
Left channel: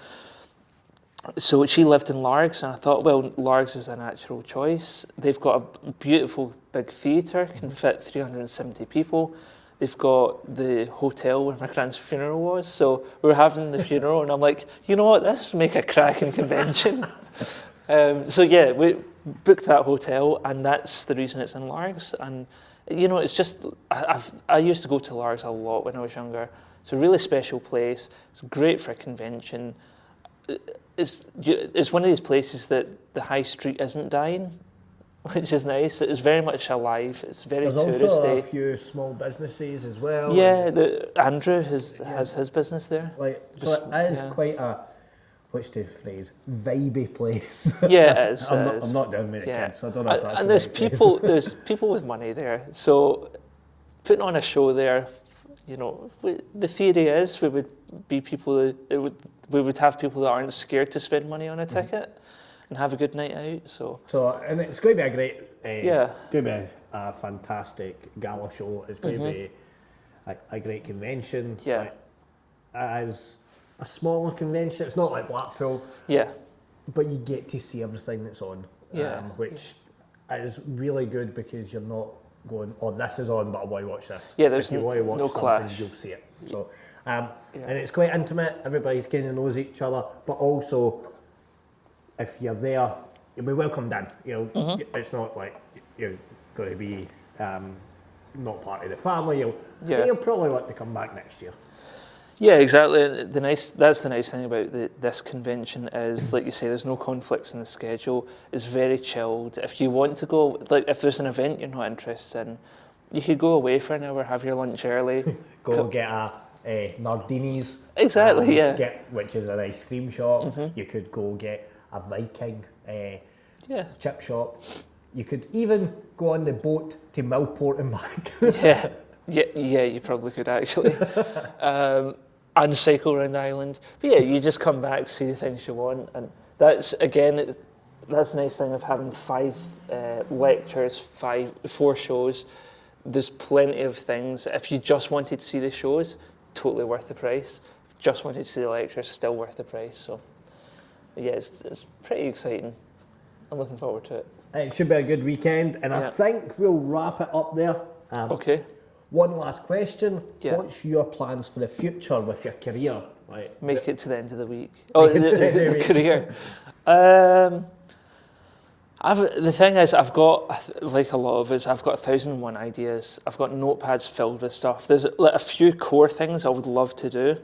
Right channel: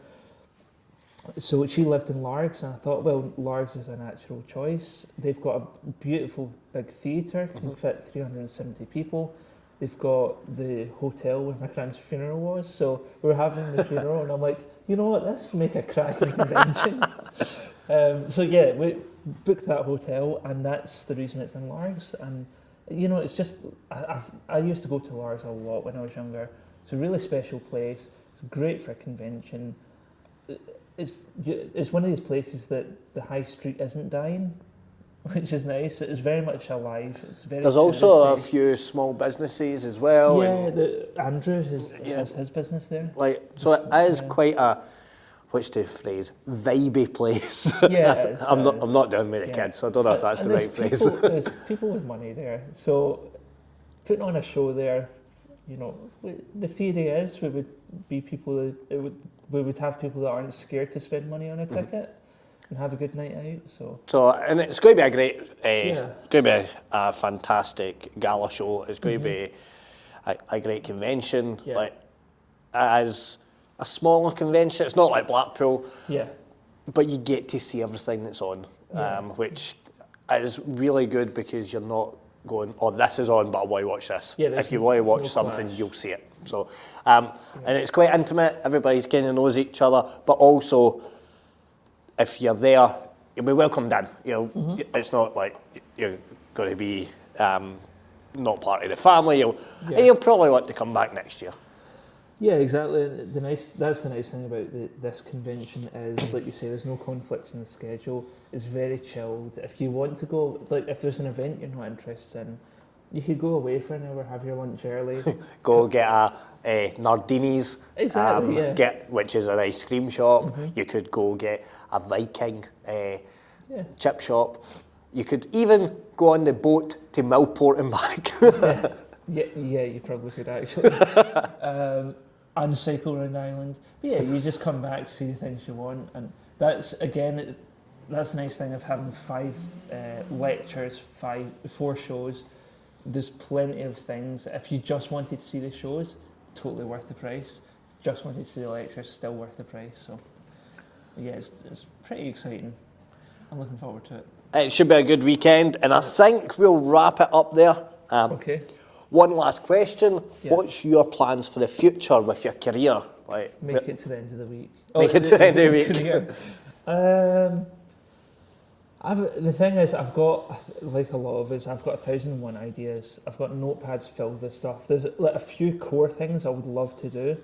So she lived in Largs, and I thought, well, Largs is a natural choice. They've got a beautiful big theatre, can fit 370 people. They've got the hotel where my gran's funeral was, so we were having the funeral, and I'm like, you know what, this will make a cracking convention. We booked that hotel, and that's the reason it's in Largs. And you know, it's just I used to go to Largs a lot when I was younger. It's a really special place. It's great for a convention. It's one of these places that the high street isn't dying, which is nice. It's very much alive. It's very There's touristy. also a few small businesses as well. Yeah, Andrew has his business there. So it is quite a, what's the phrase, vibey place. Yeah, it is. I'm not doing with the kids, so I don't know if that's and the there's right people, phrase. there's people with money there. So putting on a show there, you know, the theory is we would be people we would have people that aren't scared to spend money on a ticket and have a good night out. So And it's going to be a great, Yeah. going to be a fantastic gala show. It's going to be a great convention. Yeah. Like, as a smaller convention, it's not like Blackpool, yeah, but you get to see everything that's on, Yeah. which is really good because you're not going, oh, this is on, but I want to watch this. Yeah, there's if you want to watch no something, clash. you'll see it. So, and it's quite intimate. Everybody kind of knows each other, but also, if you're there, you'll be welcomed in. You know, it's not like you're going to be not part of the family. You'll probably want to come back next year. Yeah, exactly. And that's the nice thing about this convention is, like you say, there's no conflicts in the schedule. It's very chilled. If you want to go, like if there's an event you're not interested in, you could go away for an hour, have your lunch early. Go get a Nardini's. Exactly, yeah. Which is an ice cream shop. You could go get a Viking chip shop. You could even go on the boat to Millport and back. Yeah, you probably could actually. And cycle around the island. But yeah, you just come back, see the things you want. And that's, again, that's the nice thing of having 5 lectures, 4 shows. There's plenty of things. If you just wanted to see the shows, totally worth the price. Just wanted to see the lectures, still worth the price. So yeah, it's pretty exciting. I'm looking forward to it. It should be a good weekend, and I think we'll wrap it up there. Okay. One last question. Yeah. What's your plans for the future with your career? Like, Make it to the end of the week. Make it to the end of the week. Career. The thing is, I've got, like a lot of us, I've got 1,001 ideas. I've got notepads filled with stuff. There's like a few core things I would love to do.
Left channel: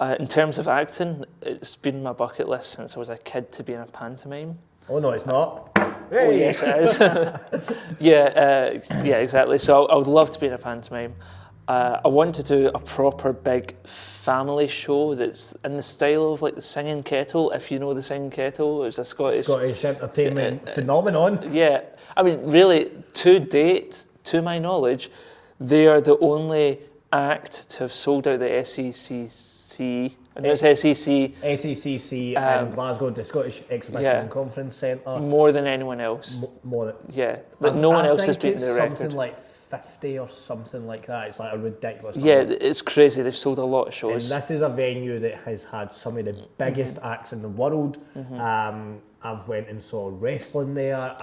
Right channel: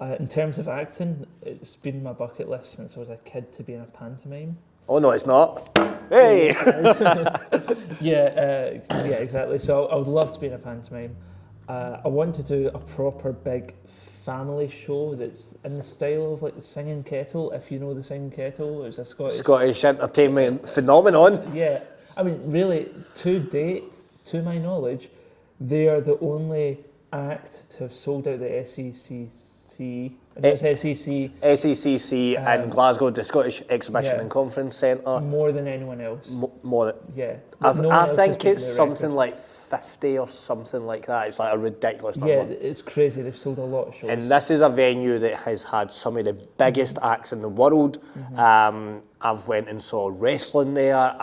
In terms of acting, it's been my bucket list since I was a kid to be in a pantomime. Oh no, it's not. Hey! Yeah, exactly. So I would love to be in a pantomime. I want to do a proper big family show that's in the style of like the Singing Kettle. If you know the Singing Kettle, it's a Scottish entertainment phenomenon. Yeah, I mean, really, to date, to my knowledge, they are the only act to have sold out the SECC. And it was SEC. SECC in Glasgow, the Scottish Exhibition and Conference Centre. More than anyone else. More. Yeah. No one else has beaten it's the something record. like 50 or something like that. It's like a ridiculous Yeah, number. it's crazy. They've sold a lot of shows. And this is a venue that has had some of the biggest acts in the world. I've went and saw wrestling there.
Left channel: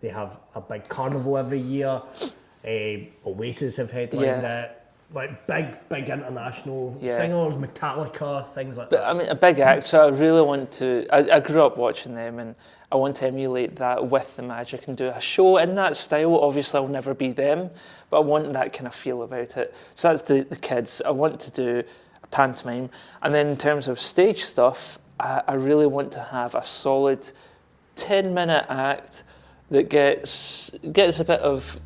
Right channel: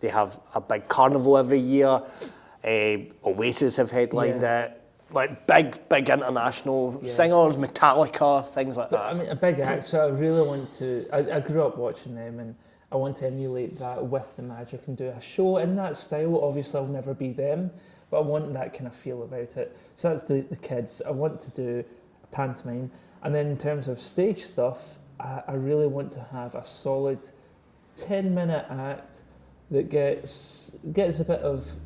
They have a big carnival every year. Oasis have headlined it. Like big international singers, Metallica, things like that. I mean, a big act, so I really want to... I grew up watching them, and I want to emulate that with the magic and do a show in that style. Obviously, I'll never be them, but I want that kind of feel about it. So that's the kids. I want to do a pantomime. And then in terms of stage stuff, I really want to have a solid 10-minute act that gets a bit of...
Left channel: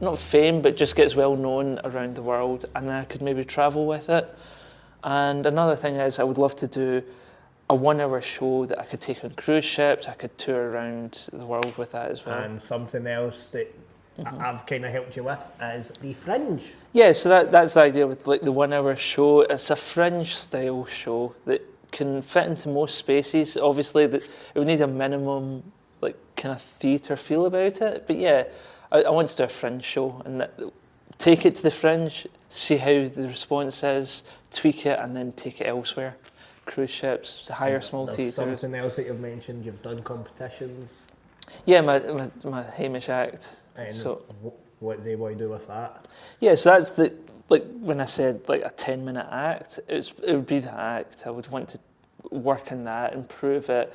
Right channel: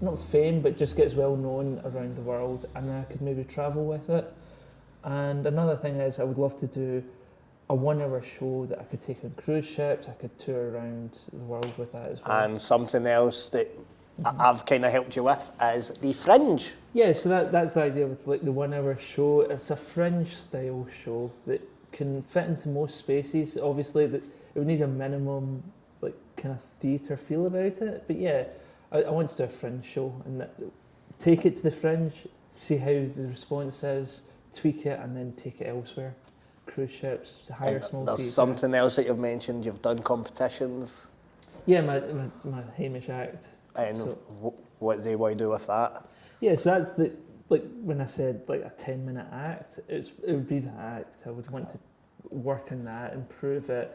not fame, but just gets well known around the world, and then I could maybe travel with it. And another thing is, I would love to do a 1-hour show that I could take on cruise ships. I could tour around the world with that as well. And something else that I've kind of helped you with is the Fringe. Yeah, so that's the idea with like the 1-hour show. It's a Fringe style show that can fit into most spaces. Obviously, it would need a minimum like kind of theatre feel about it. But yeah, I want to do a Fringe show and take it to the Fringe, see how the response is, tweak it, and then take it elsewhere. Cruise ships, hire small theatre. There's something else that you've mentioned. You've done competitions. Yeah, my Hamish act. And so, what do you do with that? Yeah, so that's the like when I said like a 10-minute act. It would be the act. I would want to work on that, improve it,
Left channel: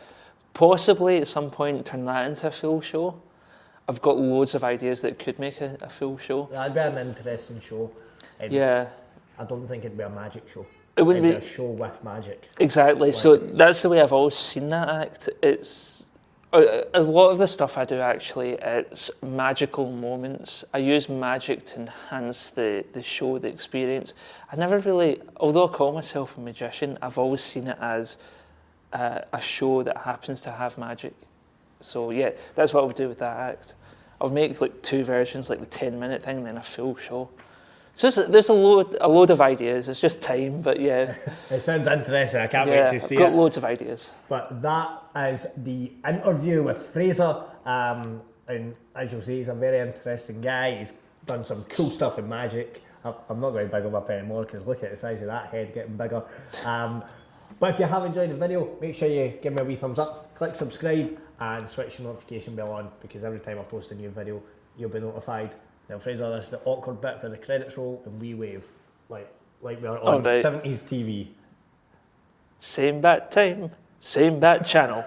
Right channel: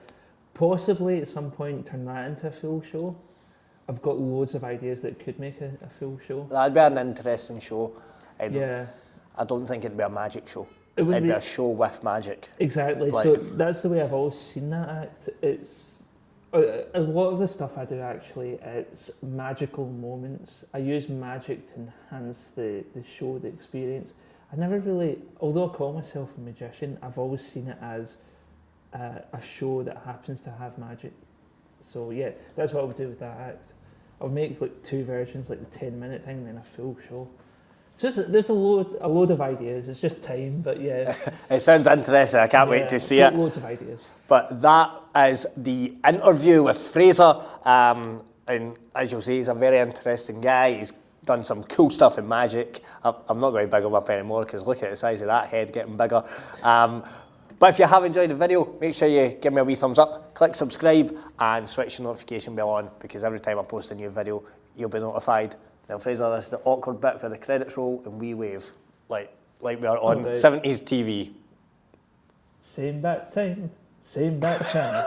possibly at some point turn that into a full show. I've got loads of ideas that could make a full show. That'd be an interesting show. Yeah. I don't think it'd be a magic show. It wouldn't be a show with magic. Exactly. Like, so that's the way I've always seen that act. It's a lot of the stuff I do actually, it's magical moments. I use magic to enhance the show, the experience. I never really, although I call myself a magician, I've always seen it as a show that happens to have magic. So yeah, that's what I would do with that act. I'll make like 2 versions, like the 10-minute thing, then a full show. So there's a load of ideas. It's just time, but yeah. It sounds interesting. I can't wait to see I've got it. Loads of ideas. But that is the interview with Fraser. And as you'll see, he's a very interesting guy. He's done some cool stuff in magic. I'm not going to big him up anymore because look at the size of that head getting bigger. But if you have enjoyed the video, make sure you give me a wee thumbs up, click subscribe and switch the notification bell on because every time I post a new video, you'll be notified. Now Fraser, this is the awkward bit where the credits roll and we wave like we are on 70s TV. Same bat time, same bat channel.